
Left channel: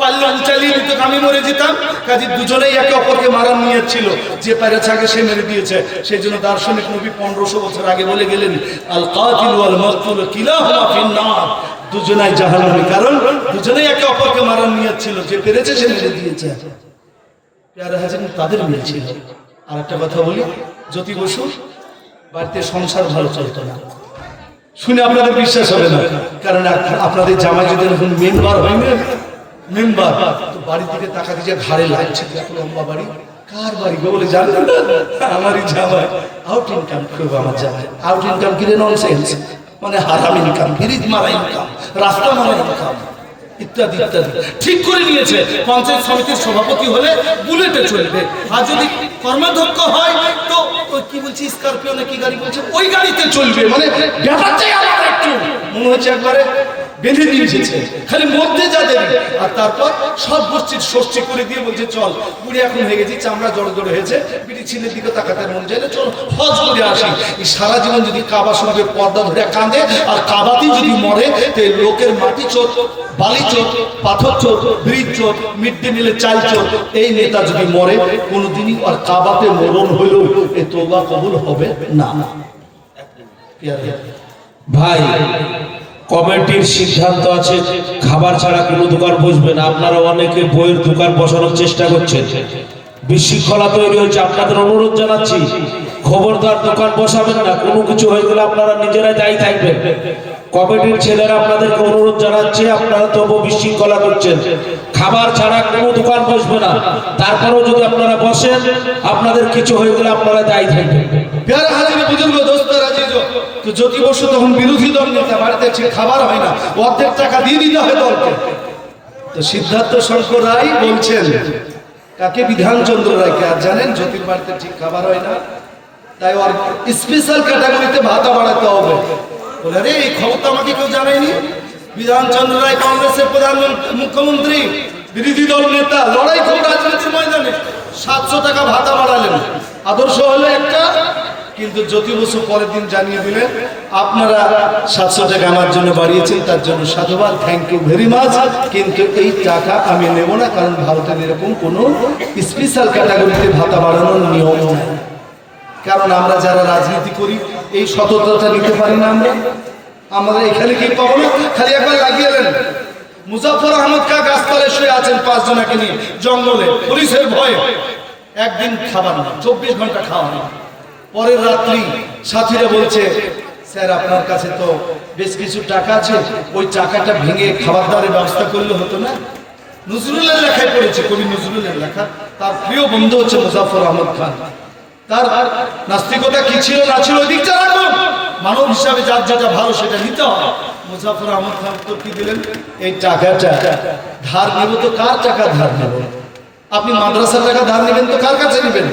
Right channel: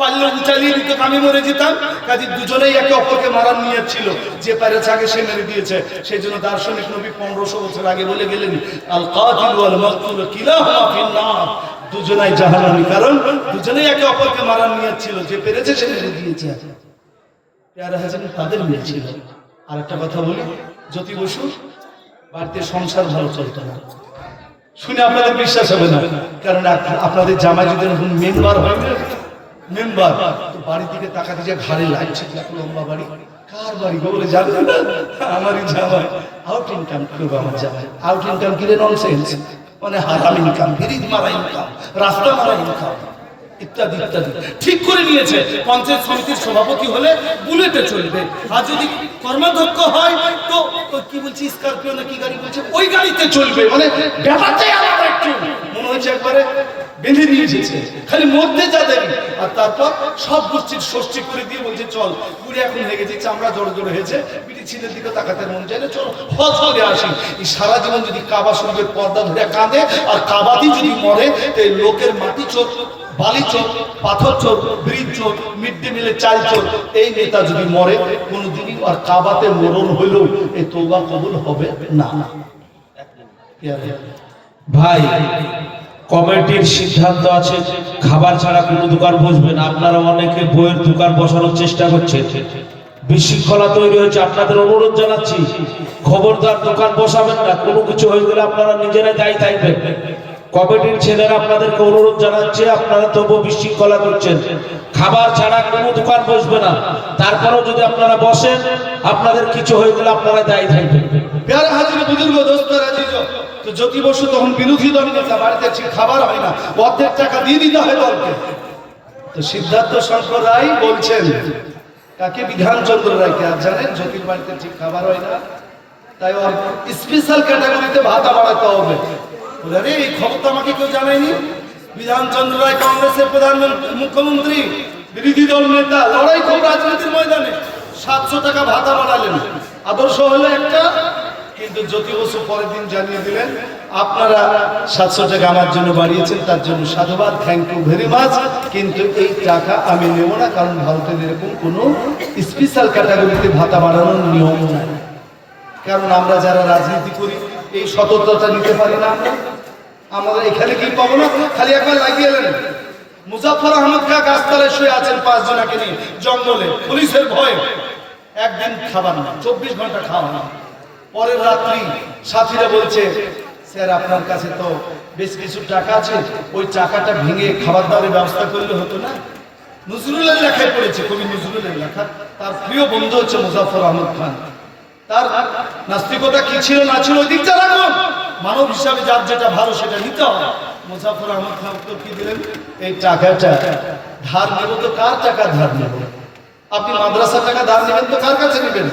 পারলে ও চালিয়ে দিত, আমি মরে যেতাম। কাজে দুজনেই একে অপরকে মারার নিয়ত ছিল, যে পেরেছে আগে সে মেরে দিয়েছে। সেই জন্য দার্শনিক নবী 1500 বছর আগে বলে গেলেন আল কাতিল ওয়াল মাকতুল কিলাহুমা ফিন্নার, দুজনাই জাহান্নামী, কারণ দুজনেই একে অপরকে মারার নিয়ত ছিল, যে পেরেছে সে মেরে দিয়েছে। প্যারা হাজার তাদের মিলছিল। আর একটা কথা বলি, জ্যোতি বসু বাড়িতে সংসার ভালো চলত না, শুনে আপনাদের বিশ্বাস হবে না, কারণ আপনাদের জামাই যদি এখন মেম্বার হয় না, মেম্বার তো বাড়ির দিকে তাকাতে যে ঘাড়ে লাগছে, এত লম্বা বাড়ি, কার বাড়ি গো বলে জানবেন না, আমারই জামাই। আউট ইনকাম করবো আমার জামাই, আউট ইনকাম কিরে ননসেন্স, মানে হারাম ইনকাম, ফিরিজ মারা ইনকাম, রাস্তা মারা ইনকাম, ইত্যাদি ইত্যাদি ঠিক করে নিয়েছে। পঞ্চায়েত সমিতির সভাপতি হলে বুলেটে চলবে, আর যদি কর্মাধ্যক্ষ হয় তো ওই কি বলছি স্করপিও না কি গাড়ি বলছে, ওই গাড়িতে চলবে। মানে ব্যাপারটাই আলাদা, একটু মনে হচ্ছে একবারে বেঁধে দিয়ে এসেছে, খালি মধ্যে যাদের। আর তারপর সব গোষ্ঠীর ষষ্ঠী করে দিয়ে বলছে চল, বুড়ি এখন হয়ে গেছি, চামড়া জড়ো জড়ো হয়েছে, বিটি ছেলের দিকে তাকাতে মন চাইলে চলো হজ করে আসি। এই সারা জীবন যদি কাবা শরীফের পর্দা ধরে কাঁদে আর কাবাতেই যদি মরে, তো লোকের মাটি চোর, বালি চোর, পাথর চোর, ব্রিজ চোর, মিড ডে মিলের চাল চোর, এই নেতা যদি মরে কোনোদিনই আর কাবাতে মরণ হইলেও এই তওবা কবুল হবে না। ভাই, কমিটির সিদ্ধান্ত আছে খাবার ছাড়া কোনো দোকান বসবে না। আপনারা অনেকে বইয়ের দোকান বসানোর চেষ্টা করছেন, বিশৃঙ্খলা তৈরি হয়েছে। আপনাদের অনুরোধ জানাচ্ছি, খবরদার দোকান বসাবেন না, কোনো কিছু হয়ে গেলে আপনারা নিজেরাই দায়ী থাকবেন। কমিটির ছেলেরা আপনাদেরকে অনুরোধ জানাচ্ছে, আপনারা তবু বিশৃঙ্খলা করছেন। খাবার ছাড়া কোনো দোকান বসবে না, তারপরেও যদি আপনারা বসেন, আপনাদের কিছু হয়ে গেলে আপনারা দায়ী থাকবেন। প্যারা হাজিরে বুজুর্গ দোস্তরা জিজো, তো জ্যোতি বসু তখন বিরোধী দল নেতা, বাড়িতে ঠিক খাবার হয় না, অর্ধেক টাকা দিয়ে দিতে হয় দলকে। তো সিদ্ধার্থ শঙ্কর রায় বলছেন, কাকে? বিধানচন্দ্র রায়কে। আর জানেন জ্যোতির বাড়িতে ঠিক খাবার হয় না, তাই ওর স্পেশাল ক্যাটাগরিতে ভাতা বাড়াতে হবে। বলে রে এই খবর তো আমাকে কেউ জানায়নি। বিধানচন্দ্র রায় কংগ্রেসের মুখ্যমন্ত্রী, বিরোধী দল নেতা, লড়াই খুব রাজনীতির ময়দানে 700 টাকা ভাতা বাড়ালেন। আদর্শ হলো একটা, কিন্তু জ্যোতি বসু পরের দিন জানিয়ে দিলেন আপনারা 700 টাকা আমার জন্য বাড়িয়েছেন, তার জন্য সাধুবাদ, থ্যাংক ইউ ভেরি মাচ, কিন্তু এই টাকা আমি নেব না, কারণ ভারতের এরকম কোনো স্পেশাল ক্যাটাগরিতে ভাতা বাড়ানোর নিয়ম নাই। কারণ আমরা যারা রাজনীতি করি এই সততাটা নিতে পারি না। আমরা এখানে কি পাবো না, খালি একবার লাগিয়ে এলেন। মুজাফর আহমদ খা গাছতলায় শুয়ে আছেন 5 জনাকে নিয়ে জঙ্গলে, পুলিশের ভয়ে, একদিন খাবার না, 24 ঘন্টা খাওয়া না। পরের রাত্রি সাথীরা বলছে, স্যার আপনার কাছে তো বেশ কিছু টাকা আছে, ওই টাকাটা ভেঙে খাবার দাবারের ব্যবস্থা করলে হতো না। নজরুলের লেখায় পড়েছে, কবি নজরুলের লেখা, তার প্রিয় বন্ধু হচ্ছে মুজাফর আহমদ খান। তার নাস্তিকতা কি ছিল না ছিল ওই দিকটা রাখুন, মানব হিসাবে যার যেটা ভালো সেটা নিতে হয়। মুজাফর আহমদ খান তো কি দিলেন, এই টাকাটা ধার নেব, তো কার টাকা ধার নেব? আপনি মাদ্রাসার টাকা ধার নেবেন তো কার কাছে নেবেন?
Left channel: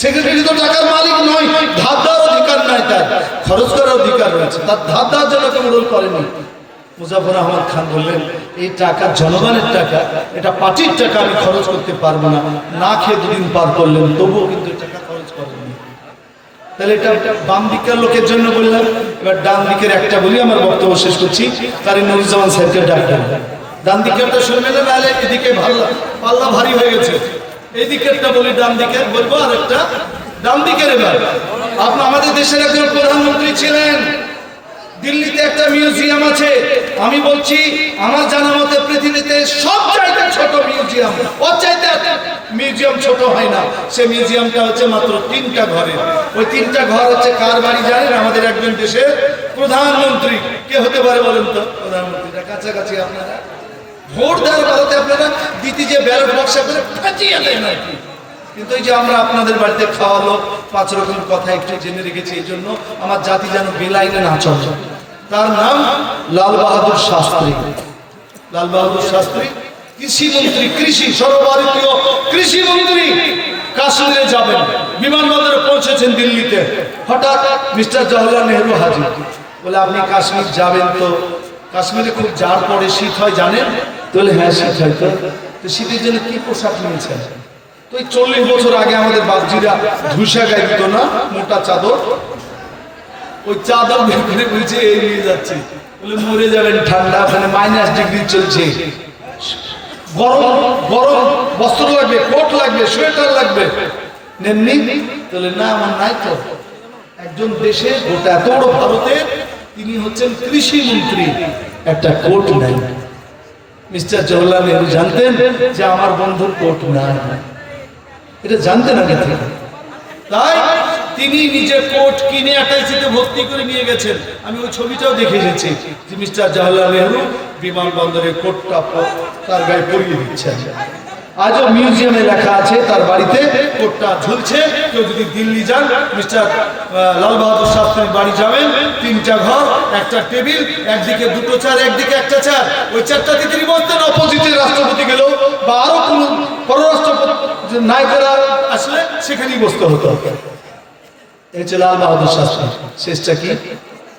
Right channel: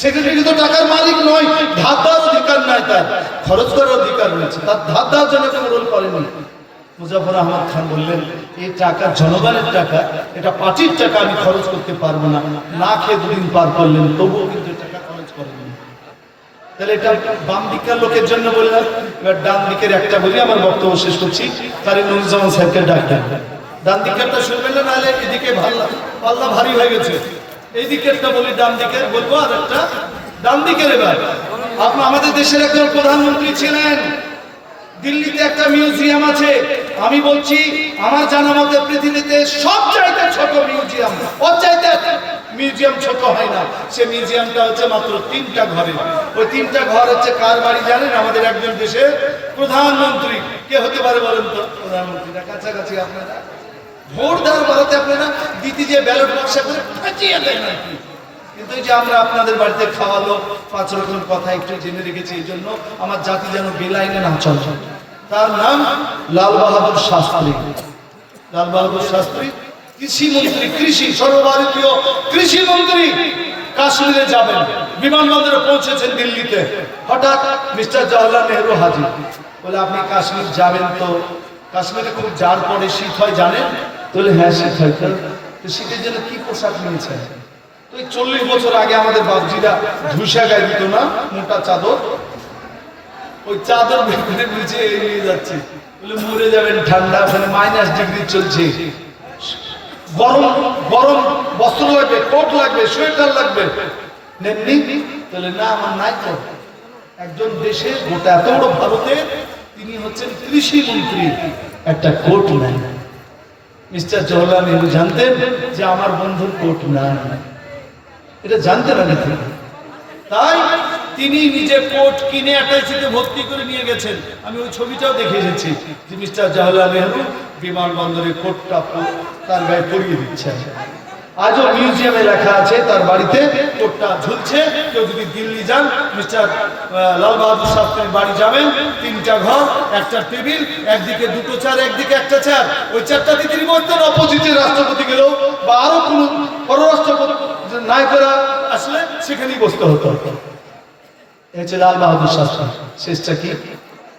সেক্রেটারি তো টাকার মালিক নয়, ধার দেওয়ার অধিকার নাই, তার খরচ করার অধিকার রয়েছে, তার ধার দেওয়ার জন্য কেউ রোল করেনি। মুজাফর আহমদ খান বললেন এই টাকা জনগণের টাকা, এটা পার্টির টাকা, আমি খরচ করতে পারবো না। না খেয়ে 2 দিন পার করলেন, তবুও কিন্তু টাকা খরচ করেননি। তাহলে এটা বাম দিকের লোকের জন্য বললাম, এবার ডান দিকের একটা বলি, আমার বক্তব্য শেষ করছি। তারে নুরুজ্জামান সাহেবকে ডাক দেন। ডান দিকেরটা শুনবেন না, নাহলে এদিকে পাল্লা ভারী হয়ে গেছে। এই দিকেরটা বলি, ডান দিকের বলবো, আর একটা ডান দিকের। এবার আপনি আমাদের দেশের একজন প্রধানমন্ত্রী ছিলেন, দিল্লিতে একটা মিউজিয়াম আছে। আমি বলছি আমার জানা মতে পৃথিবীতে সব চাইতে ছোট মিউজিয়াম, ওর চাইতে মিউজিয়াম ছোট হয় না। সে মিউজিয়ামটা হচ্ছে মাত্র 3টা ঘরের। ওই 3টা ঘর হচ্ছে কার বাড়ি জানেন? আমাদের একজন দেশের প্রধানমন্ত্রী। কে হতে পারে বলেন তো? প্রধানমন্ত্রীটা কাছাকাছি। আপনারা ভোট দেওয়ার বেলাতে আপনারা দিতে যে ব্যালট বক্সে করে ফাঁচিয়ে দেন আর কি। কিন্তু এই যে আমরা আপনাদের বাড়িতে খাওয়ালো, 5 রকম কথা একটু জেনে রেখেছি, এই জন্য আমার জাতি যেন বেলাইনে না চলে। তার নাম লাল বাহাদুর শাস্ত্রী। লাল বাহাদুর শাস্ত্রী কৃষি মন্ত্রী, কৃষি সর্বভারতীয় কৃষি মন্ত্রী। কাশ্মীরে যাবেন, বিমানবন্দরে পৌঁছেছেন দিল্লিতে, হঠাৎ মিস্টার জওহরলাল নেহরু হাজির। বলে আপনি কাশ্মীর যাবেন তো? কাশ্মীরে খুব জাড় পড়ে, শীত হয় জানেন? বলে হ্যাঁ শীত হয়। তো শীতের জন্য কি পোশাক নিয়েছেন? তো 40 বছর আগে আমাদের বাবজিরা ধুসা গায়ে দিত না, মোটা চাদর। ওই চাদর বের বুঝে এই নিয়ে যাচ্ছে। বলে মরে যাবেন, ঠান্ডা, ওখানে -ডিগ্রি চলছে, গরম গরম বস্ত্র লাগবে, কোট লাগবে, সোয়েটার লাগবে। নেননি? তাহলে না, আমার নাই তো। একজন দেশে গোটা এত বড় ভারতের তিনি হচ্ছেন কৃষি মন্ত্রী, একটা কোট নাই। মিস্টার জওহরলাল নেহরু জানতেন যে আমার বন্ধুর কোট নাই, এটা জানতেন আগে থেকে। তাই তিনি নিজে কোট কিনে অ্যাটাচিতে ভর্তি করে নিয়ে গেছেন। আমি ওই ছবিটাও দেখে এসেছি যে মিস্টার জওহরলাল নেহরু বিমানবন্দরে কোটটা তার গায়ে পরিয়ে দিচ্ছেন। আজও মিউজিয়ামে লেখা আছে, তার বাড়িতে কোটটা ঝুলছে। কেউ যদি দিল্লি যান, মিস্টার লাল বাহাদুর শাস্ত্রীর বাড়ি যাবেন, 3টা ঘর, একটা টেবিল, একদিকে 2টো চেয়ার, একদিকে একটা চেয়ার। ওই চেয়ারটাতে তিনি বসতেন। অপোজিটের রাষ্ট্রপতি গেলেও বা আরো কোনো পররাষ্ট্রপতি নায়িকারা আসলে সেখানেই বসতে হতো। এই হচ্ছে লাল বাহাদুর শাস্ত্রী। শেষটা কি?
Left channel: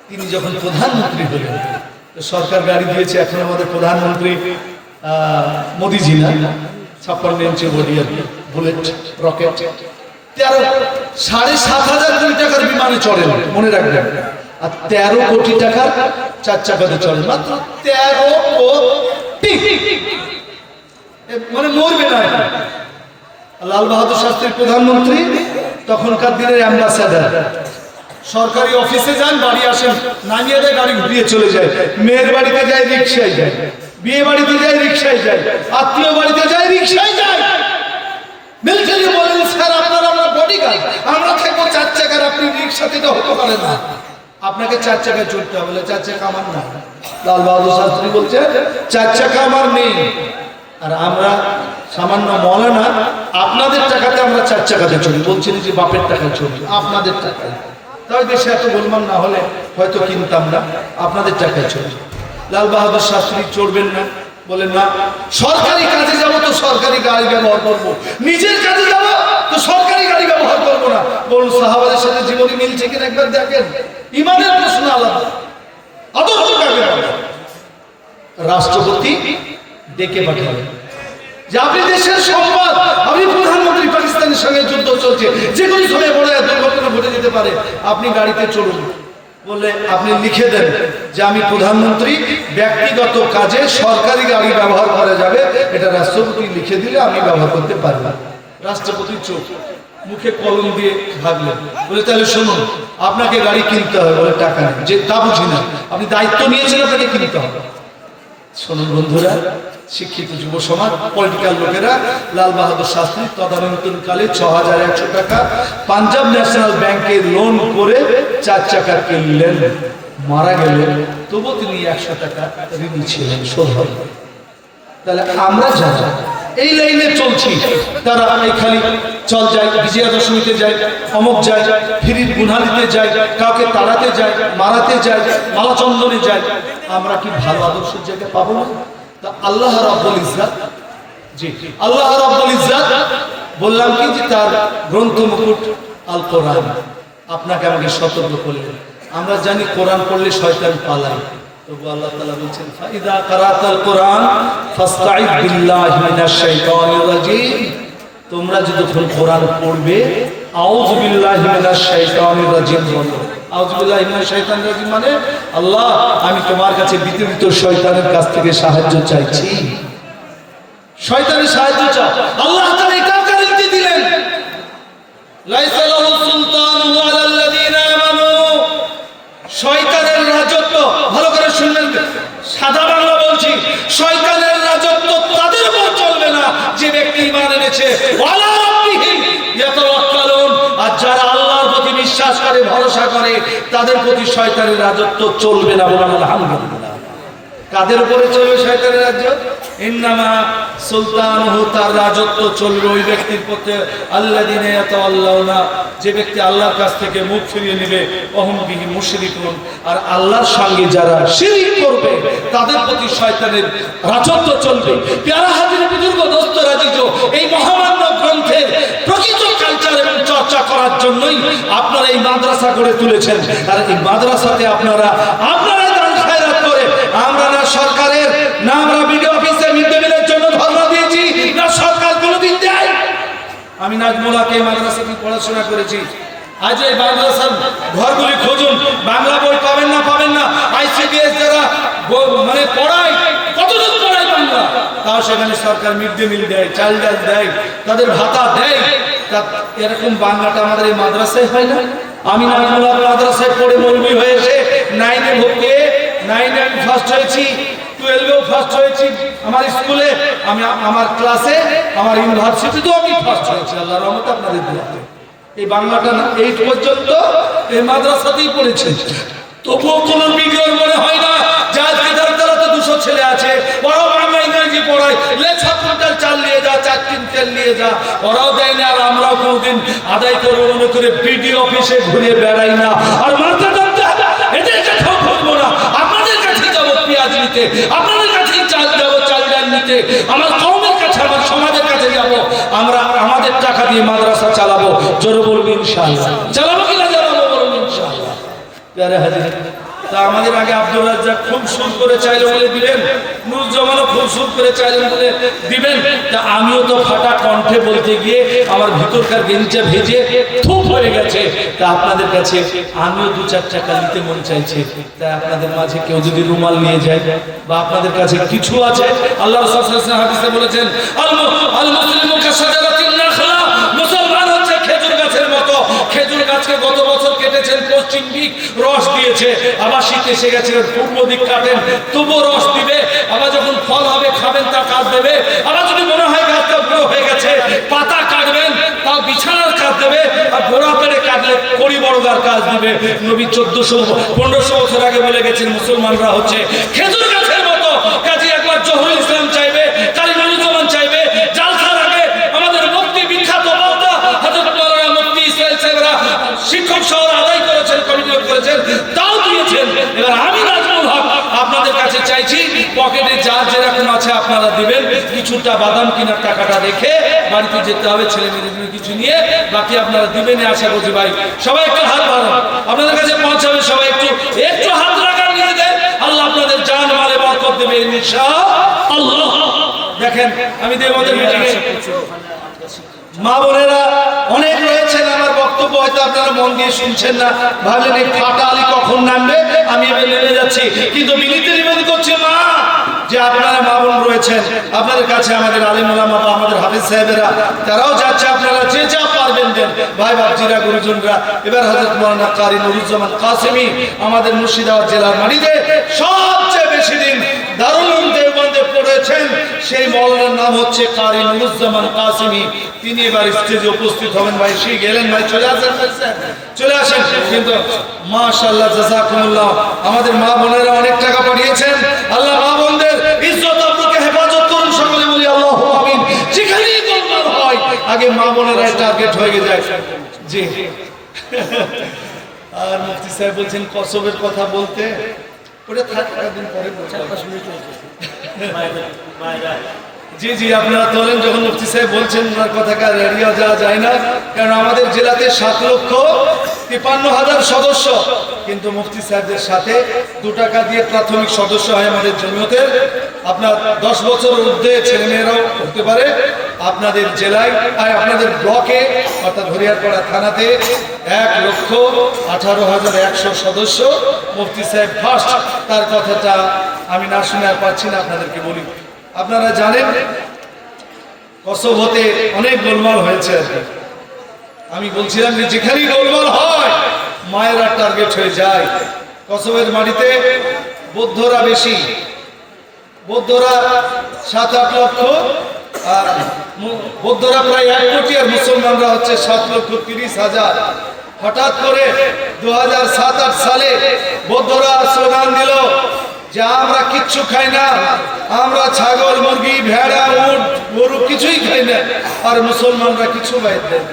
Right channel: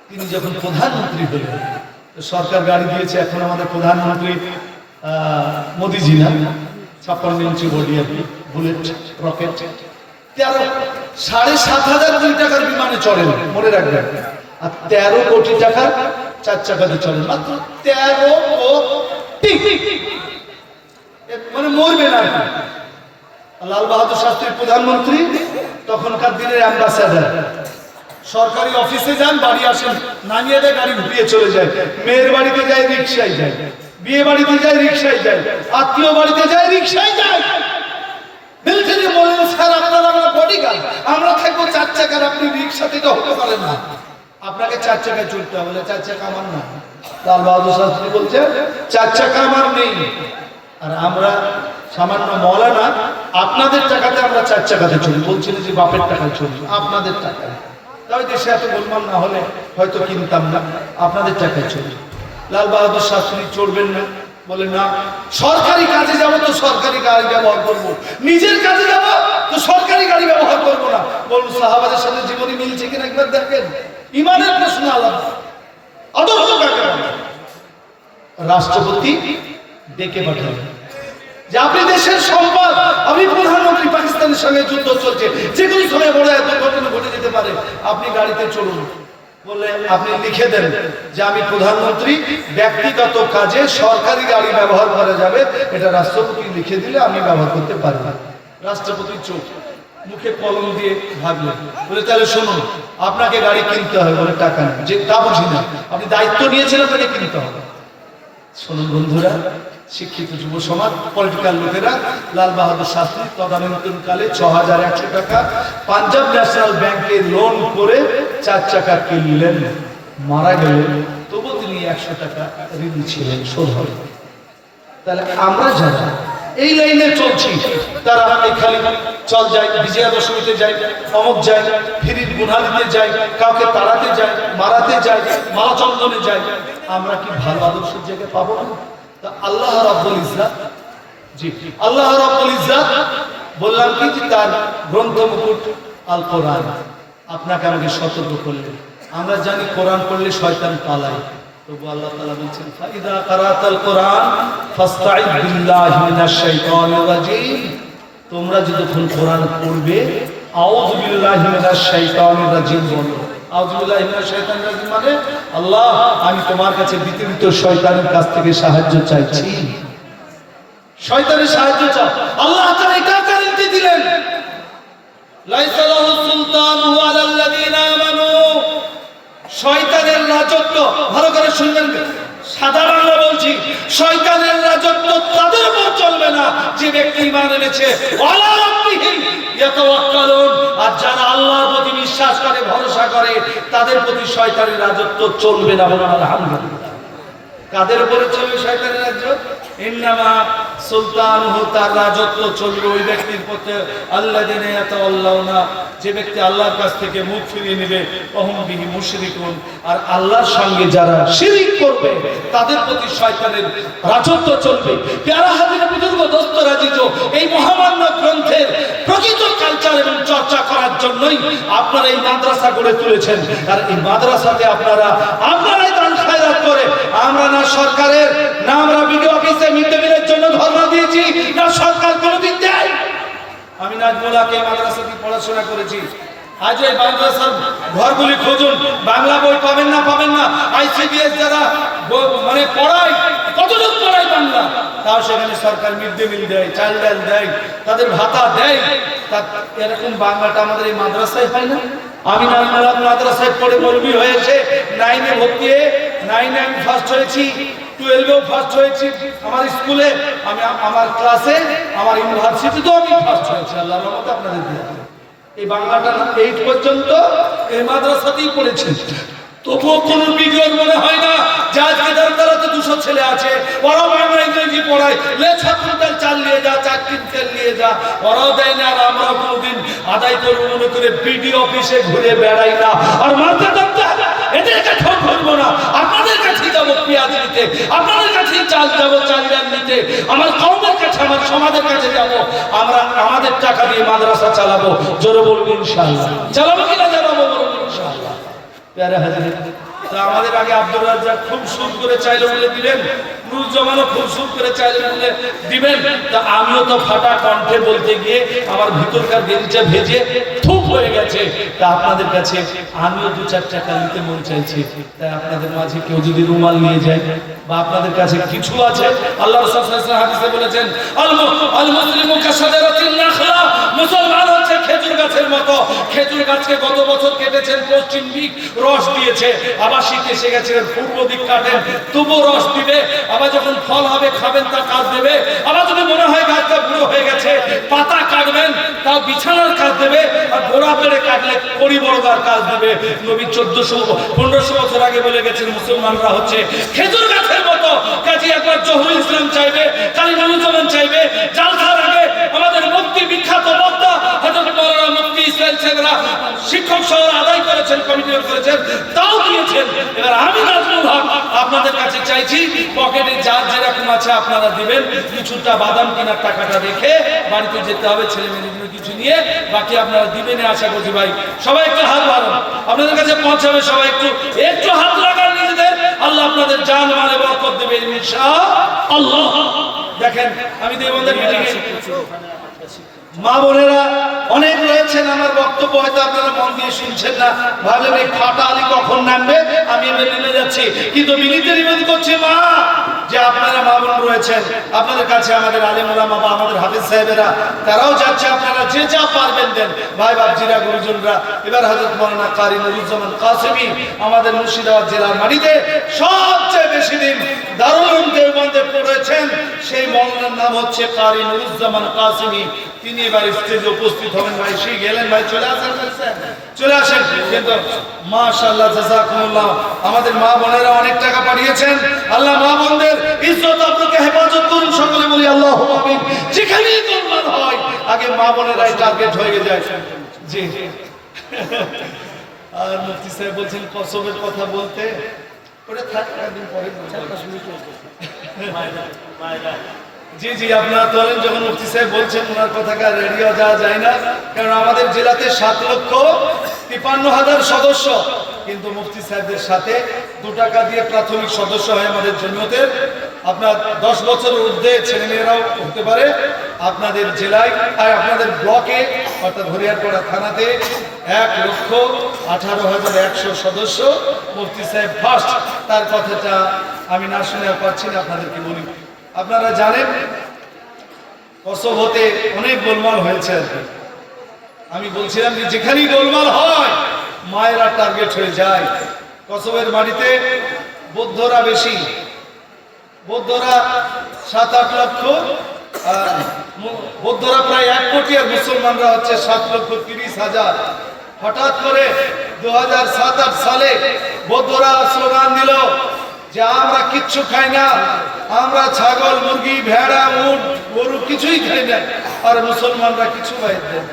তিনি যখন প্রধানমন্ত্রী হলেন, সরকার গাড়ি দিয়েছে। এখন আমাদের প্রধানমন্ত্রী মোদিজি না, 56 ইঞ্চি বডি আর কি, বুলেট রকেট। 7,500 কোটি টাকার বিমানে চড়েন, মনে রাখবেন। আর 13 কোটি টাকার 4 চাকাতে চড়েন, মাত্র 13 কোটি। মানে মরবে না। লাল বাহাদুর শাস্ত্রী প্রধানমন্ত্রী, তখনকার দিনের অ্যাম্বাসেডার। সরকারি অফিসে যান, বাড়ি আসেন, নামিয়ে দেয়, গাড়ি ঘুরিয়ে চলে যায়। মেয়ের বাড়িতে যায়, রিক্সায় যায়। বিয়ে বাড়িতে যায়, রিক্সায় যায়। আত্মীয় বাড়িতে যায়, রিক্সায় যায়। মিলিটারি বলেন, স্যার আপনারা আমার বডিগার্ড, আমরা থাকবো 4 চাকার, আপনি রিক্সাতে এটা হতে পারে না, আপনাকে 4 চাকায় চলতে হবে। 4 চাকা আমার না। লাল বাহাদুর শাস্ত্রী বলছে 4 চাকা আমার নেই। আর আমরা সামান্য মৌলানা, আপনাদের টাকাতে আমরা 4 চাকাতে চলি। বলছিল যে বাপের টাকায় চলি, আপনাদের টাকায়। তাই দেশে এত গোলমাল না হলে হয়তো কিনতাম না, আপনাদের টাকায় চলি। লাল বাহাদুর শাস্ত্রী চড়বেন না, বলে না, সরকারি কাজে যাব তো সরকারি গাড়ি ব্যবহার করব, নিজের কাজে যাব তো সরকারি গাড়ি ব্যবহার করব না। বলুন সাহাবাদের সাথে জীবনী মিলছে কিনা একবার দেখেন। ইমানের প্রশ্ন আলাদা, আদর্শ কাকে বলে? রাষ্ট্রপতি ডেকে পাঠালেন যে আপনি দেশের সম্পদ, আপনি প্রধানমন্ত্রী, পাকিস্তানের সঙ্গে যুদ্ধ চলছে, যে কোনো সময় বড় দুর্ঘটনা ঘটে যেতে পারে, আপনি গাড়িতে চলুন। বলে আপনি লিখে দেন যে আমি প্রধানমন্ত্রী, ব্যক্তিগত কাজে সরকারি গাড়ি ব্যবহার করা যাবে, এটা রাষ্ট্রপতি লিখে দিলে আমি ব্যবহার করতে পারি। রাষ্ট্রপতি চোখ মুখে কলম দিয়ে ভাগলেন। বলে তাহলে শুনুন, আপনাকে গাড়ি কিনতে হবে। বলে টাকা নেই। যে তা বুঝি না, আপনি দায়িত্ব নিয়েছেন, আপনাকে কিনতে হবে। শুনুন বন্ধুরা, শিক্ষিত যুব সমাজ, পলিটিক্যাল লোকেরা, লাল বাহাদুর শাস্ত্রী তদানীন্তনকালে 6100 টাকা পাঞ্জাব ন্যাশনাল ব্যাংকে লোন করে 4 চাকা কিনলেন। মারা গেলেন, তবু তিনি 100 টাকা ঋণী ছিলেন, শোধ হবে। তাহলে আমরা যারা এই লাইনে চলছি, তারা এই খালি চল যাই, বিজয়া দশমীতে যাই, অমুক যাই, ফিরির গুনালিতে যাই, কাউকে তাড়াতে যাই, মারাতে যাই, মালাচন্দনে যাই, আমরা কি ভালো আদর্শের জায়গায় পাবো না? তা আল্লাহ রাব্বুল ইজ্জাত, জি আল্লাহ রাব্বুল ইজ্জাত বললাম কি যে তার গ্রন্থ মুকুট আল কোরআন আপনাকে আমাকে সতর্ক করলেন। আমরা জানি কোরআন পড়লে শয়তান পালায়, তবু আল্লাহ তাআলা বলছেন ফাইদা কারাতাল কোরআন ফাসতাইদ বিল্লাহি মিনাশ শাইতানির রাজিম। তোমরা যখন কোরআন পড়বে আউযু বিল্লাহি মিনাশ শাইতানির রাজিম বলো, আউযুবিল্লাহি মিনাশ শাইতানির রাজিম মানে আল্লাহ আমি তোমার কাছে বিতর্কিত শয়তানের কাছ থেকে সাহায্য চাইছি। শয়তানের সাহায্য চাই, আল্লাহ তাআলা এটা গ্যারান্টি দিলেন, লাইসা লাহু সুলতানু আলাল্লাযিনা আমানু। শয়তানের রাজত্ব, ভালো করে শুনবেন, সাদা বাংলা বলছি, শয়তানের রাজত্ব তাদের উপর চলবে না যে ব্যক্তি ঈমান এনেছে, ওয়ালা রাব্বিহিম ইয়াতাওয়াক্কালুন। আর যারা আল্লাহর প্রতি বিশ্বাস করে, ভরসা করে, তাদের প্রতি শয়তানের রাজত্ব চলবে না। বলেন আলহামদুলিল্লাহ। কাদের উপরে চলবে শয়তানের রাজ্য? ইন্নামা সুলতানুহু, তার রাজত্ব চলবে ওই ব্যক্তির প্রতি আল্লাযিনা ইয়াতাওয়াল্লাউনা, যে ব্যক্তি আল্লাহর কাছ থেকে মুখ ফিরিয়ে নেবে, ওহুম বিহি মুশরিকুন, আর আল্লাহর সঙ্গে যারা শিরক করবে তাদের প্রতি শয়তানের রাজত্ব চলবে। প্যারা হাজির বুজুর্গ দোস্ত রাজিজ, এই মহামান্য গ্রন্থের প্রকৃত কালচার এবং চর্চা করার জন্যই আপনারা এই মাদ্রাসা গড়ে তুলেছেন। আর এই মাদ্রাসাতে আপনারাই দান খায়রাত করে, আমরা না সরকারের, না আমরা বিডিও অফিসে মিড ডে মিলের জন্য ধর্ণা দিয়েছি, না সরকার কোনোদিন দেয়। আমি নাজমুলাকে মাদ্রাসাতে পড়াশোনা করেছি। আজ এই মাদ্রাসার ঘরগুলি খুঁজুন, বাংলা বই পাবেন না। আইসিডিএস যারা মানে পড়ায়, কতদিন পড়ায় বাংলা, তাও সেখানে সরকার মিড ডে মিল দেয়, চাল ডাল দেয়, তাদের ভাতা দেয়। তা এরকম বাংলাটা আমাদের এই মাদ্রাসায় হয় না? আমি নাজমুলা মাদ্রাসায় পড়ে মৌলবি হয়েছে, 9-এ ভর্তি হয়ে 9-এ আমি ফার্স্ট হয়েছি, 12-এও ফার্স্ট হয়েছি আমার স্কুলে, আমি আমার ক্লাসে, আমার ইউনিভার্সিটিতেও আমি ফার্স্ট হয়েছি আল্লাহর রহমতে, আপনাদের দোয়াতে। এই বাংলাটা 8 পর্যন্ত এই মাদ্রাসাতেই পড়েছি, তবুও কোনো বিগ্রহ মনে হয় না যে আজকে দারদারাতে 200 ছেলে আছে, ওরাও বাংলা ইংরেজি পড়ায়, লে 6 কুইন্টাল চাল নিয়ে যা, 4 টিন তেল নিয়ে যা, ওরাও দেয় না। আর আমরাও কোনোদিন আদায় করে মনে করে বিডিও অফিসে ঘুরে বেড়াই না। আর মারতে এদের কাছেও করবো না, আপনাদের কাছে যাবো পেঁয়াজ নিতে, আপনাদের কাছেই চাল যাবো, চাল ডাল নিতে, আমার কওমের কাছে, আমার সমাজের কাছে যাবো। আমরা আমাদের টাকা দিয়ে মাদ্রাসা চালাবো, জোরে বলবো ইনশাআল্লাহ। চালাবো কিনা চালাবো, বলবো ইনশাআল্লাহ। প্যারে হাজির, তা আমাদের আগে আব্দুর রাজ্জাক খুব সুর করে চাইলে বলে দিলেন, নুরুজ্জামানও খুব সুর করে চাইলেন বলে দিবেন। তা আমিও তো ফাটা কণ্ঠে বলতে গিয়ে আমার ভিতরকার গেঞ্জিটা ভেজে থুপ হয়ে গেছে। তা আপনাদের কাছে আমিও 2-4 টাকা নিতে মন চাইছে। তা আপনাদের মাঝে কেউ যদি রুমাল নিয়ে যায় বা আপনাদের কাছে কিছু আছে, আল্লাহ রাসূল সাল্লাল্লাহু আলাইহি ওয়াসাল্লাম হাদিসে বলেছেন, আল মুসলিমু কাশাজারাতিন নাখলা, মুসলমান হচ্ছে খেজুর গাছের মতো। খেজুর গাছকে গত বছর কেটেছেন, পশ্চিম দিক রস দিয়েছে, আবার শীত এসে গেছে, পূর্ব দিক কাটেন, তবুও রস দিবে। আবার যখন ফল হবে খাবেন, তা কাজ দেবে। আবার যদি মনে হয় গাছটা বুড়ো হয়ে গেছে, পাতা কাটবেন, তাও বিছানার কাজ দেবে। আর গোড়া পেরে কাটলে কড়ি বড়দার কাজ দেবে। নবী 1400-1500 বছর আগে বলে গেছেন মুসলমানরা হচ্ছে খেজুর গাছের মতো। কাজে একবার জহুরুল ইসলাম চাইবে, কালী নুরুজ্জামান চাইবে, জালসার আগে আমাদের মুফতি বিখ্যাত বক্তা হযরত মাওলানা মুফতি ইসমাইল সাহেবরা শিক্ষক সহ আদায় করেছেন, কমিটি করেছেন, তাও দিয়েছেন। এবার আমি নাজমুল হক আপনাদের কাছে চাইছি, পকেটে যার যেরকম আছে আপনারা দিবেন। কিছুটা বাদাম কেনার টাকাটা রেখে বাড়িতে যেতে হবে, ছেলে মেয়েদের কিছু নিয়ে, বাকি আপনারা দিবেন আশা করছি। ভাই সবাই একটু হাত বাড়ান, আপনাদের কাছে পৌঁছাবে। সবাই একটু হাত লাগান নিজেদের, আল্লাহ আপনাদের জান মালে বরকত দেবে ইনশাআল্লাহ। দেখেন আমি দেবদের মিটিংয়ে মা বোনেরা অনেক রয়েছেন, আমার বক্তব্য হয়তো আপনারা মন দিয়ে শুনছেন না, ভাবলেন এই ফাটা আলী কখন নামবে, আমি এবার নেমে যাচ্ছি। কিন্তু বিনীত নিবেদন করছি মা, যে আপনারা মা বোন রয়েছেন, আপনাদের কাছে আমাদের আলেম ওলামা বা আমাদের হাফেজ সাহেবেরা তারাও যাচ্ছে, আপনারা যে যা পারবেন দেন। ভাই বাপজিরা, গুরুজনরা, এবার হযরত মাওলানা কারি নুরুজ্জামান কাসেমী আমাদের মুর্শিদাবাদ জেলার মাটিতে সবচেয়ে বেশি দিন দারুল উলুম দেওবন্দে পড়েছেন, সেই মাওলানার নাম হচ্ছে কারি নুরুজ্জামান কাসেমী। তিনি এবার স্টেজে উপস্থিত হবেন। ভাই সেই গেলেন, ভাই চলে আসেন, চলে আসেন। কিন্তু মাশাআল্লাহ, জাযাকুমুল্লাহ, আমাদের মা বোনেরা অনেক টাকা পাঠিয়েছেন। আল্লাহ মা বোনদের ইজ্জত আপনাকে হেফাজত করুন, সকলে বলি আল্লাহু আমিন। যেখানেই গোলমাল হয় আগে মা বোনেরাই টার্গেট হয়ে যায়। জি, আর মুফতি সাহেব বলছেন কসবের কথা বলতে, ওটা থাকে একদিন পরে জি জি আপনারা তোলেন। যখন মুফতি সাহেব বলছেন ওনার কথাকে রেডিও যাওয়া যায় না, কারণ আমাদের জেলাতে 7,53,000 সদস্য, কিন্তু মুফতি সাহেবদের সাথে 2 টাকা দিয়ে প্রাথমিক সদস্য হয় আমাদের জমিয়তের। আপনার 10 বছরের ঊর্ধ্বে ছেলেমেয়েরাও হতে পারে, আপনাদের জেলায় আপনাদের ব্লকে অর্থাৎ হরিয়ারপাড়া থানাতে 1,18,100 সদস্য। মুফতি সাহেব ফার্স্ট, তার কথাটা আমি না শুনে আর পারছি না, আপনাদেরকে বলি। আপনারা জানেন কসোভোতে অনেক গোলমাল হয়েছে আর কি। আমি বলছিলাম যে যেখানেই গোলমাল হয় মায়েরা টার্গেট হয়ে যায়। কসোভোর মাটিতে বৌদ্ধরা বেশি, বৌদ্ধরা 7-8 লক্ষ, আর বৌদ্ধরা প্রায় 1 কোটি, আর মুসলমানরা হচ্ছে 7,30,000। হঠাৎ করে 2007-8 সালে বৌদ্ধরা স্লোগান দিল যে আমরা কিচ্ছু খাই না, আমরা ছাগল, মুরগি, ভেড়া, উট, গরু কিছুই খাই না। আর মুসলমানরা কিছু বাইর দেয়,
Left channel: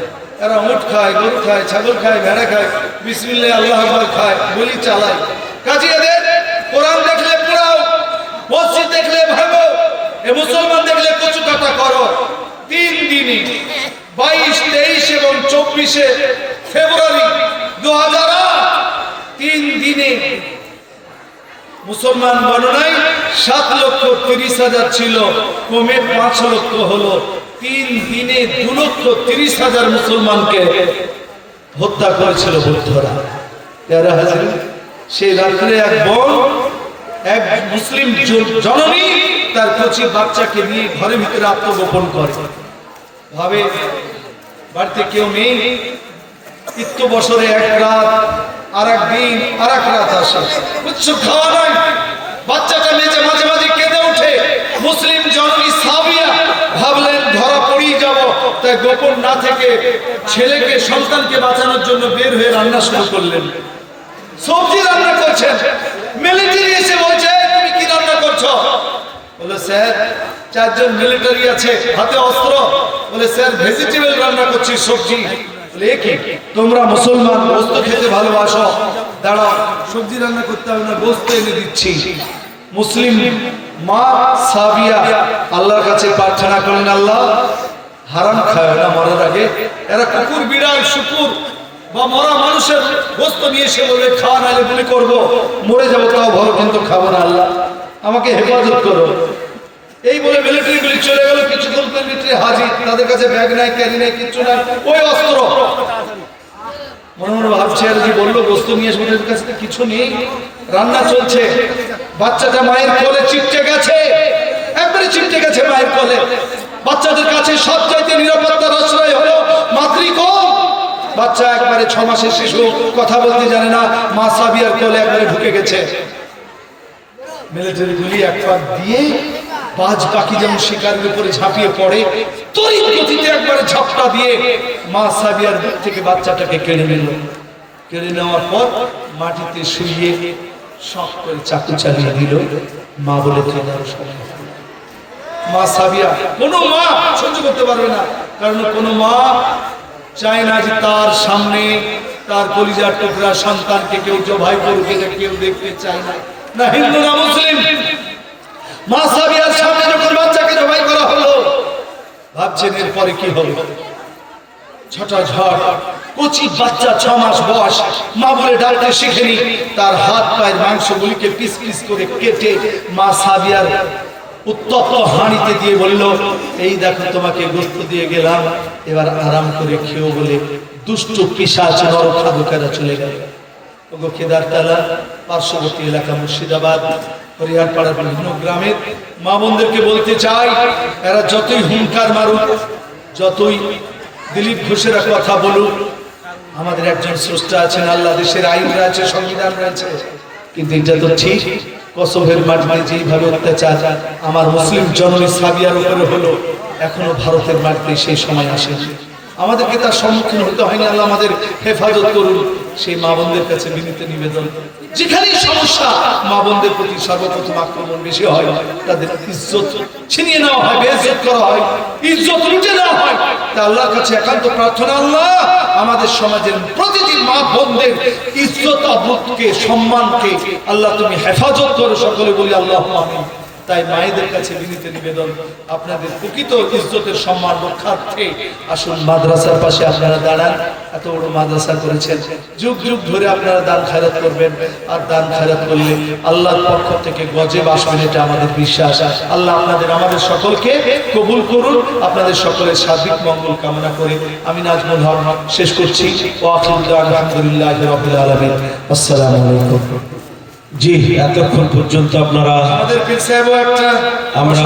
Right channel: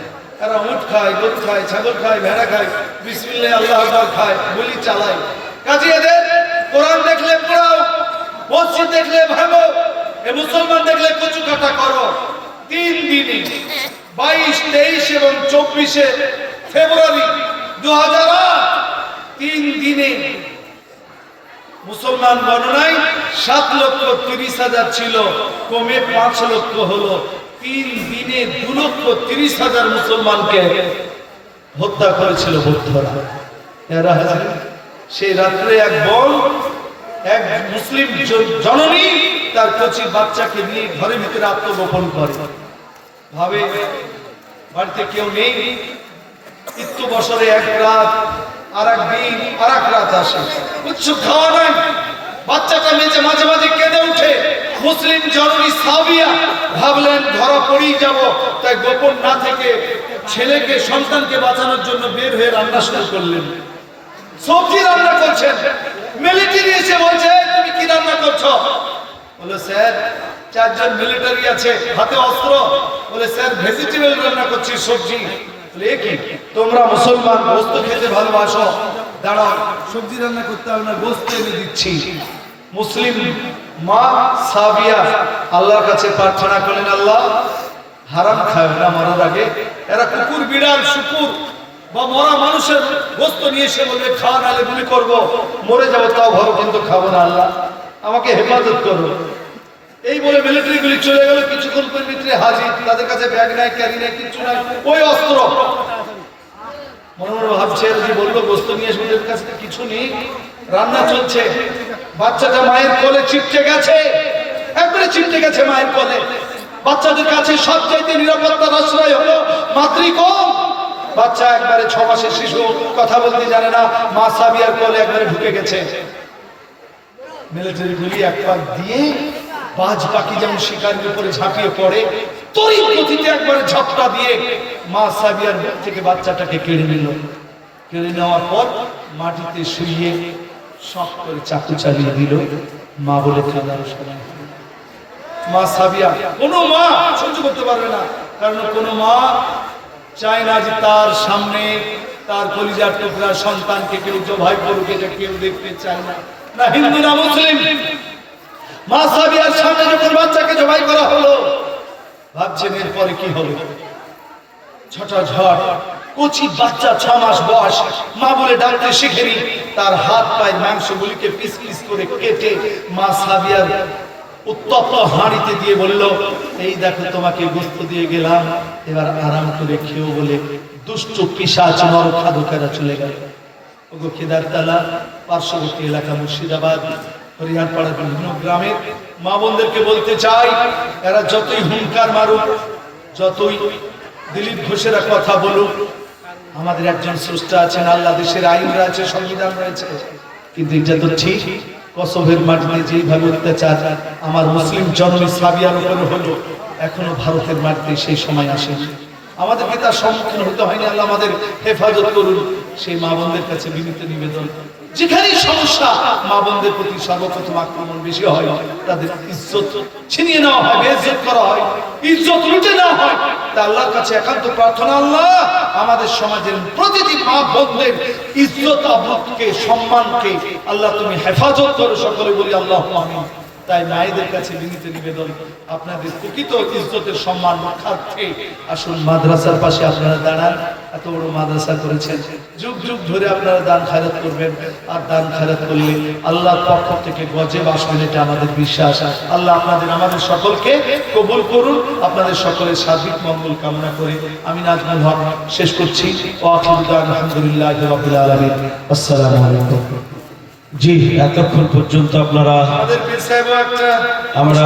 এরা উট খায়, গরু খায়, ছাগল খায়, ভেড়া খায়, বিসমিল্লাহ আল্লাহু আকবার খায়, বলি চালায়। কাজে এদের কোরআন দেখলে পড়াও, মসজিদ দেখলে ভাবো, এ মুসলমান দেখলে কচু কাটা করো। 3 দিনই 22, 23 এবং 24 ফেব্রুয়ারি 2008, 3 দিনে মুসলমান গণনায় 7,30,000 ছিল, কমে 5 লক্ষ হলো। 3 দিনে 2,30,000 মুসলমানকে হত্যা করেছিল বৌদ্ধরা। যারা হাজির, সেই রাত্রে এক মুসলিম জননী তার কচি বাচ্চাকে নিয়ে ঘরের ভিতরে আত্মগোপন করে, ভাবে বাড়িতে কেউ নেই। ইত্য বছরে 1 রাত, আর একদিন আর 1 রাত আসে, কিছু খাওয়া নাই। বাচ্চাটা মেঝে মাঝে মাঝে কেঁদে উঠে। মুসলিম জননী সাবিয়া ভাবলেন ধরা পড়েই যাব, তাই গোপন না থেকে ছেলেকে, সন্তানকে বাঁচানোর জন্য বের হয়ে রান্না শুরু করলেন। সবজি রান্না করছেন, মিলিটারি এসে বলছে তুমি কি রান্না করছো? বলে স্যার 4 জন মিলিটারি আছে, হাতে অস্ত্র। বলে স্যার ভেজিটেবল রান্না করছি, সবজি। বলে কি তোমরা মুসলমান গোস্ত খেতে ভালোবাসো, দাঁড়াও সবজি রান্না করতে হবে না, গোস্ত এনে দিচ্ছি। মুসলিম মা সাবিয়া আল্লাহর কাছে প্রার্থনা করেন, আল্লাহ হারাম খায় না মরার আগে। এরা কুকুর, বিড়াল, শুকুর বা মরা মানুষের গোস্ত নিয়ে এসে বলবে খাওয়া, নাহলে গুলি করবো, মরে যাবো, তাও ভালো, কিন্তু খাবো না, আল্লাহ আমাকে হেফাজত করো। এই বলে মিলিটারি গুলি চলে গেল। কিছুক্ষণ পর মিলিটারি হাজির, তাদের কাছে ব্যাগ নাই, ক্যারি নাই, কিচ্ছু নাই, ওই অস্ত্র। মনে মনে ভাবছে আর যে বললো গোস্ত নিয়ে আসবে, এদের কাছে কিছু নেই, রান্না চলছে। বাচ্চাটা মায়ের কোলে চিপটে গেছে, একবারে চিপটে গেছে মায়ের কোলে। বাচ্চাদের কাছে সবচাইতে নিরাপত্তার আশ্রয় হলো মাতৃকোল। বাচ্চা একবারে 6 মাসের শিশু, কথা বলতে জানে না, মা সাবিয়ার কোলে একবারে ঢুকে গেছে। মিলিটারি গুলি একবার দিয়ে বাজ পাখি যেমন শিকারের উপরে ঝাঁপিয়ে পড়ে, তড়িৎ গতিতে একবারে ঝাপটা দিয়ে মা সাবিয়ার বুক থেকে বাচ্চাটাকে কেড়ে নিল। কেড়ে নেওয়ার পর মাটিতে শুইয়ে শখ করে চাকু চালিয়ে দিল। মা বলে কাঁদার সময়, মা সাবিয়া কোনো মা সহ্য করতে পারবে না, কারণ কোনো মা চায় না যে তার সামনে তার কলিজার টুকরা সন্তানকে কেউ জবাই করুক, এটা কেউ দেখতে চায় না, না হিন্দু না মুসলিম। মা সাবিয়ার সামনে যখন বাচ্চাকে জবাই করা হলো, ভাবছেন এরপরে কি হবে। ছটা ঝড়, কচি বাচ্চা 6 মাস বয়স, মা বলে ডাকতে শিখেনি। তার হাত পায়ের মাংসগুলিকে পিস পিস করে কেটে মা সাবিয়ার উত্তপ্ত হাঁড়িতে দিয়ে বলল, এই দেখো তোমাকে গোস্ত দিয়ে গেলাম, এবার আরাম করে খেও বলে দুষ্ট পিশাচ নরখাদকেরা চলে গেল। ওগো কেদারতলা পার্শ্ববর্তী এলাকা মুর্শিদাবাদ, হরিয়ারপাড়ার বিভিন্ন গ্রামের মা বোনদেরকে বলতে চাই, এরা যতই হুঙ্কার মারুক, যতই দিলীপ ঘোষেরা কথা বলুক, আমাদের একজন স্রষ্টা আছেন আল্লাহ, দেশের আইন রয়েছে, সংবিধান রয়েছে, কিন্তু এটা তো ঠিক কসোভের মাটিতে যেইভাবে অত্যাচার আমার মুসলিম জননী সাবিয়ার উপরে হলো, এখনো ভারতের মাটিতে সেই সময় আসে। আমাদেরকে তার সম্মুখীন হতে হয়নি, আল্লাহ আমাদের হেফাজত করুন। সেই মা বোনদের কাছে বিনীত নিবেদন, যেখানেই সমস্যা মা বোনদের প্রতি সর্বপ্রথম আক্রমণ বেশি হয়, তাদের ইজ্জত ছিনিয়ে নেওয়া হয়, বেইজ্জত করা হয়, ইজ্জত লুটে নেওয়া হয়। তা আল্লাহর কাছে একান্ত প্রার্থনা, আল্লাহ আমাদের সমাজের প্রতিটি মা বোনদের ইজ্জত, আবরুকে, সম্মানকে আল্লাহ তুমি হেফাজত করো। সকলে বলি আল্লাহুম্মা আমিন। তাই মায়েদের কাছে বিনীত নিবেদন, আপনাদের প্রকৃত ইজ্জতের সম্মান রক্ষার্থে আসুন মাদ্রাসার পাশে আপনারা দাঁড়ান। এত বড় মাদ্রাসা করেছেন, যুগ যুগ ধরে আপনারা দান খায়রাত করবেন, আর দান খায়রাত করলে আল্লাহর পক্ষ থেকে গজেব আসবেন, এটা আমাদের বিশ্বাস। আল্লাহ আপনাদের আমাদের সকলকে কবুল করুন। আপনাদের সকলের সার্বিক মঙ্গল কামনা করে আমি নাজমুল হক শেষ করছি। আলহামদুলিল্লাহি রাব্বিল আলামিন। আসসালামু আলাইকুম। জি, এতক্ষণ পর্যন্ত আপনারা আমাদের পীর সাহেবও একটা আমরা